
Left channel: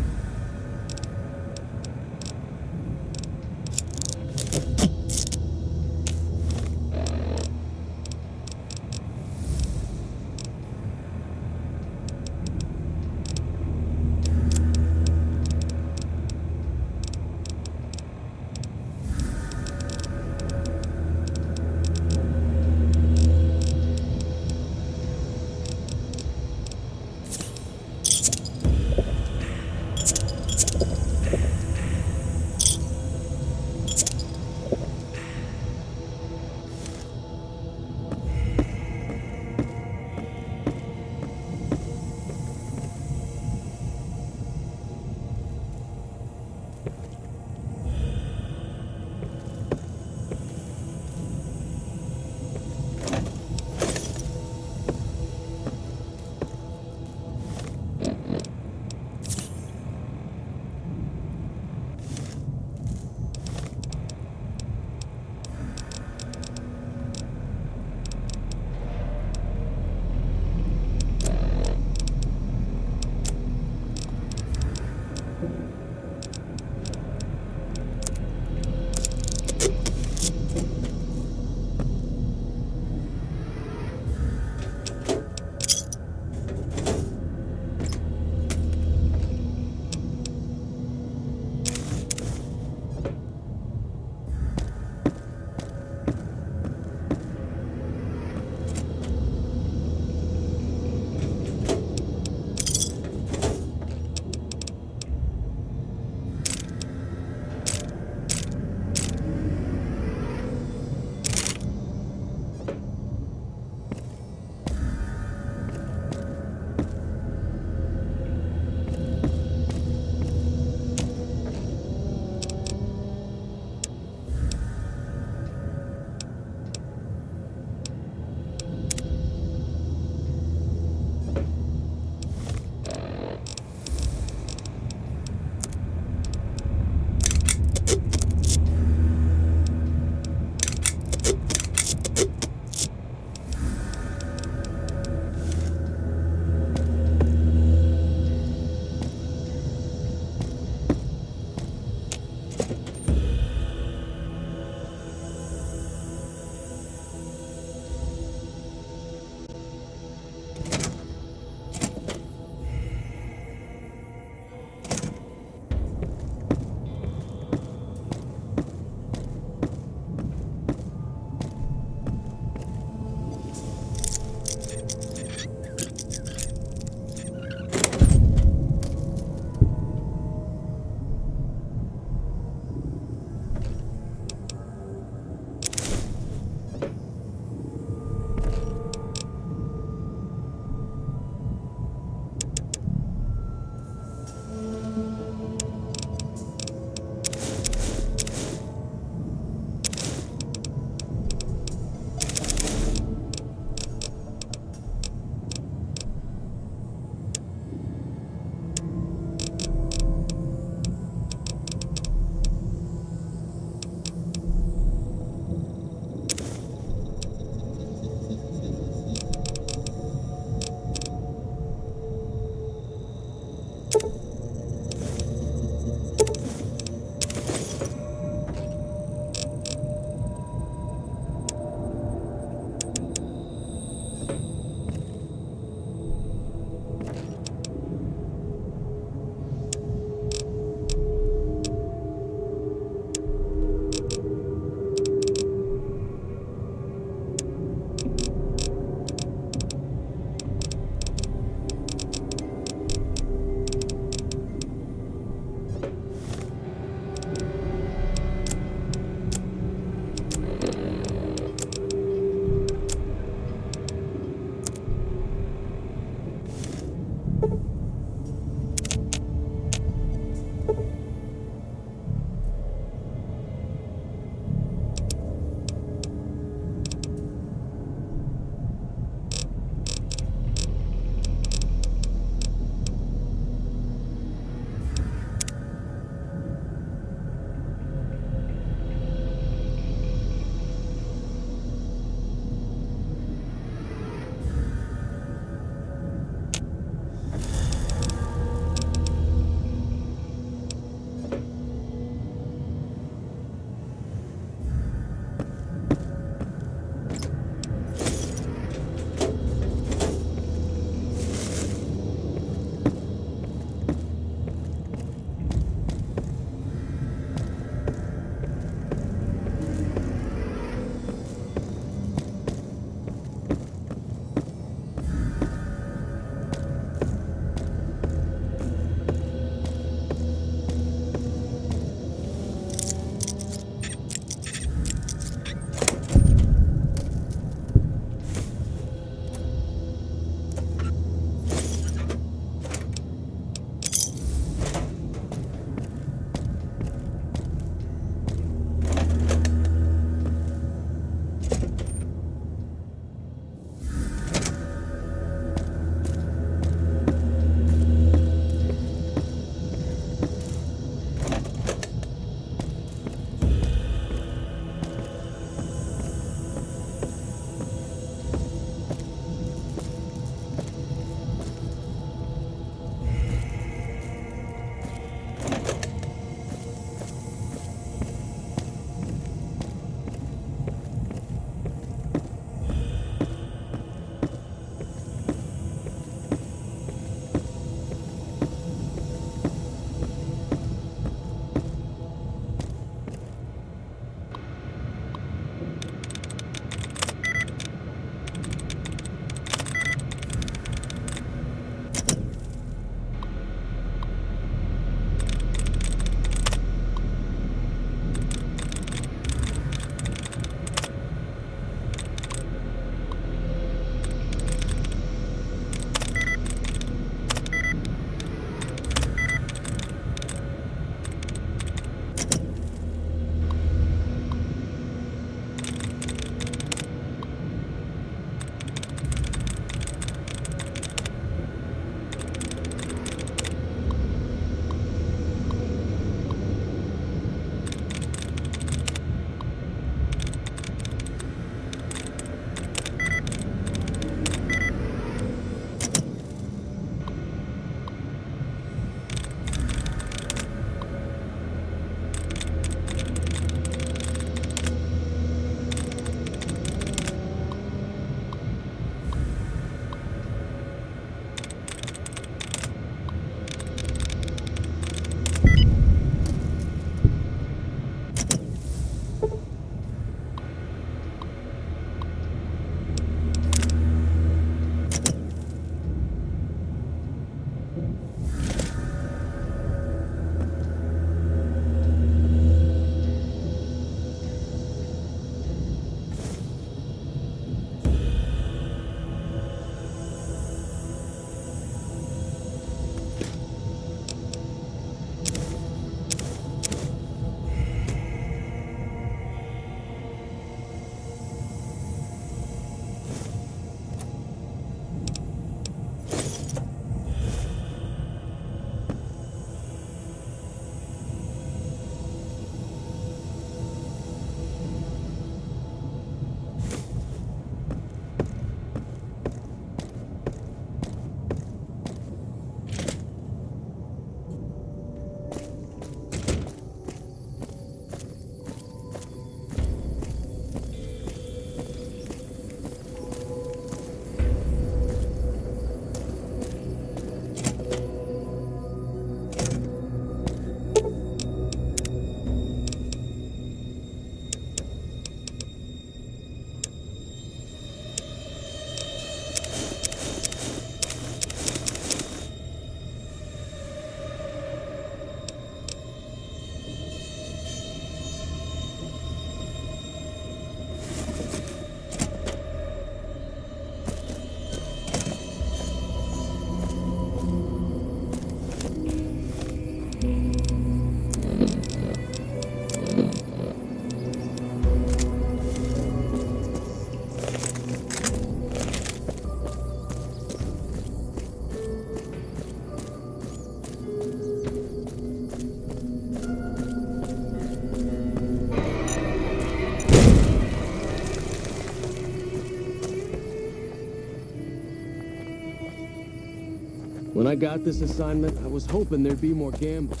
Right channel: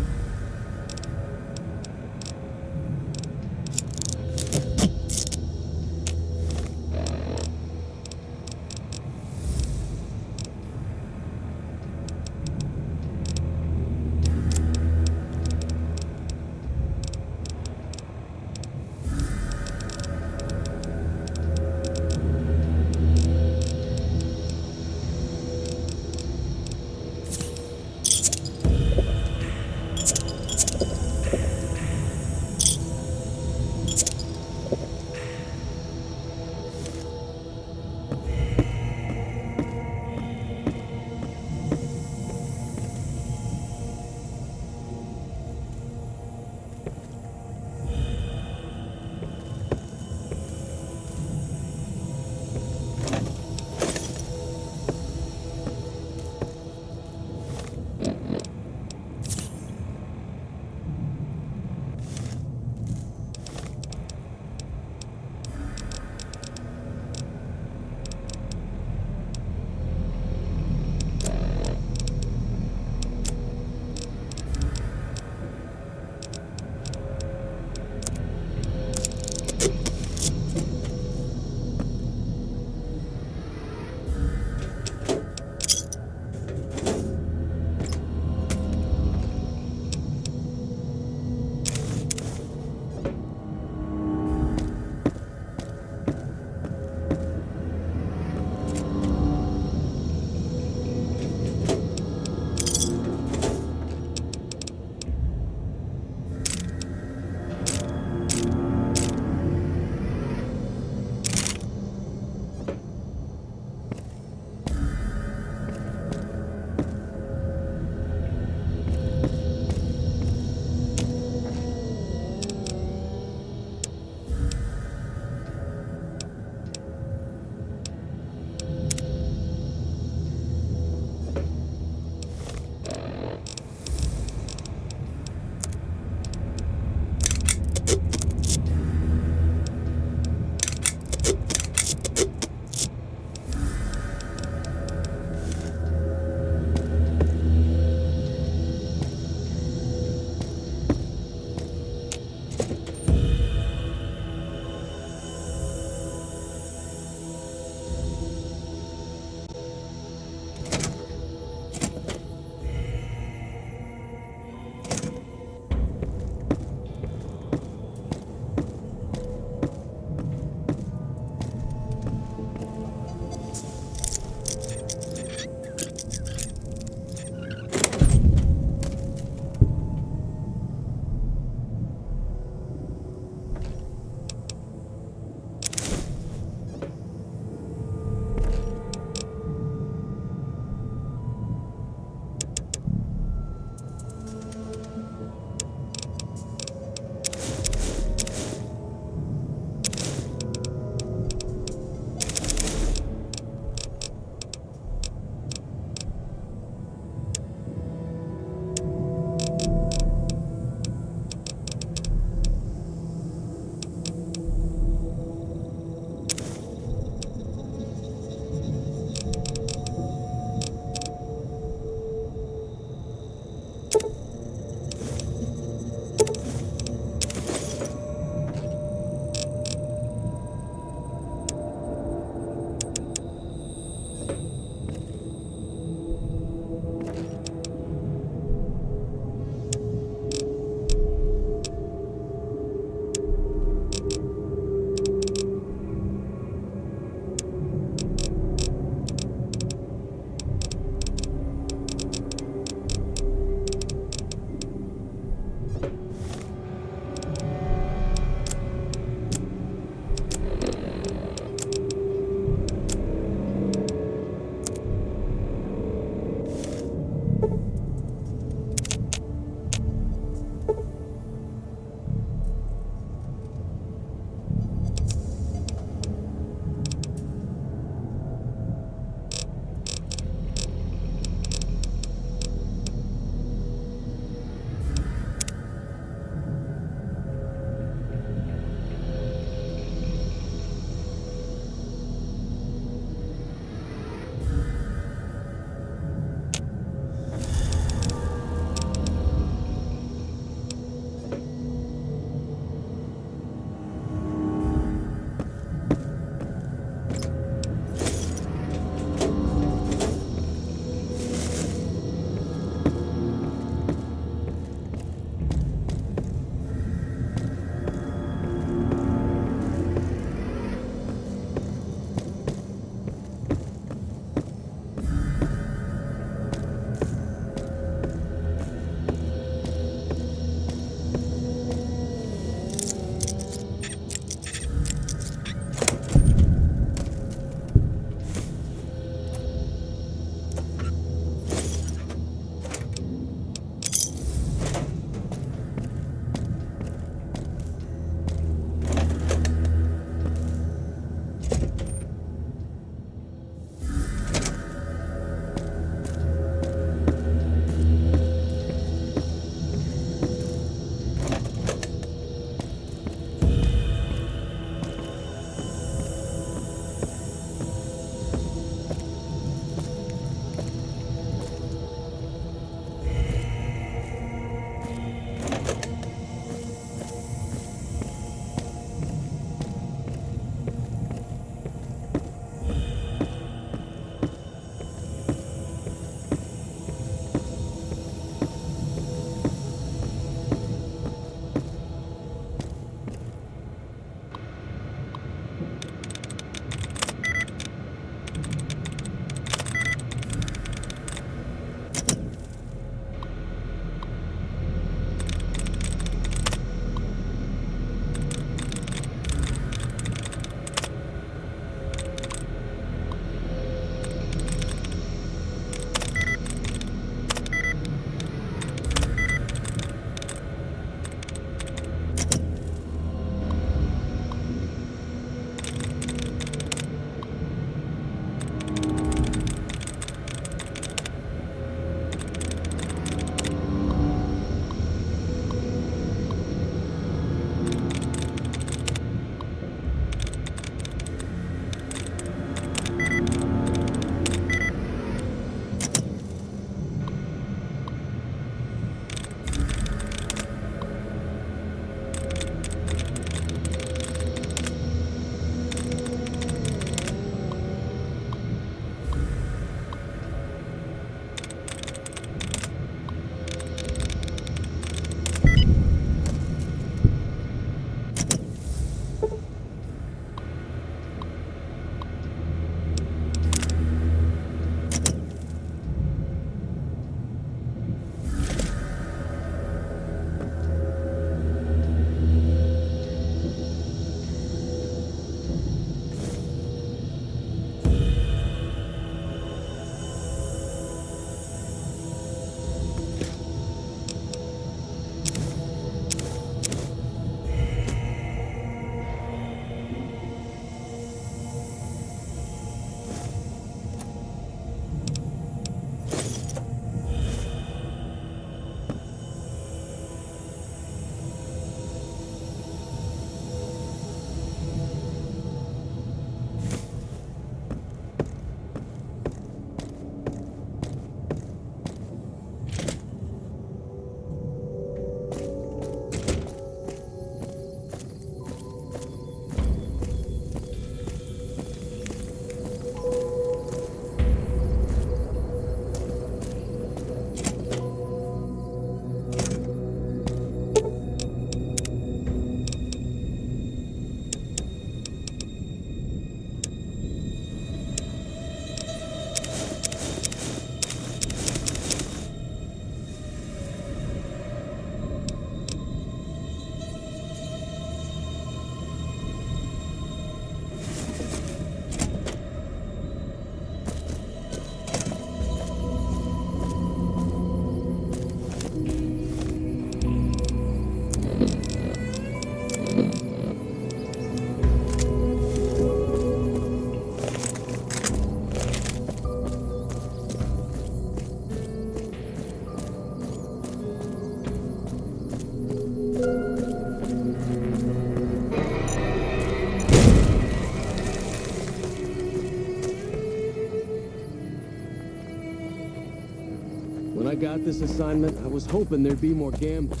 I got this assignment, I was hoping there'd be more gambling.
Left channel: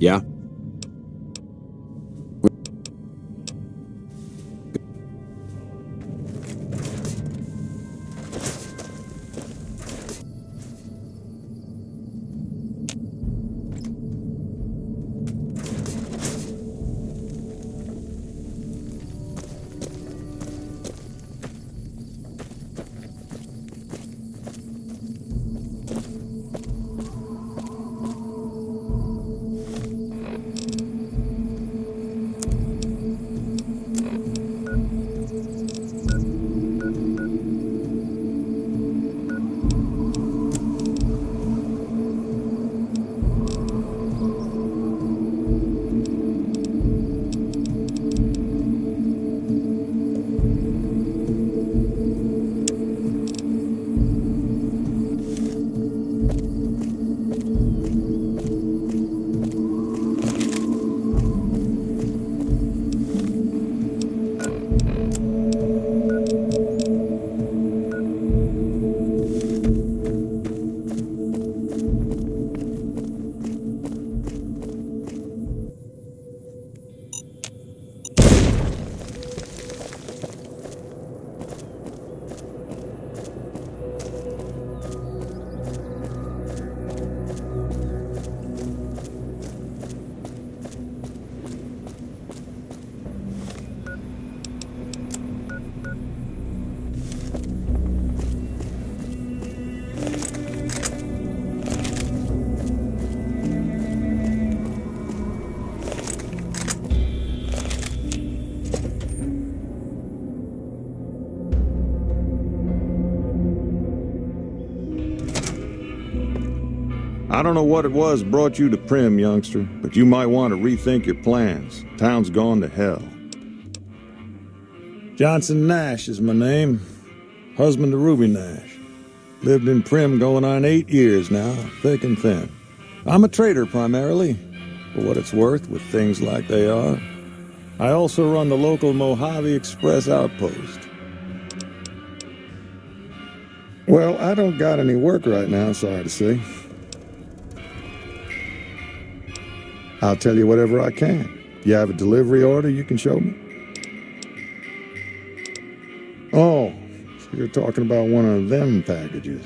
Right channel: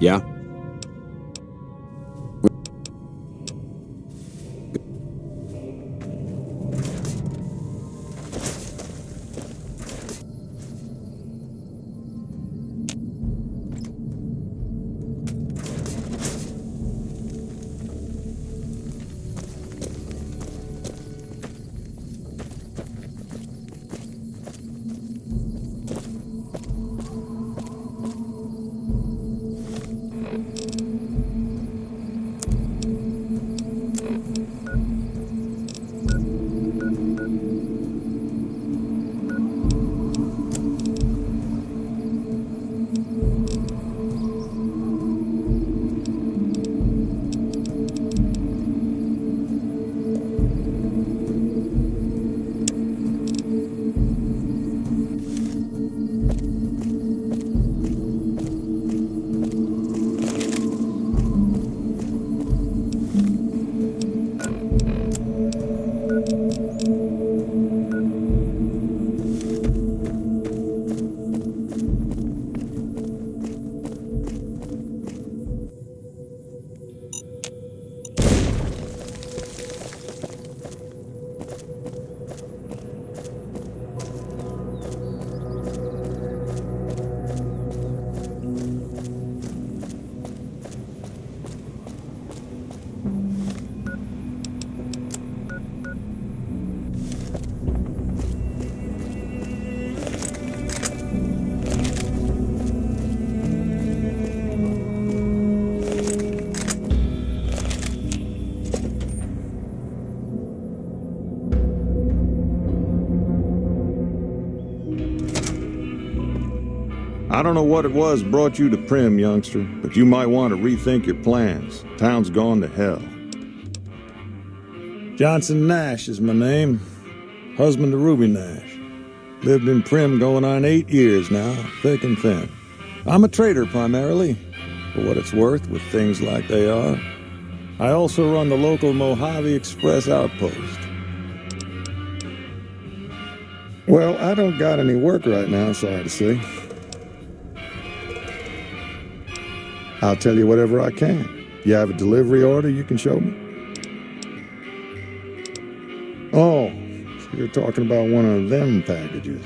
Yeah? I don't know what it was brought you to Prim, youngster, but you might want to rethink your plans. Town's gone to hell. Johnson Nash is my name. Husband to Ruby Nash. Lived in Prim going on 8 years now, thick and thin. I'm a trader primarily, for what it's worth with things like they are. I also run the local Mojave Express outpost. Well, I don't got any work right now, sorry to say. I'll tell you whatever I can. You have a delivery order you can show me? Oh, so you're talking about one of them packages.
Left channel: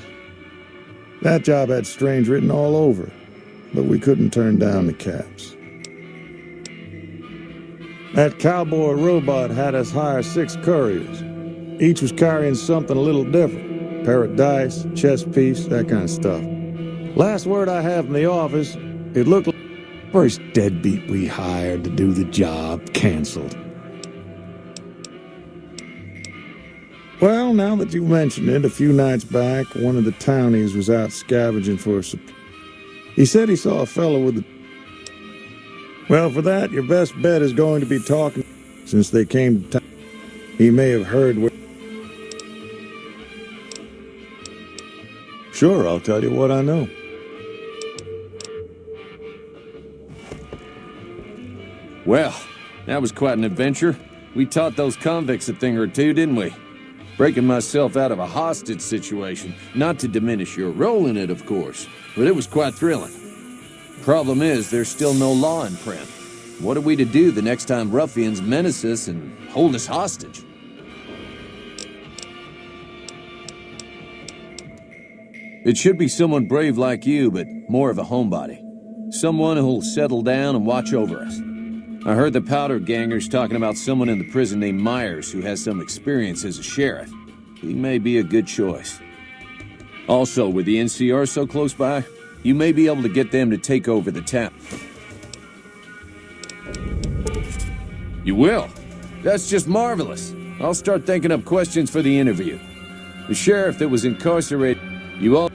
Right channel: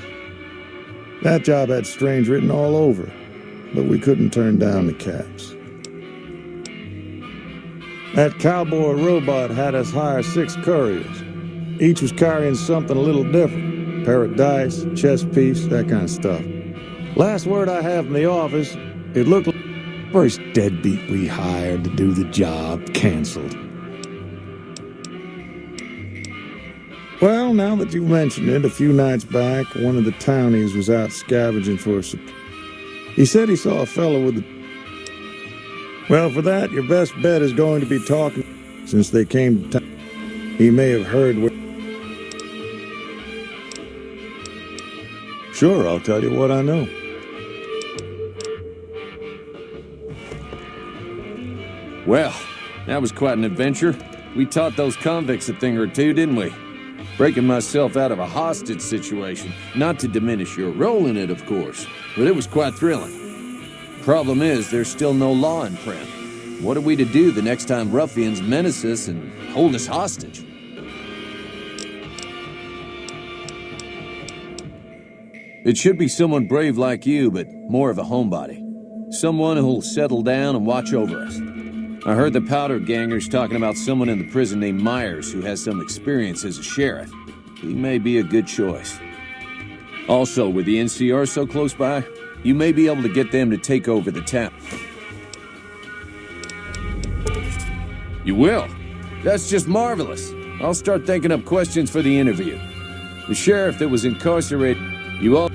That job had strange written all over, but we couldn't turn down the caps. That cowboy robot had us hire 6 couriers. Each was carrying something a little different. Pair of dice, chess piece, that kind of stuff. Last word I have from the office, it looked like first deadbeat we hired to do the job canceled. Well, now that you mention it, a few nights back, one of the townies was out scavenging for a supply. He said he saw a fellow with a... Well, for that, your best bet is going to be talking since they came to town. He may have heard where... Sure, I'll tell you what I know. Well, that was quite an adventure. We taught those convicts a thing or two, didn't we? Breaking myself out of a hostage situation. Not to diminish your role in it, of course, but it was quite thrilling. Problem is, there's still no law in Prim. What are we to do the next time ruffians menace us and hold us hostage? It should be someone brave like you, but more of a homebody. Someone who'll settle down and watch over us. I heard the powder gangers talking about someone in the prison named Myers who has some experience as a sheriff. He may be a good choice. Also, with the NCR so close by, you may be able to get them to take over the town. You will? That's just marvelous. I'll start thinking up questions for the interview. The sheriff that was incarcerated. You all.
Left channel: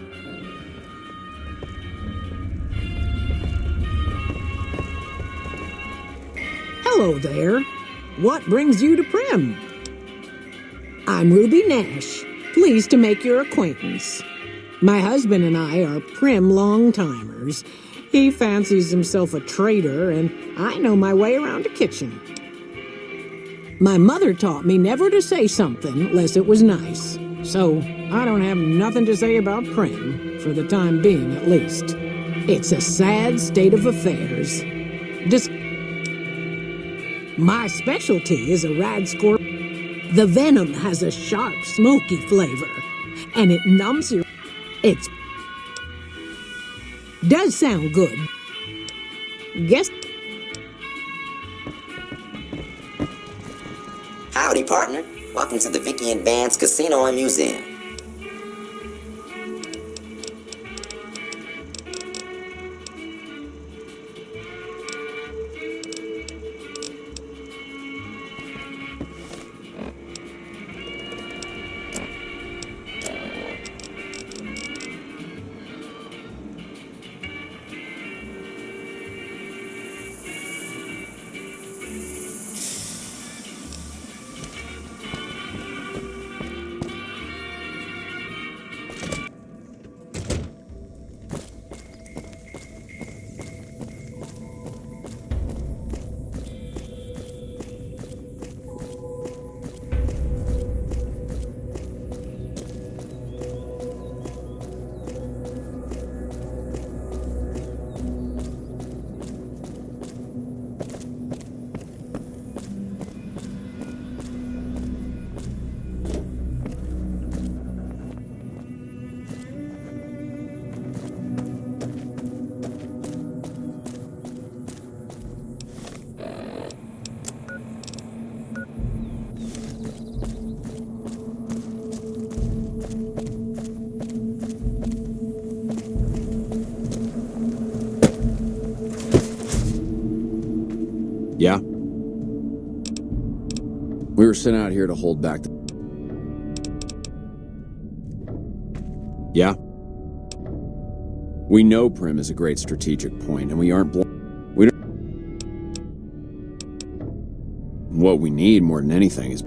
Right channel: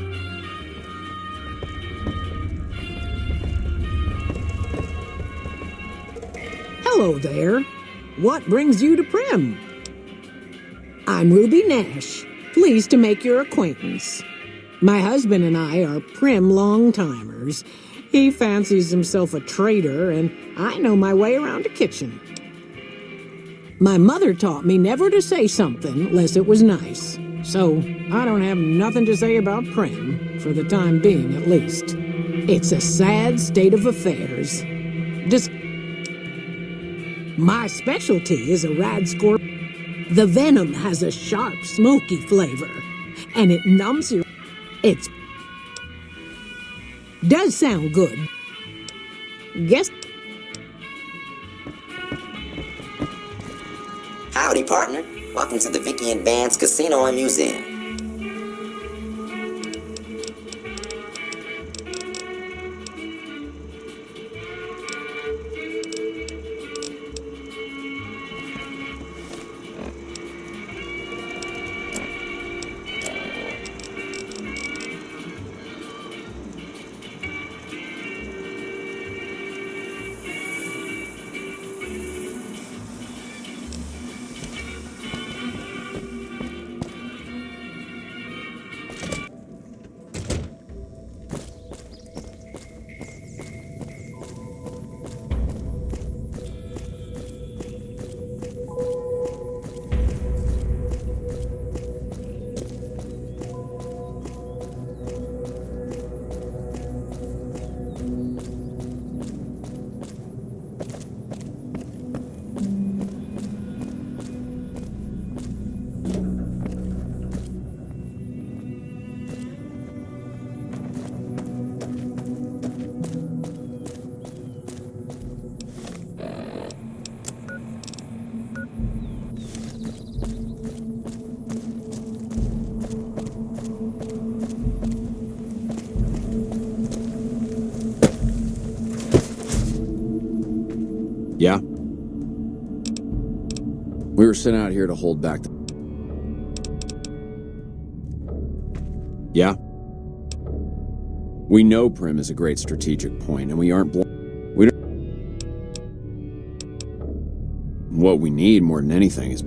Hello there. What brings you to Prim? I'm Ruby Nash. Pleased to make your acquaintance. My husband and I are Prim long-timers. He fancies himself a trader, and I know my way around a kitchen. My mother taught me never to say something unless it was nice. So, I don't have nothing to say about Prim, for the time being at least. It's a sad state of affairs. My specialty is a rad scorp. The venom has a sharp, smoky flavor, and it numbs your... Does sound good. Guess... Howdy, partner. Welcome to the Vicky and Vance Casino and Museum. Yeah? We were sent out here to hold back the... Yeah? We know Prim is a great strategic point, and we aren't we don't... What we need more than anything is...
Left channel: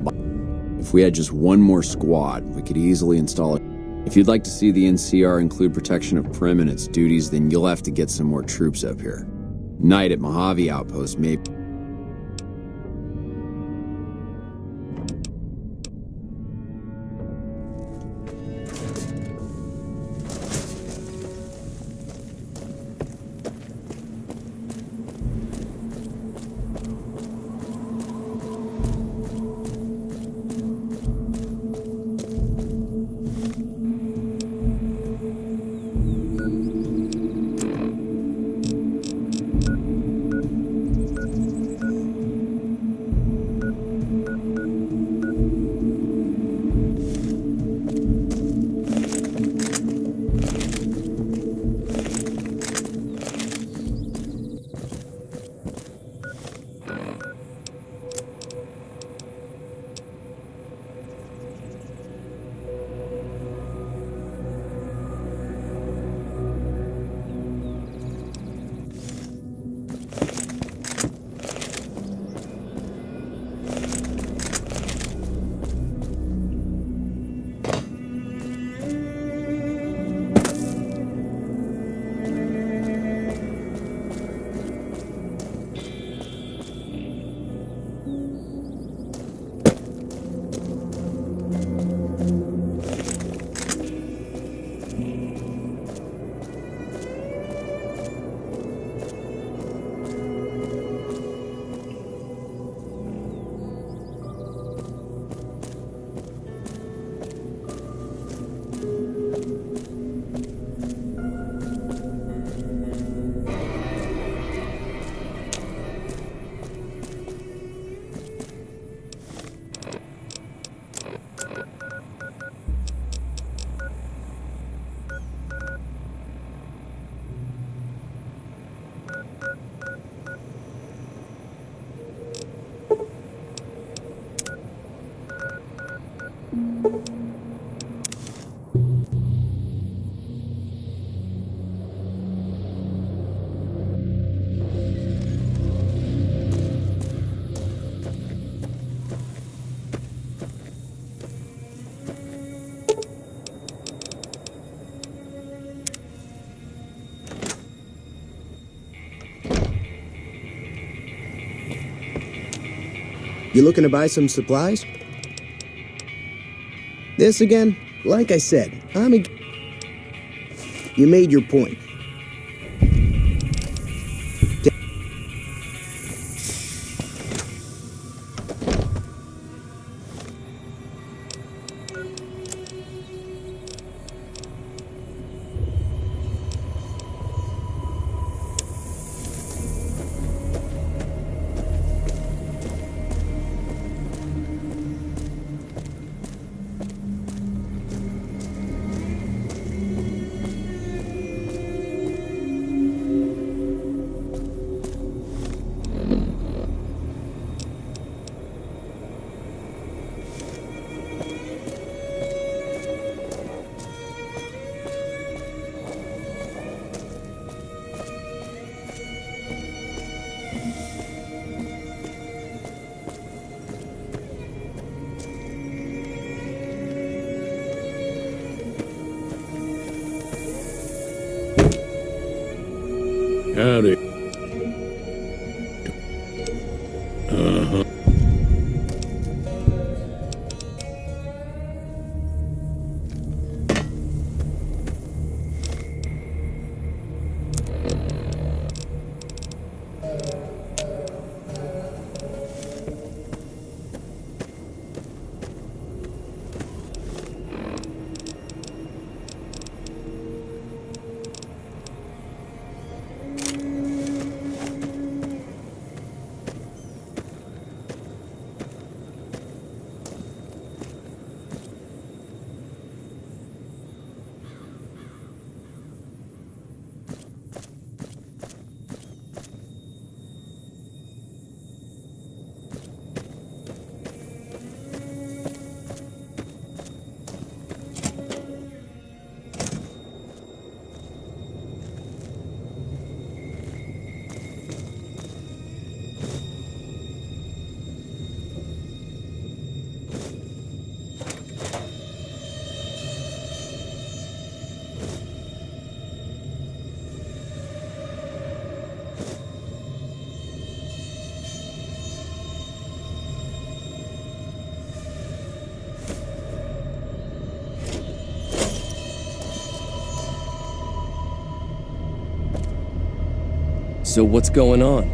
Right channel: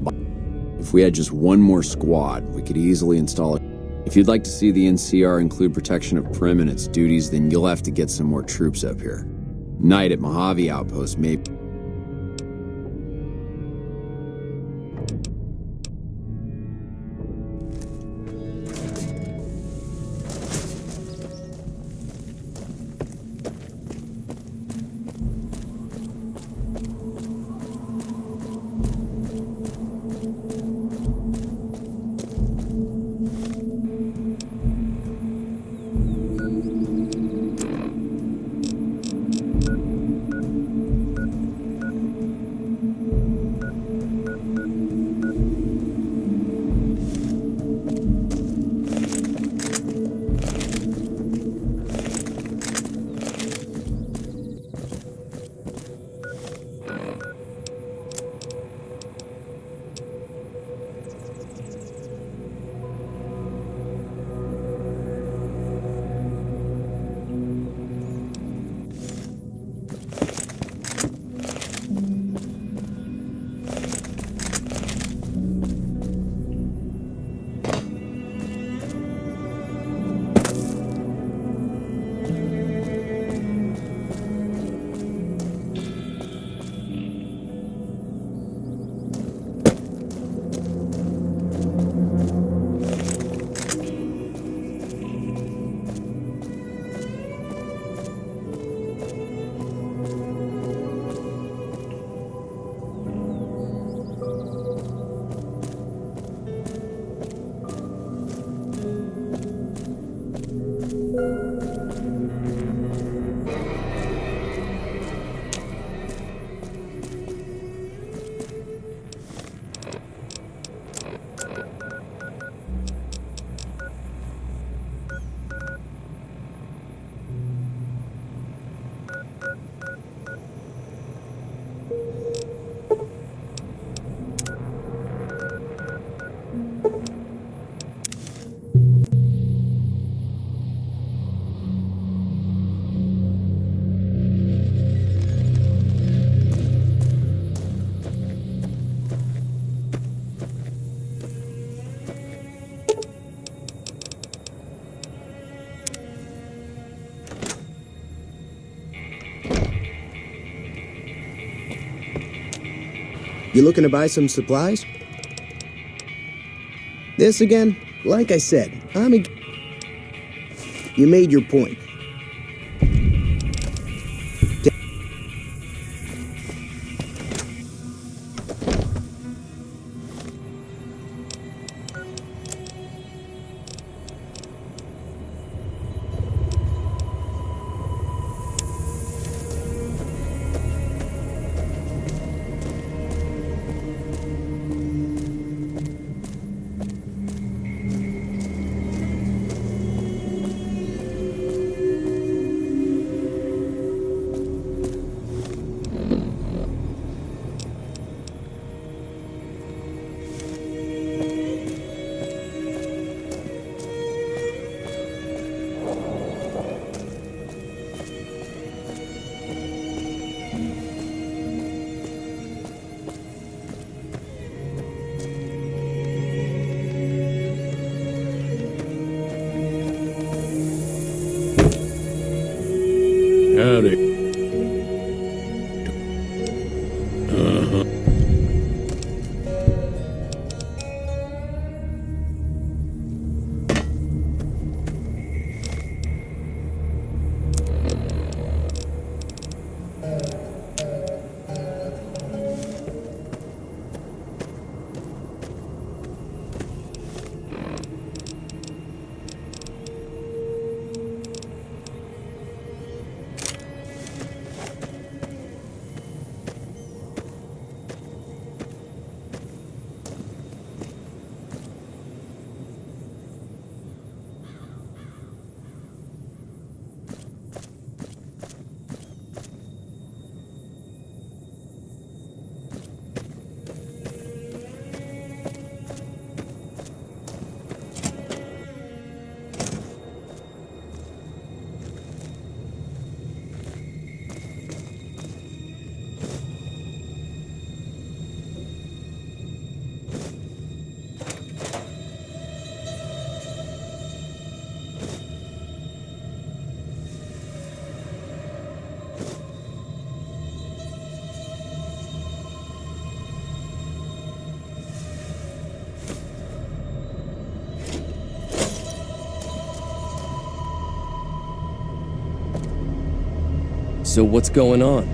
If we had just one more squad, we could easily install it. If you'd like to see the NCR include protection of Prim and its duties, then you'll have to get some more troops up here. Night at Mojave Outpost, maybe... You looking to buy some supplies? This again? Like I said, You made your point. Howdy. Uh-huh. So what's going on?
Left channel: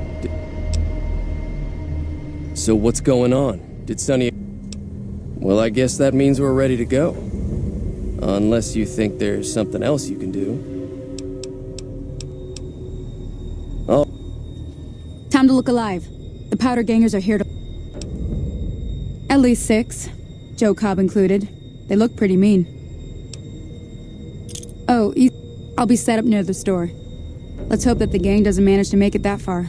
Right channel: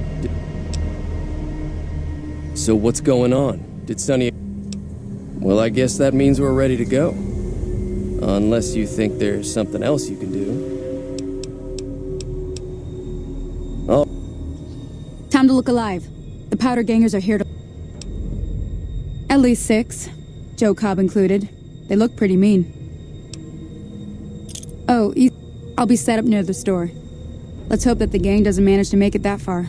Did Sonny... Well, I guess that means we're ready to go. Unless you think there's something else you can do. Oh. Time to look alive. The powder gangers are here to... At least 6. Joe Cobb included. They look pretty mean. Oh, I'll be set up near the store. Let's hope that the gang doesn't manage to make it that far.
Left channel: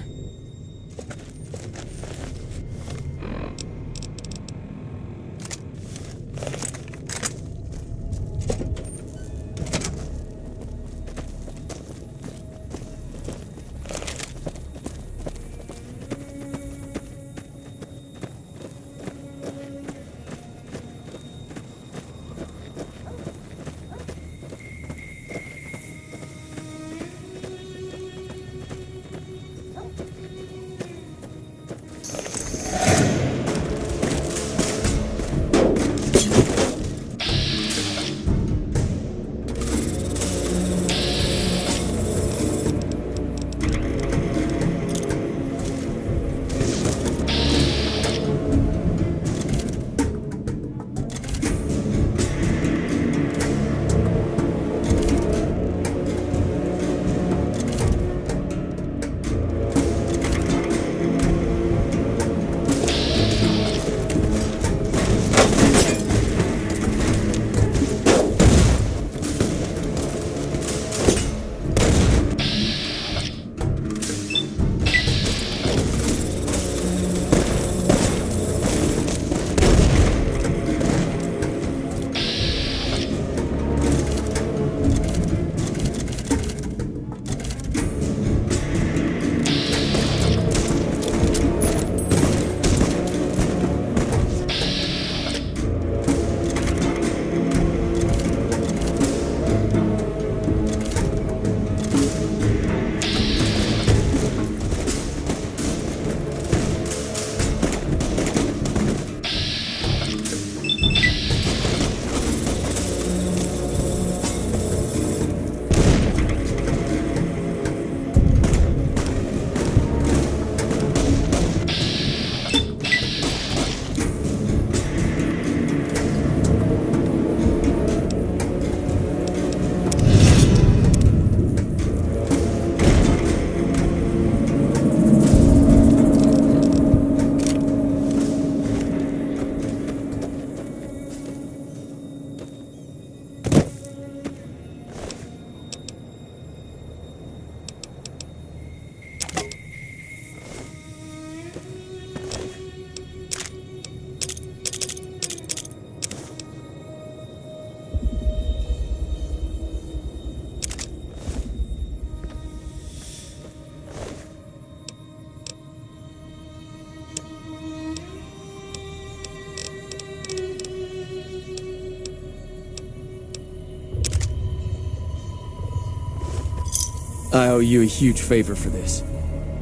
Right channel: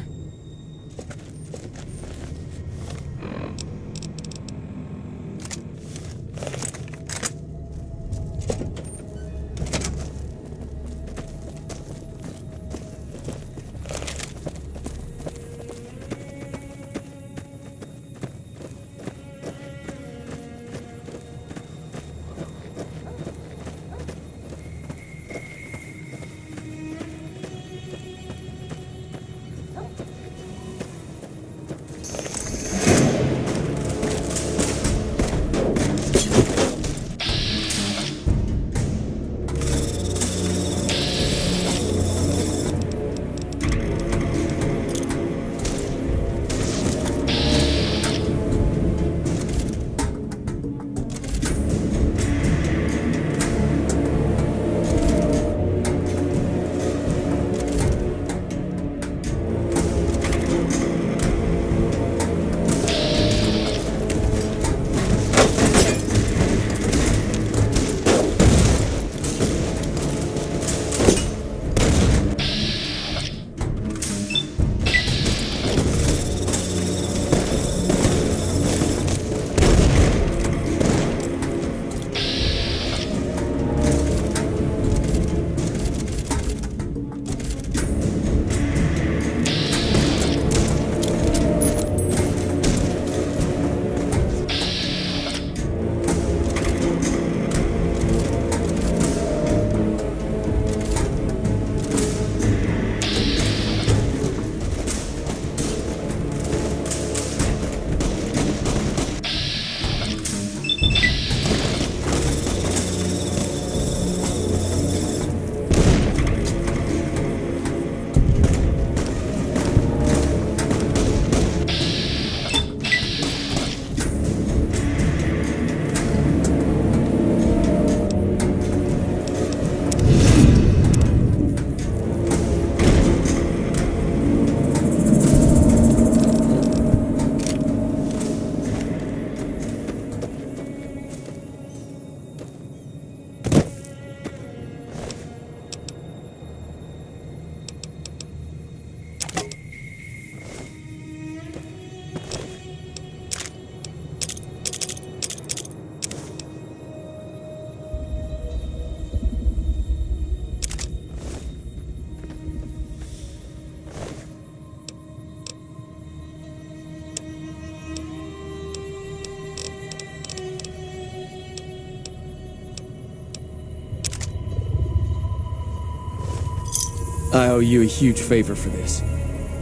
I owe you a huge favor for this.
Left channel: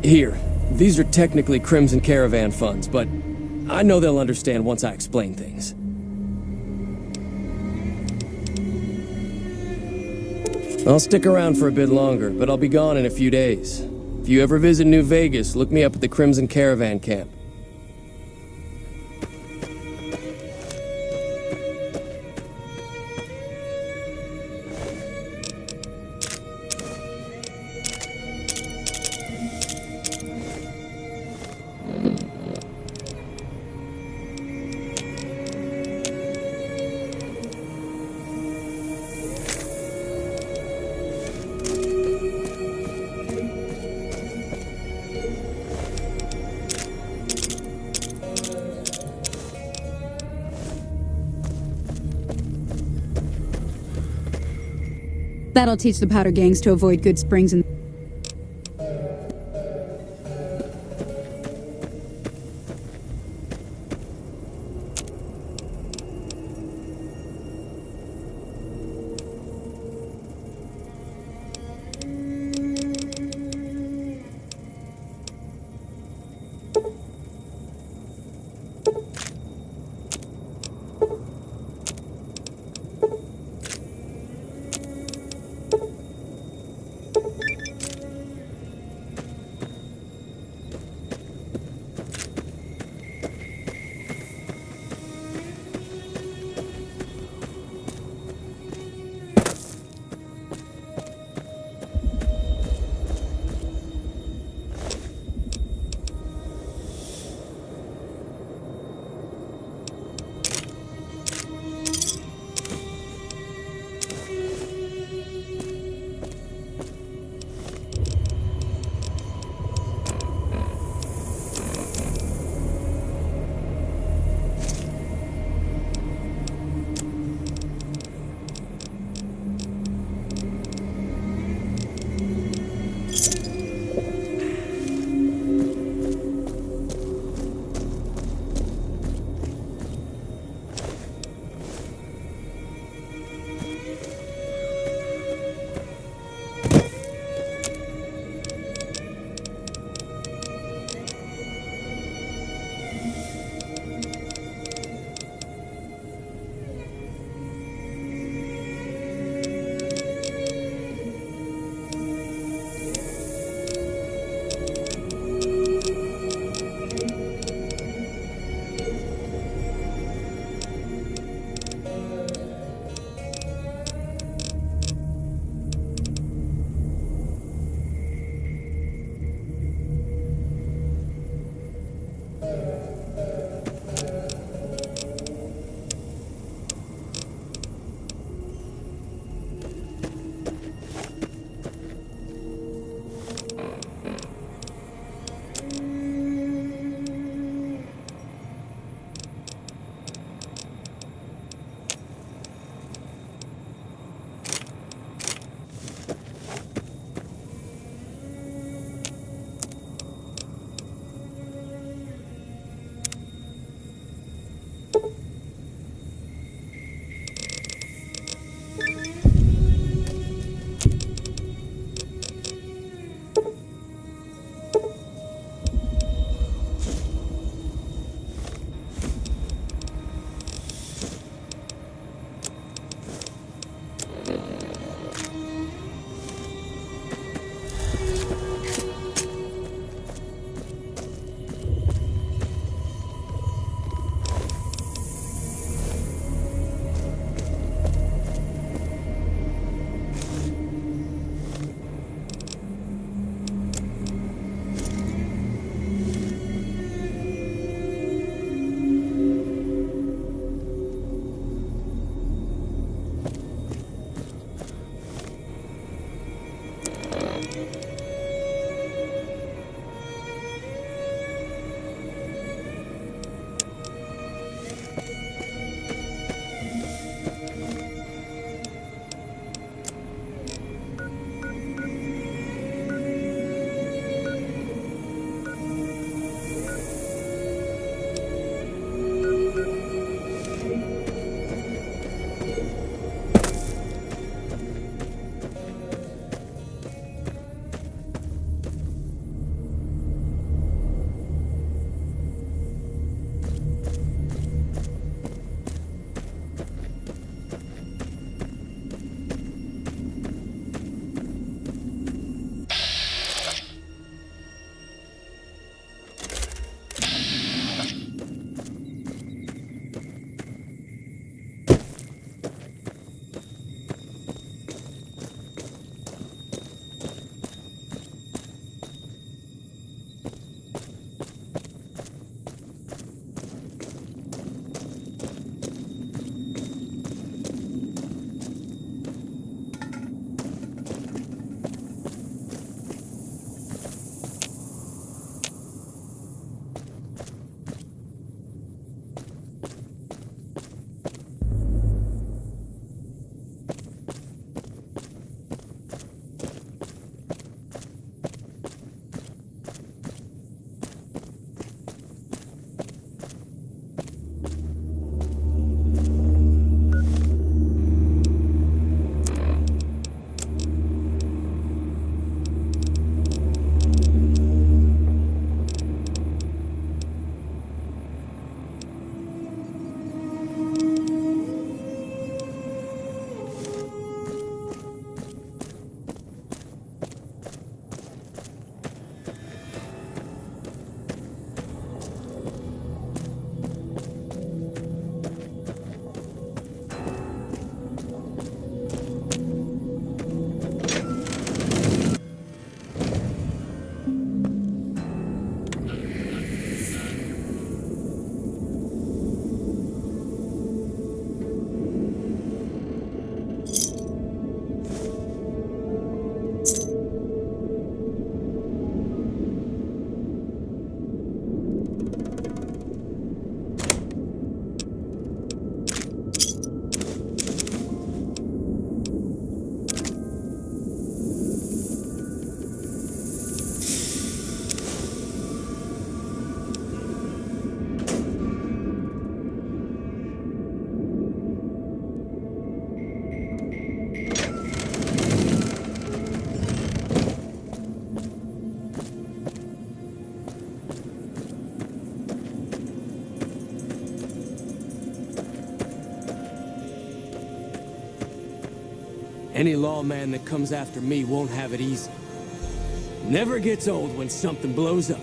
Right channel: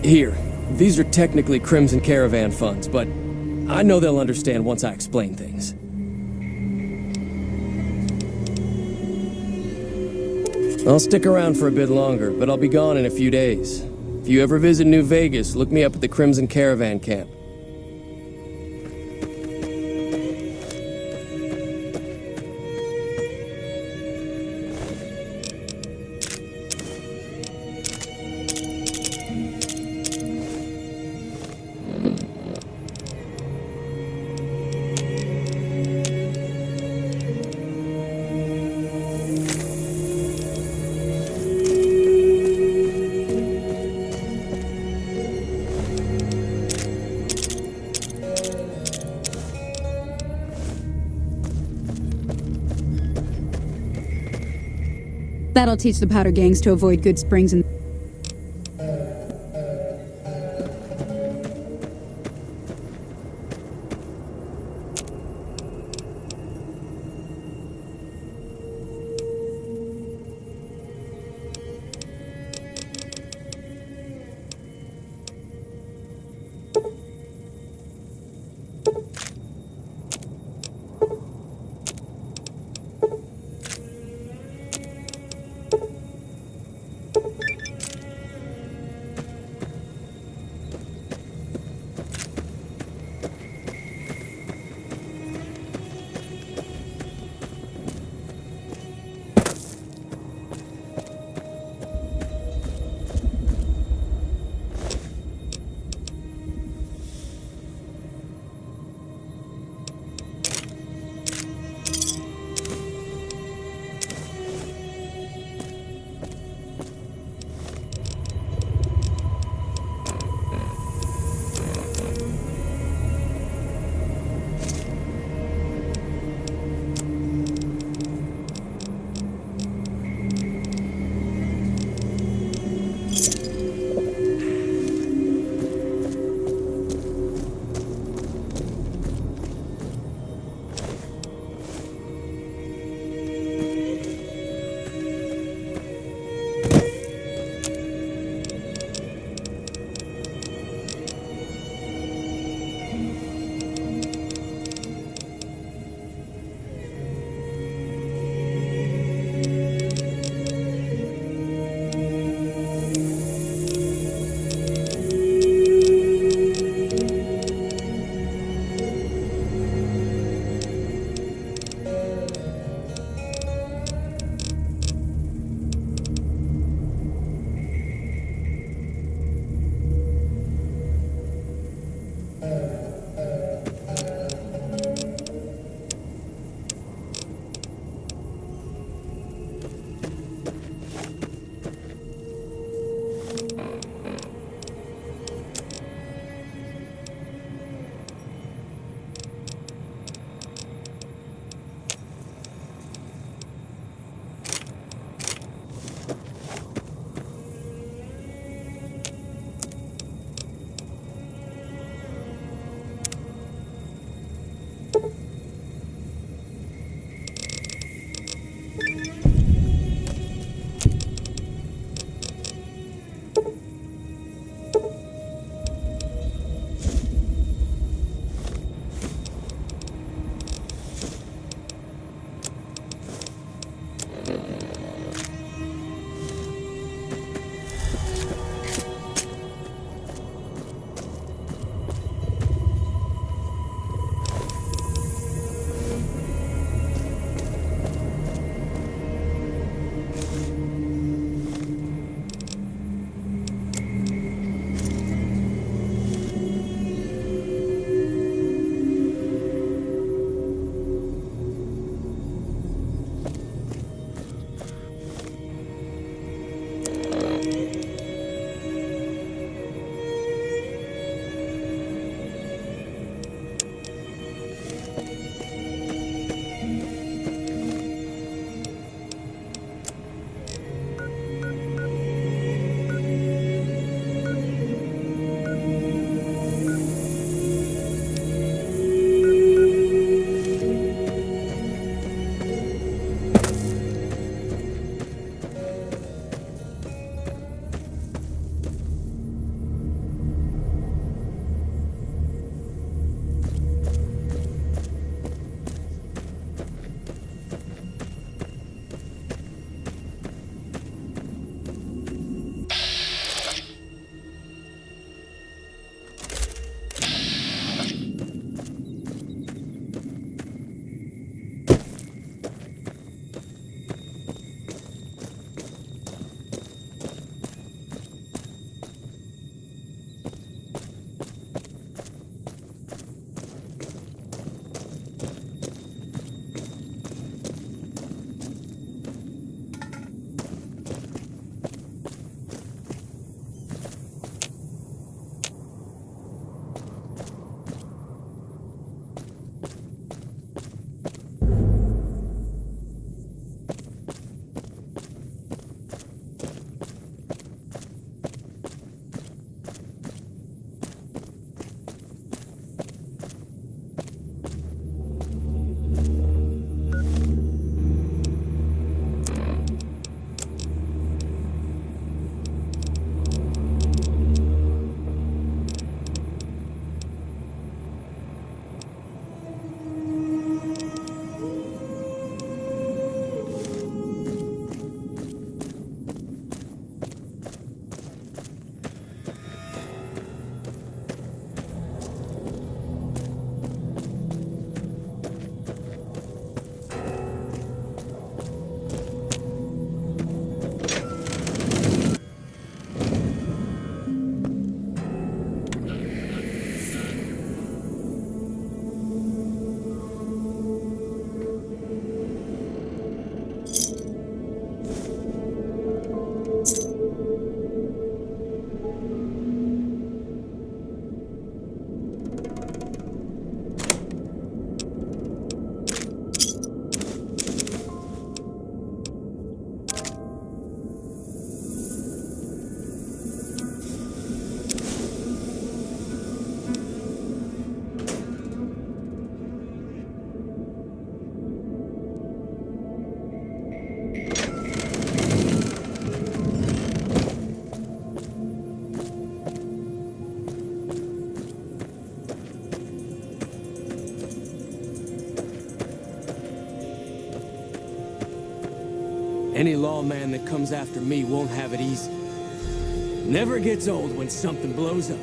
Here, these are technically Crimson Caravan funds, but I know they'll understand once I explain things. I'll stick around for a bit longer, but I'll be gone in a few days. If you ever visit New Vegas, look me up at the Crimson Caravan camp. That'll teach the powder gangs to avoid Good Springs and... Any lawman that comes after me won't have it easy. Never gets old when something blows up.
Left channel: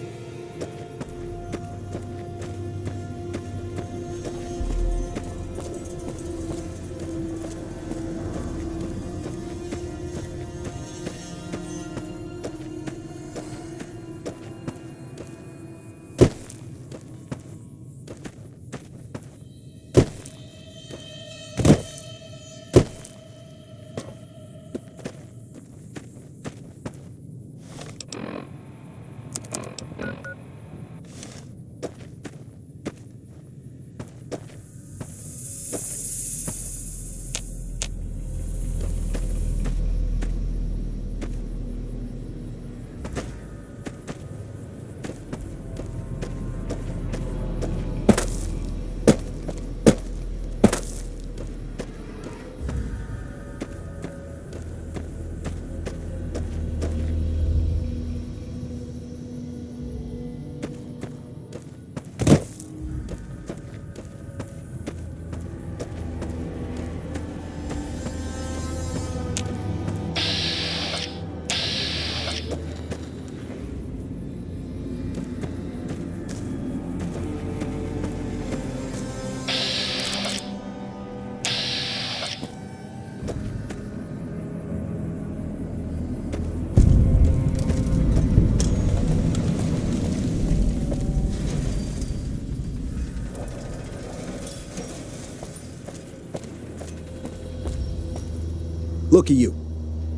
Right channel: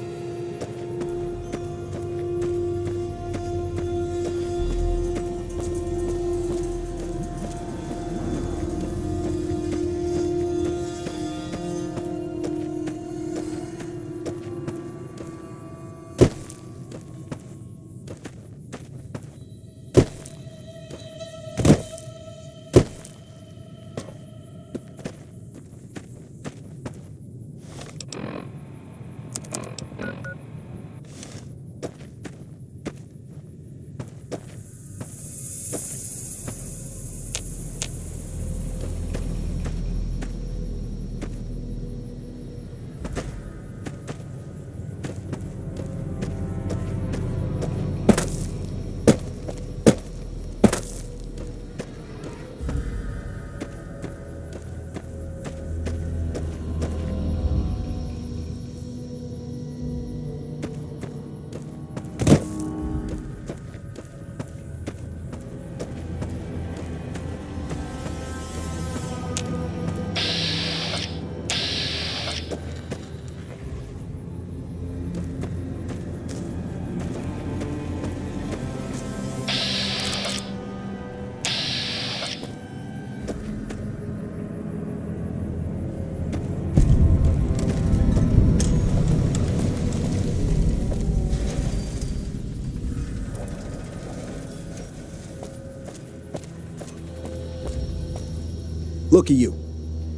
Look at you.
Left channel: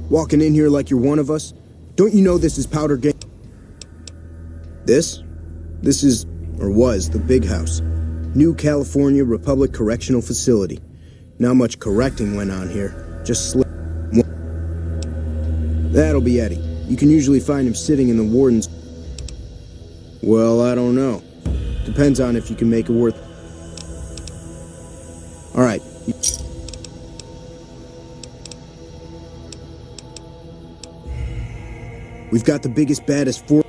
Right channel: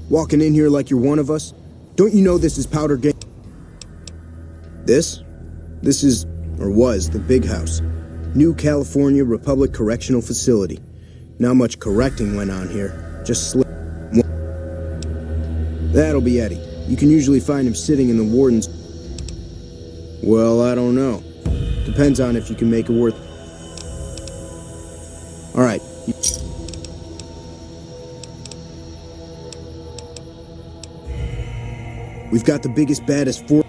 Walking in here like you're one of us. Don't you know this is Powder Gang? This? This is, or was, the big house. New California Republic Correctional Facility. Not much correcting went on here. Just slip. That'll be Eddie. You can usually find him sitting in the warden's... Well, I don't know. Depends on if you can make it worth... Alright. We've got the biggest, baddest four...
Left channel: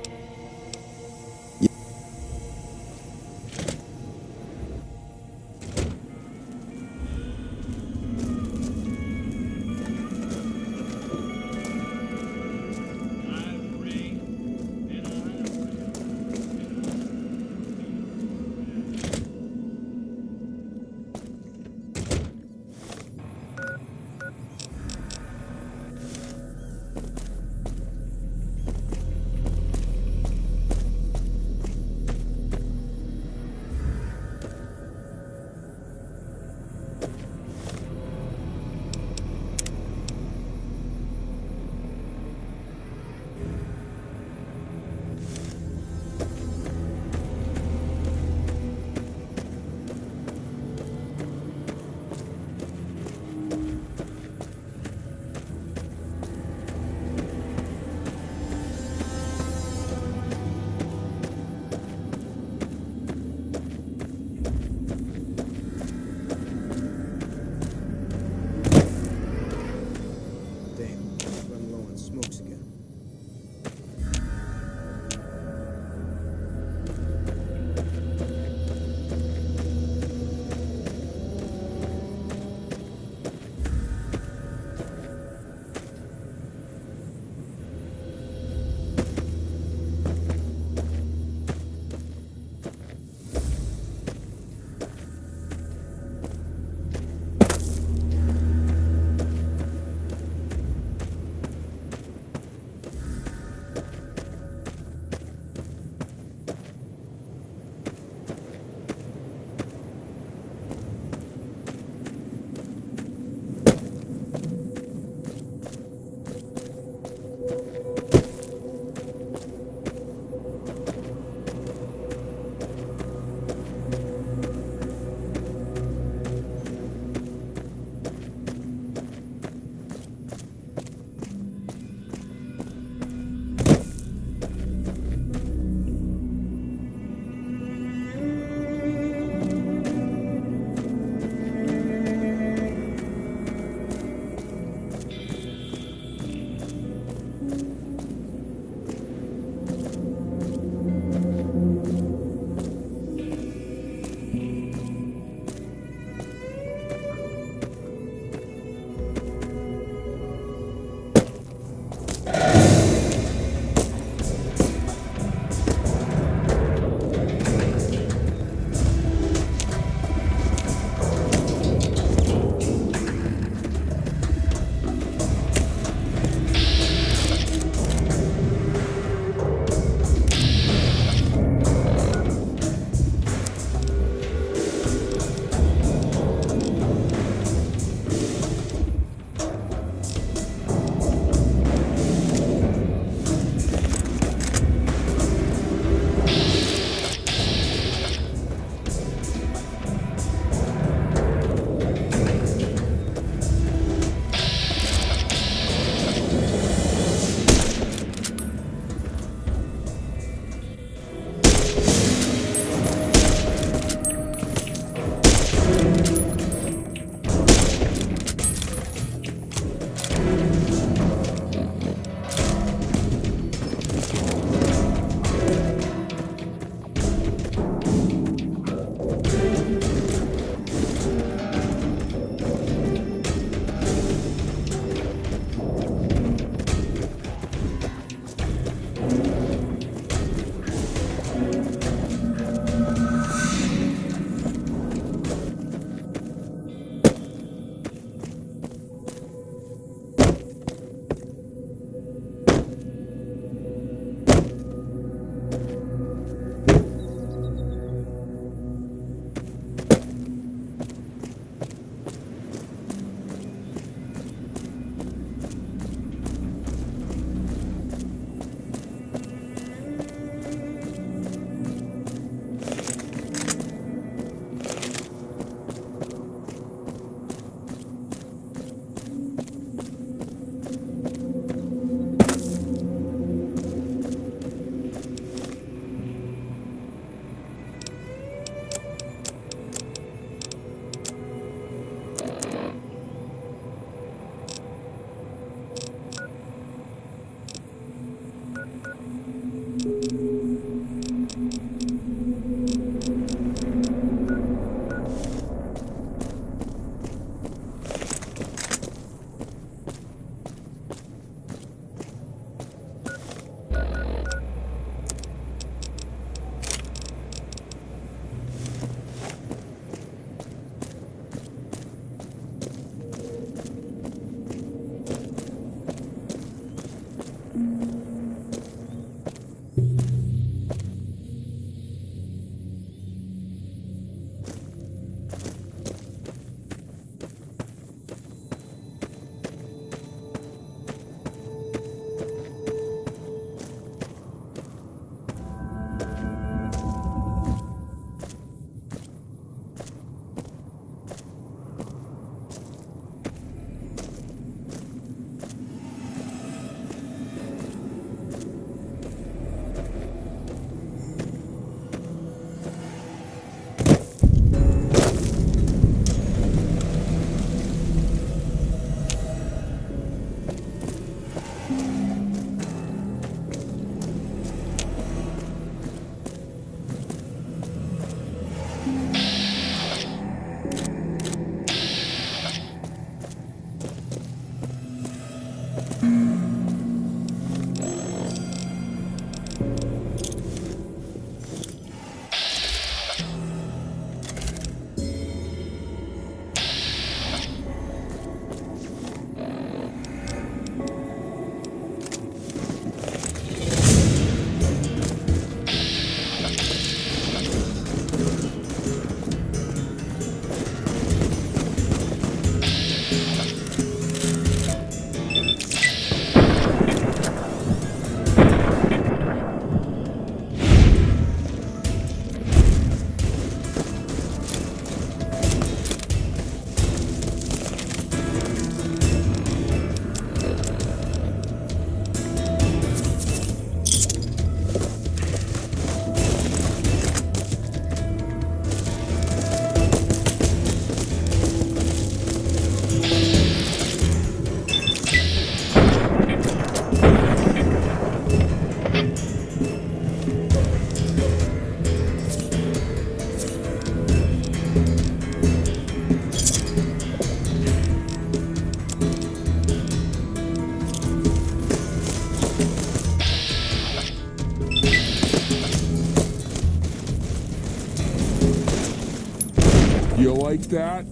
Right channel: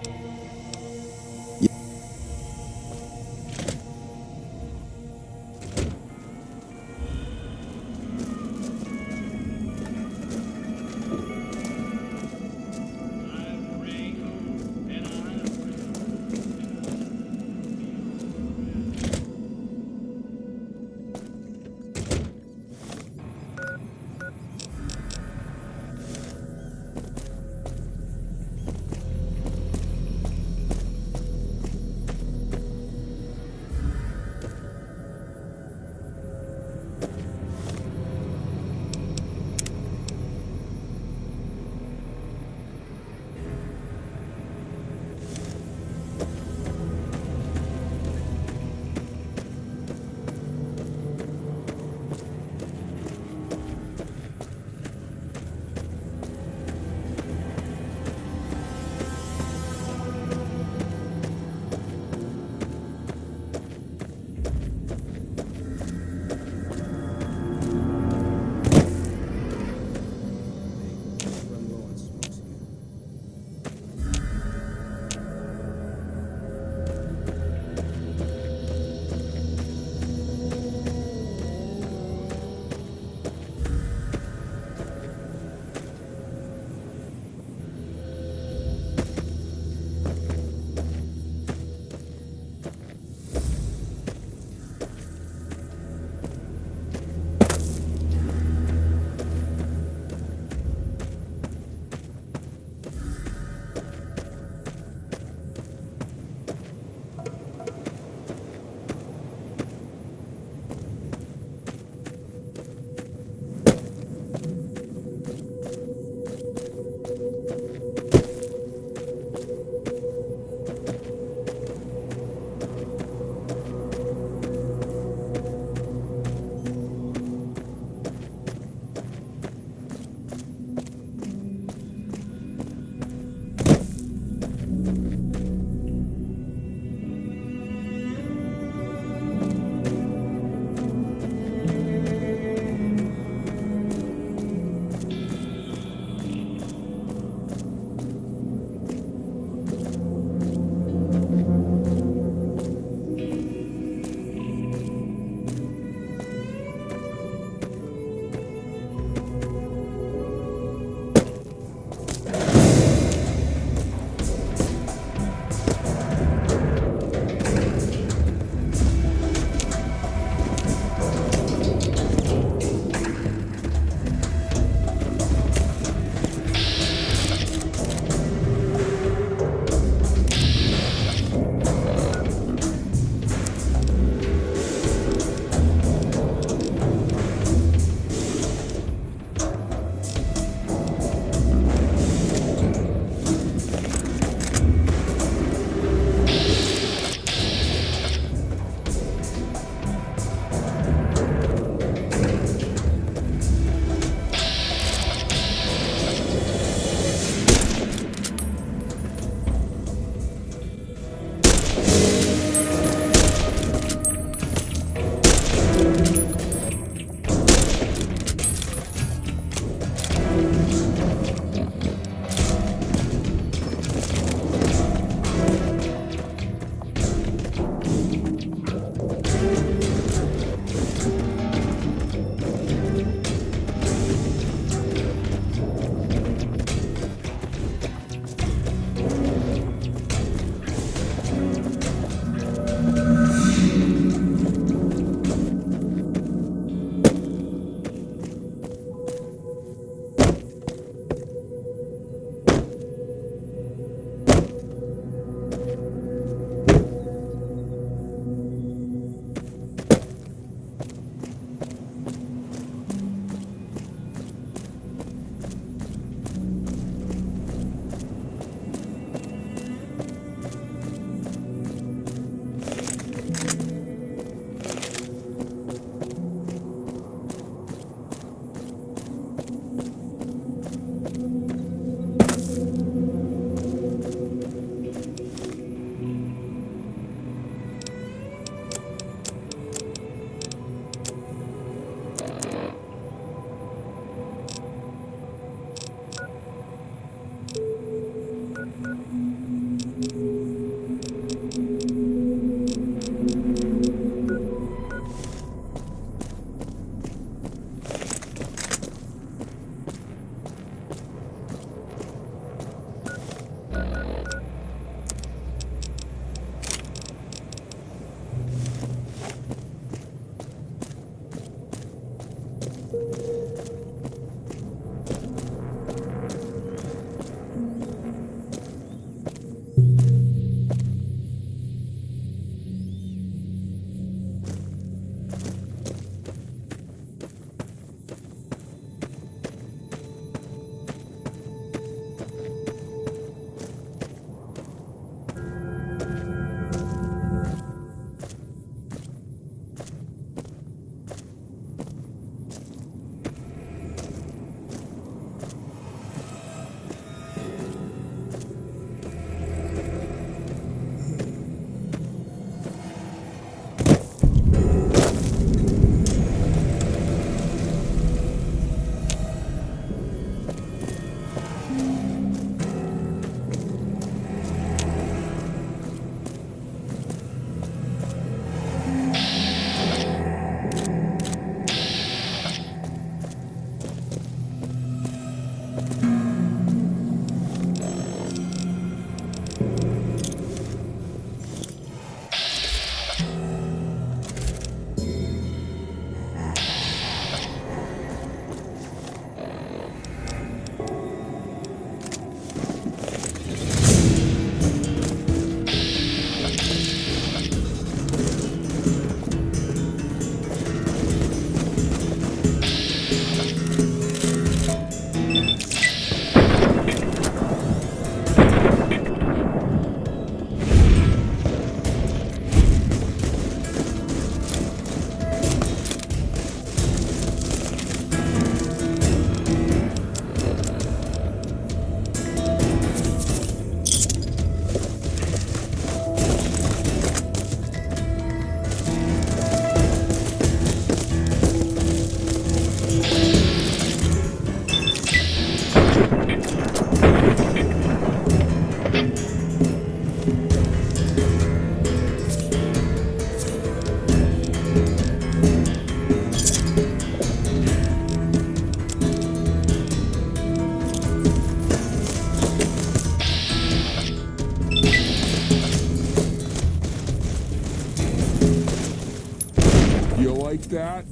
You like that?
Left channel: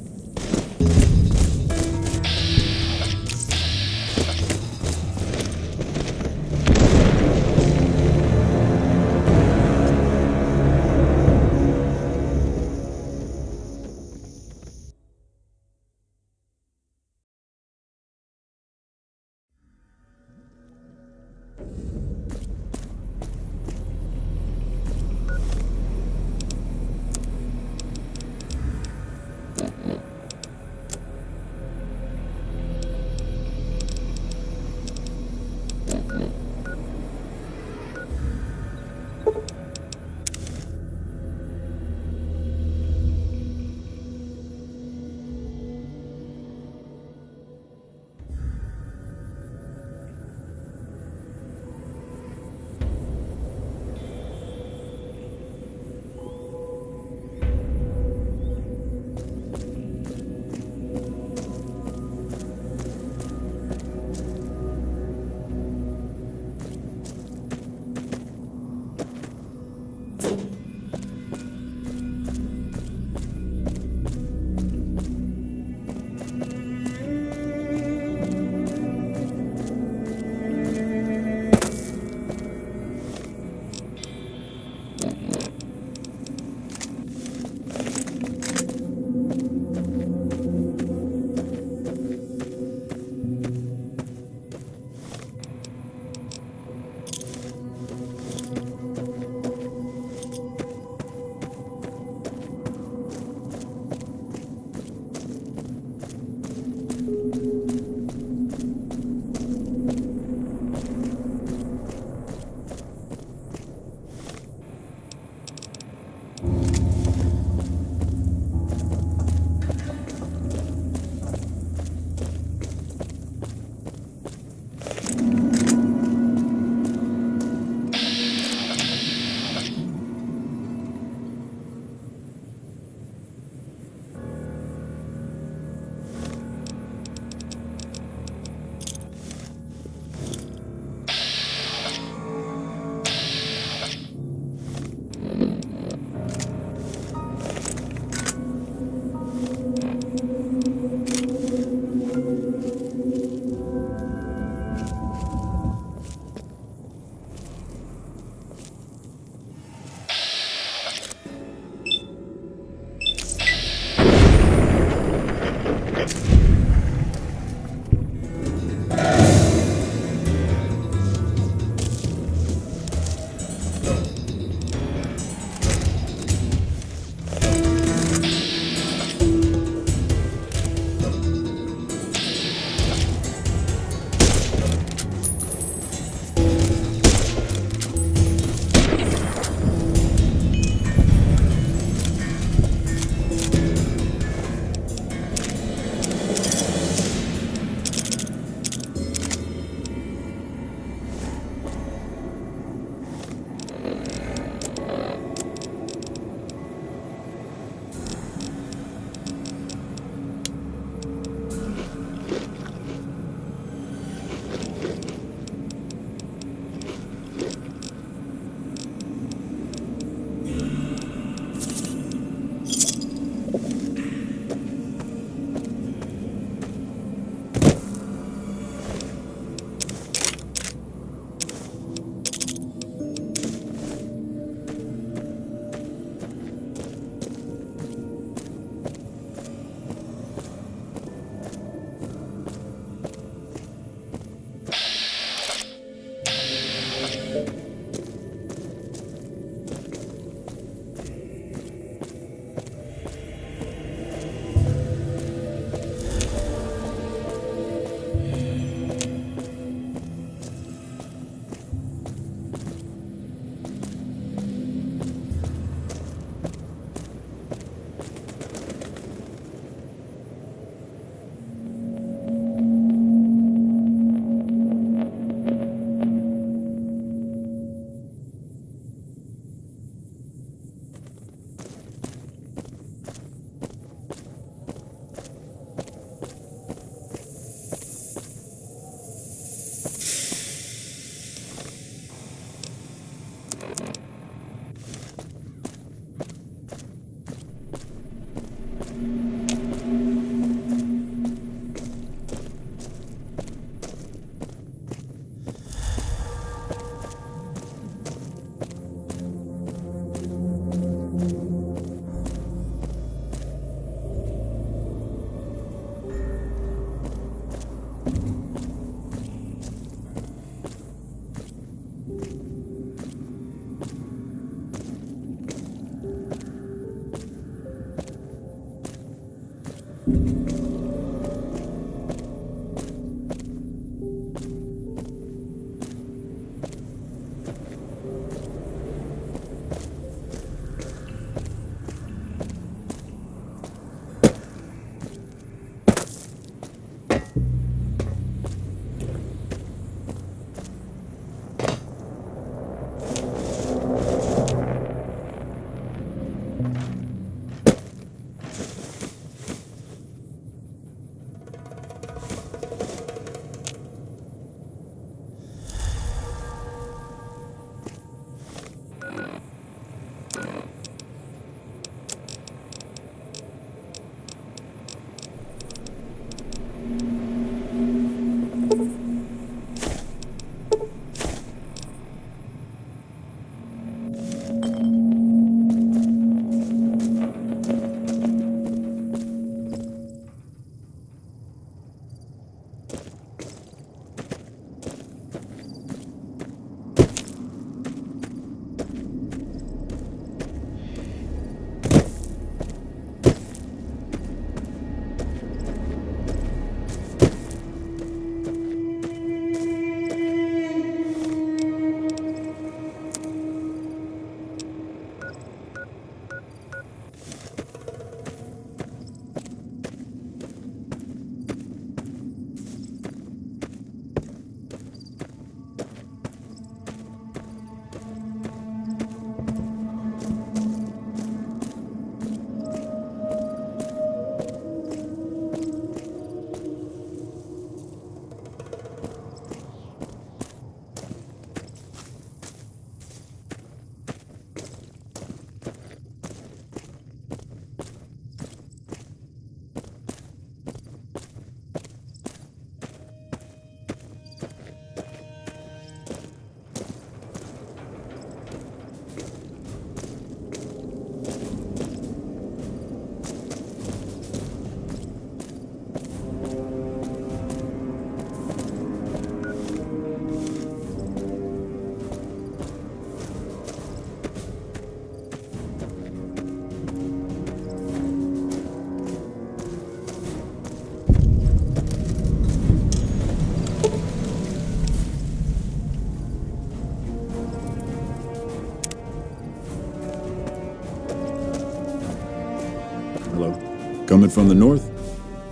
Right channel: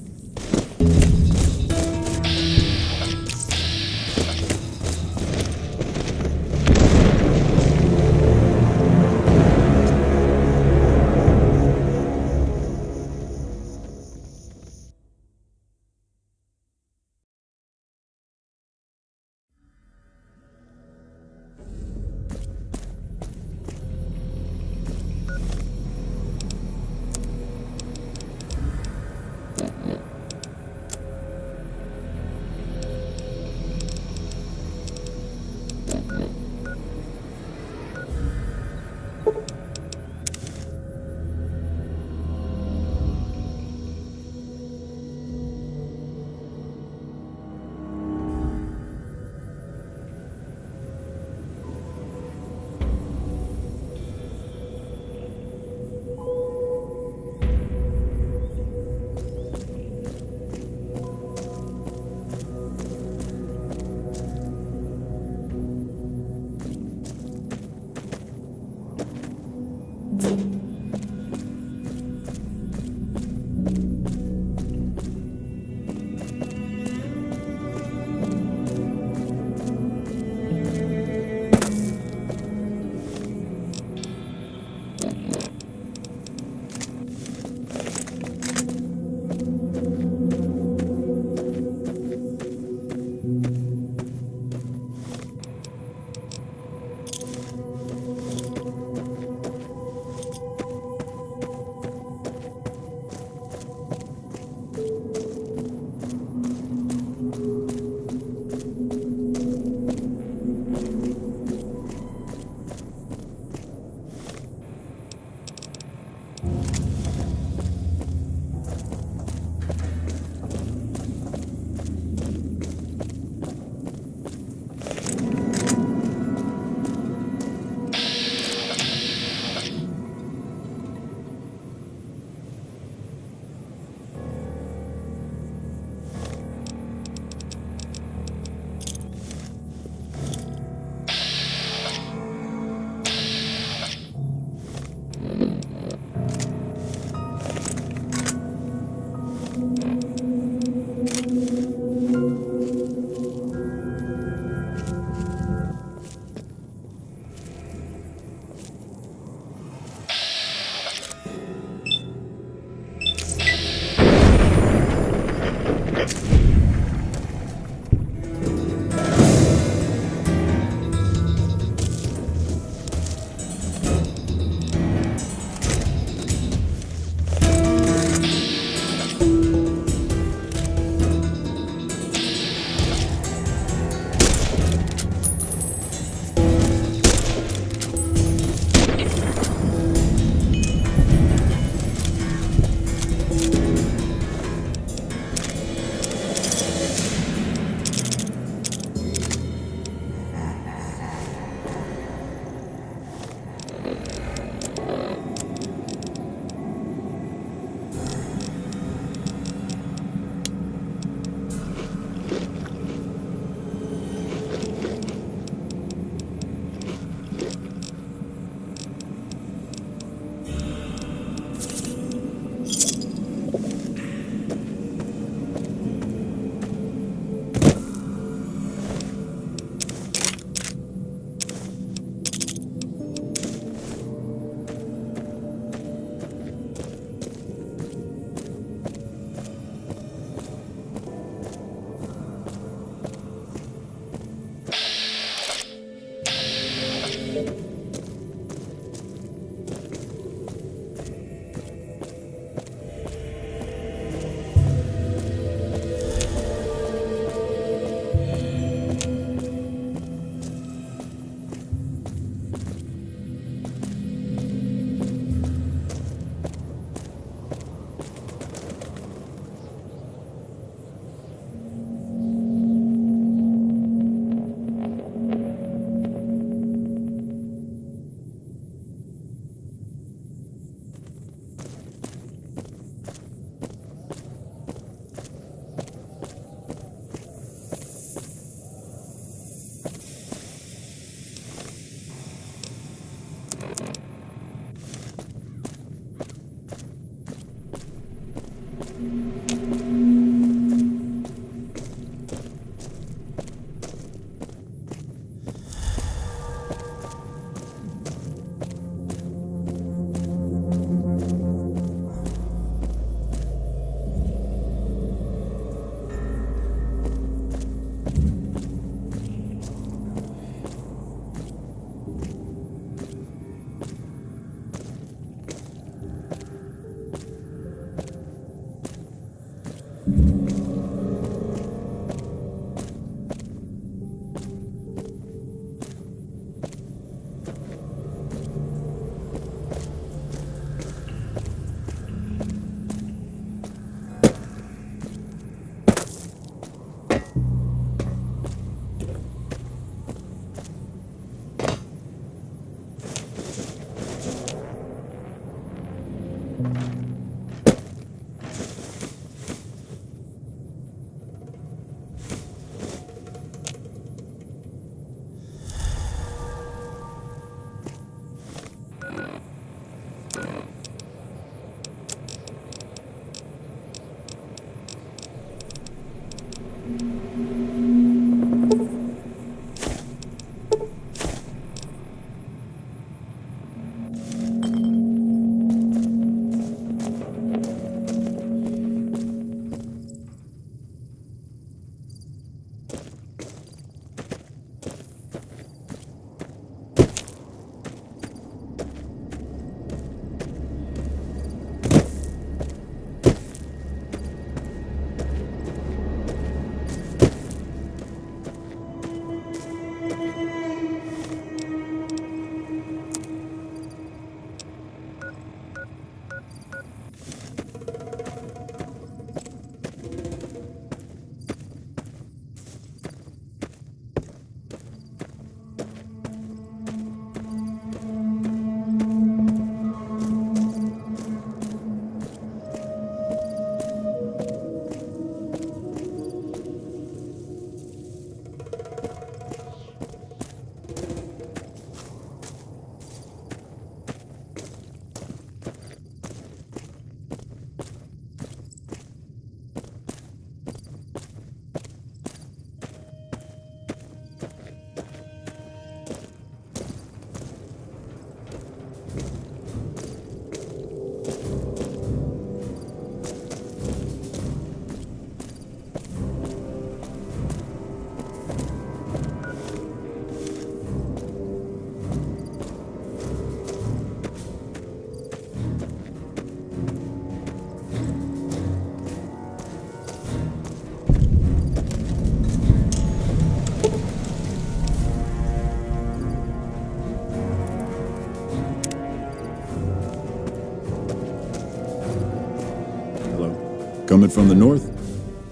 Coming from the north?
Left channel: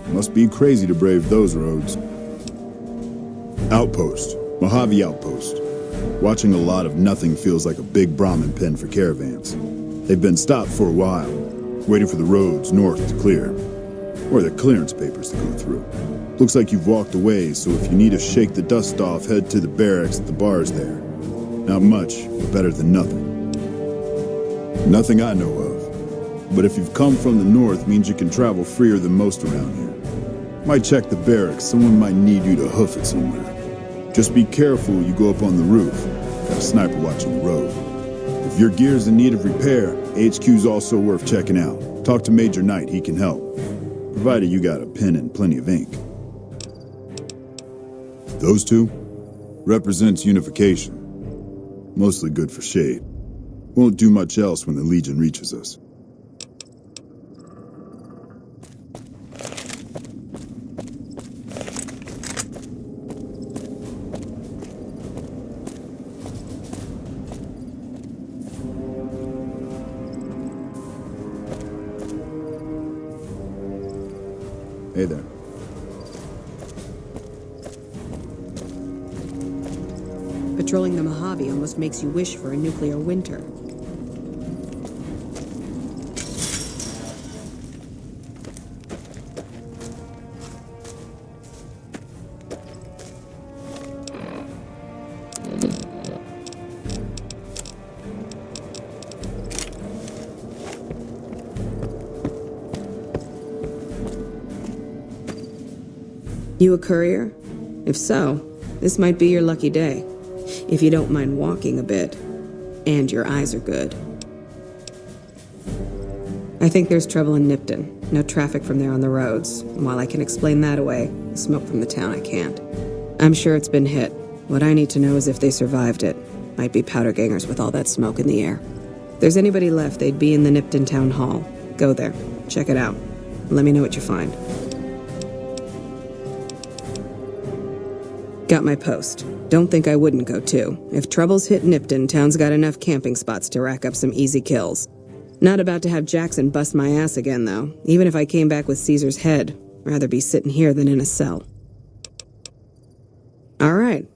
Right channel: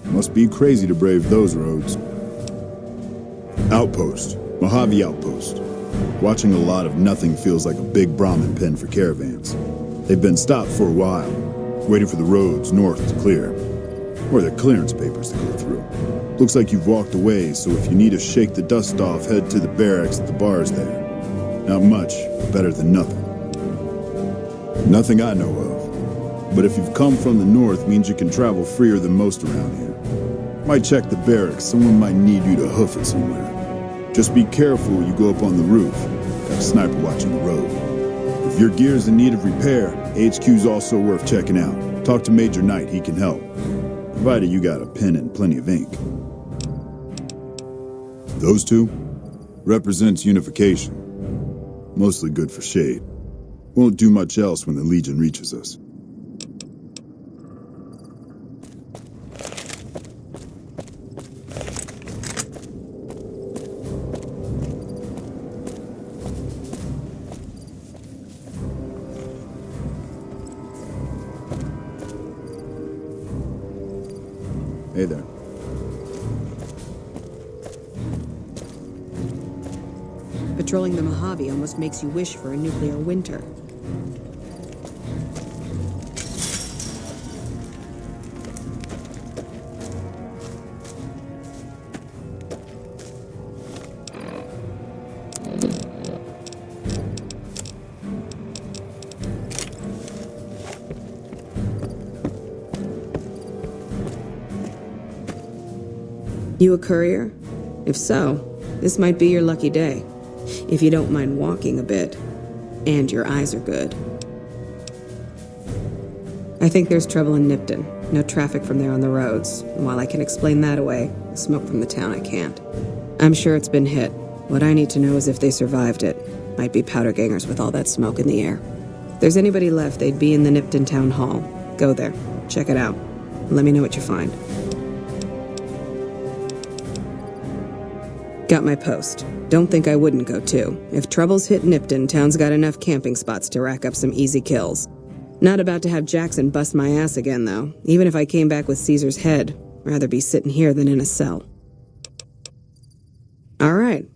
Must be crazy to brave those roads. Outpost. Mojave Outpost. Watching a lot of nothing feels like a big Brahmin pen for caravans. They've been stopped for a while, waiting for the roads north to clear. Or the clearance papers to go through. Looks like you've walked away, so if you need to shake the dust off, head to the barracks at the bars there. Not much, but better than nothing. Nothing I know of. But if you've come from the north, means you can travel freer than most around here. Might check the barracks, someone might need you to hoof it somewhere. Just be careful you go up on the roof. Got a sniper watching the road. If your gear's in need of repair, HQ's also worth checking out. Talk to Major Knight, he can help. Provided you got a pen and plenty of ink. Those two? Represents unification. Mostly good for shade. Won't do much else when the Legion reaches us. Hey there. Patrolling the Mojave almost makes you wish for a nuclear winter. You a courier? If so, this might be your lucky day. If you don't mind walking a bit. And your eyes are good. I think there's trouble in Nipton. No traffic from there on the roads. And while I can explain that away, the smoke from the town I can't. I'm sure it's been hit. What I need to know is if they survived it. Might be powder gangers with all that smoke in the air. If there's anybody left, they'd be in the Nipton Town Hall. Go there. Check it out. Let me know what you find. Got my post. Don't think I wouldn't go too. If troubles hit Nipton, town's got enough camping spots to rack up some easy kills. Not about to have Jackson bust my ass again, though. Even if I came back with Caesar's head, rather be sitting here than in a cell. All right.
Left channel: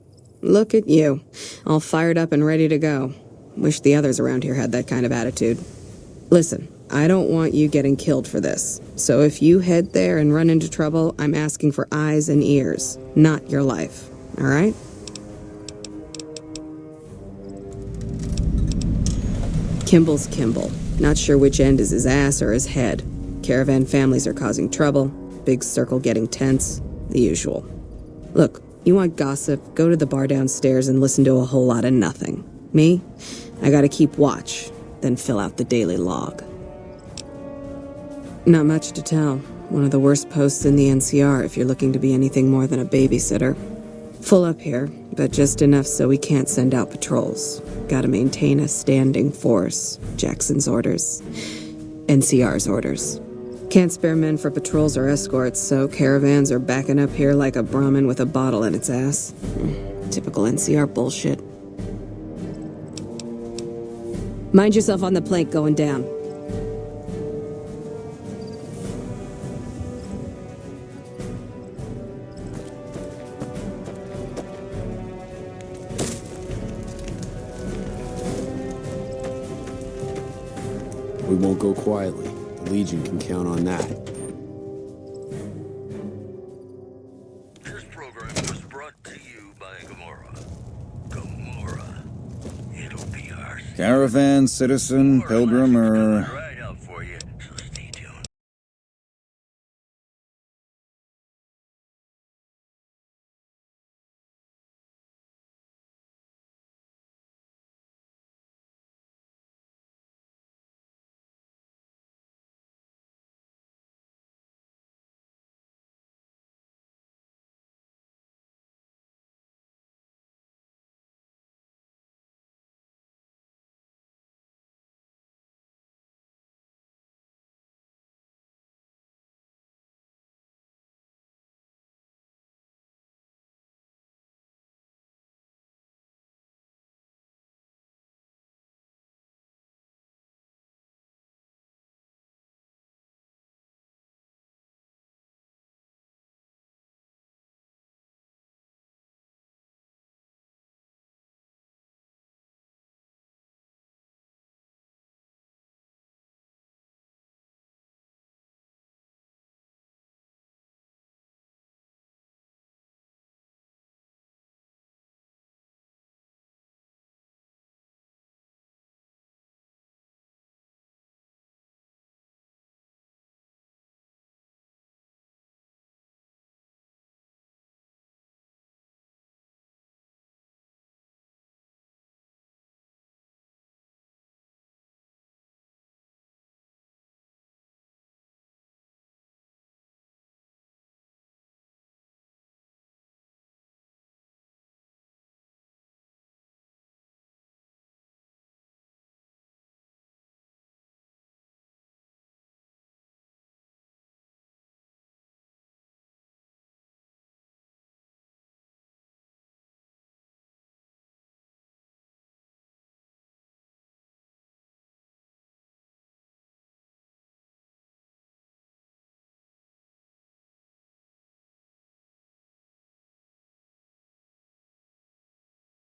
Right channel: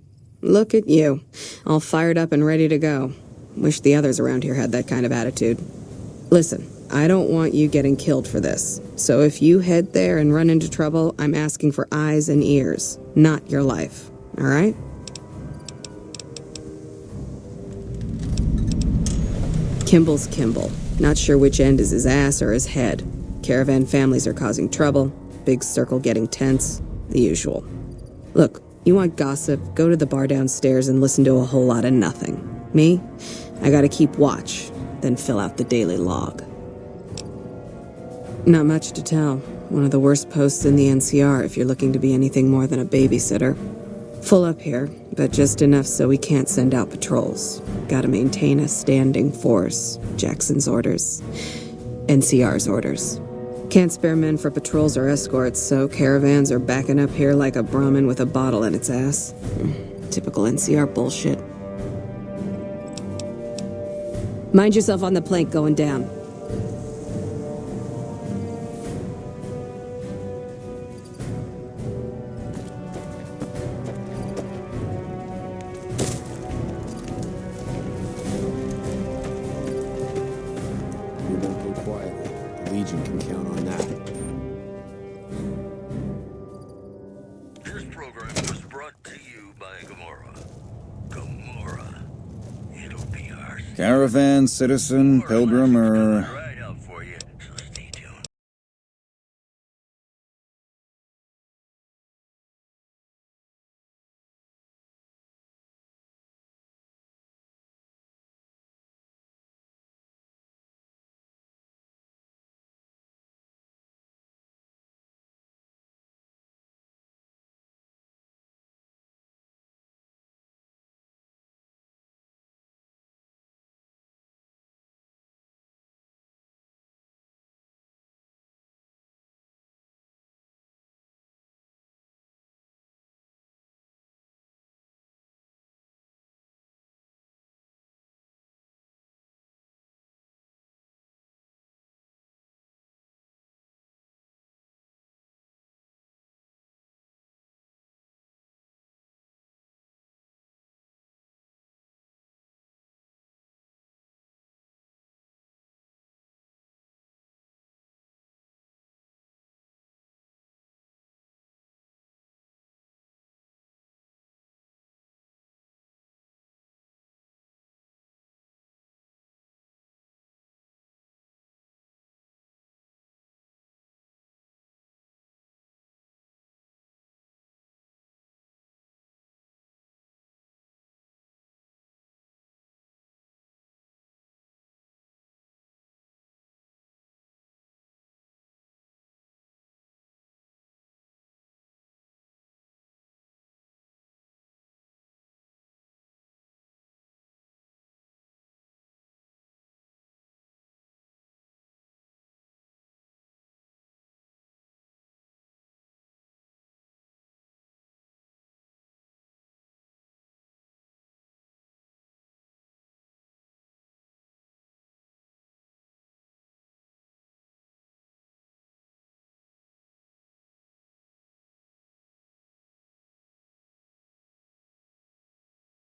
Look at you. All fired up and ready to go. Wish the others around here had that kind of attitude. Listen, I don't want you getting killed for this. So if you head there and run into trouble, I'm asking for eyes and ears, not your life. All right? Kimball's Kimball. Not sure which end is his ass or his head. Caravan families are causing trouble. Big circle getting tense. The usual. Look, you want gossip, go to the bar downstairs and listen to a whole lot of nothing. Me? I gotta keep watch, then fill out the daily log. Not much to tell. One of the worst posts in the NCR if you're looking to be anything more than a babysitter. Full up here, but just enough so we can't send out patrols. Gotta maintain a standing force. Jackson's orders. NCR's orders. Can't spare men for patrols or escorts, so caravans are backing up here like a Brahmin with a bottle in its ass. Typical NCR bullshit. Mind yourself on the plank going down. We won't go quietly. The Legion can count on that. This program was brought to you by Gamora. Gamora. It'll be our... Caravan, citizen, pilgrim, or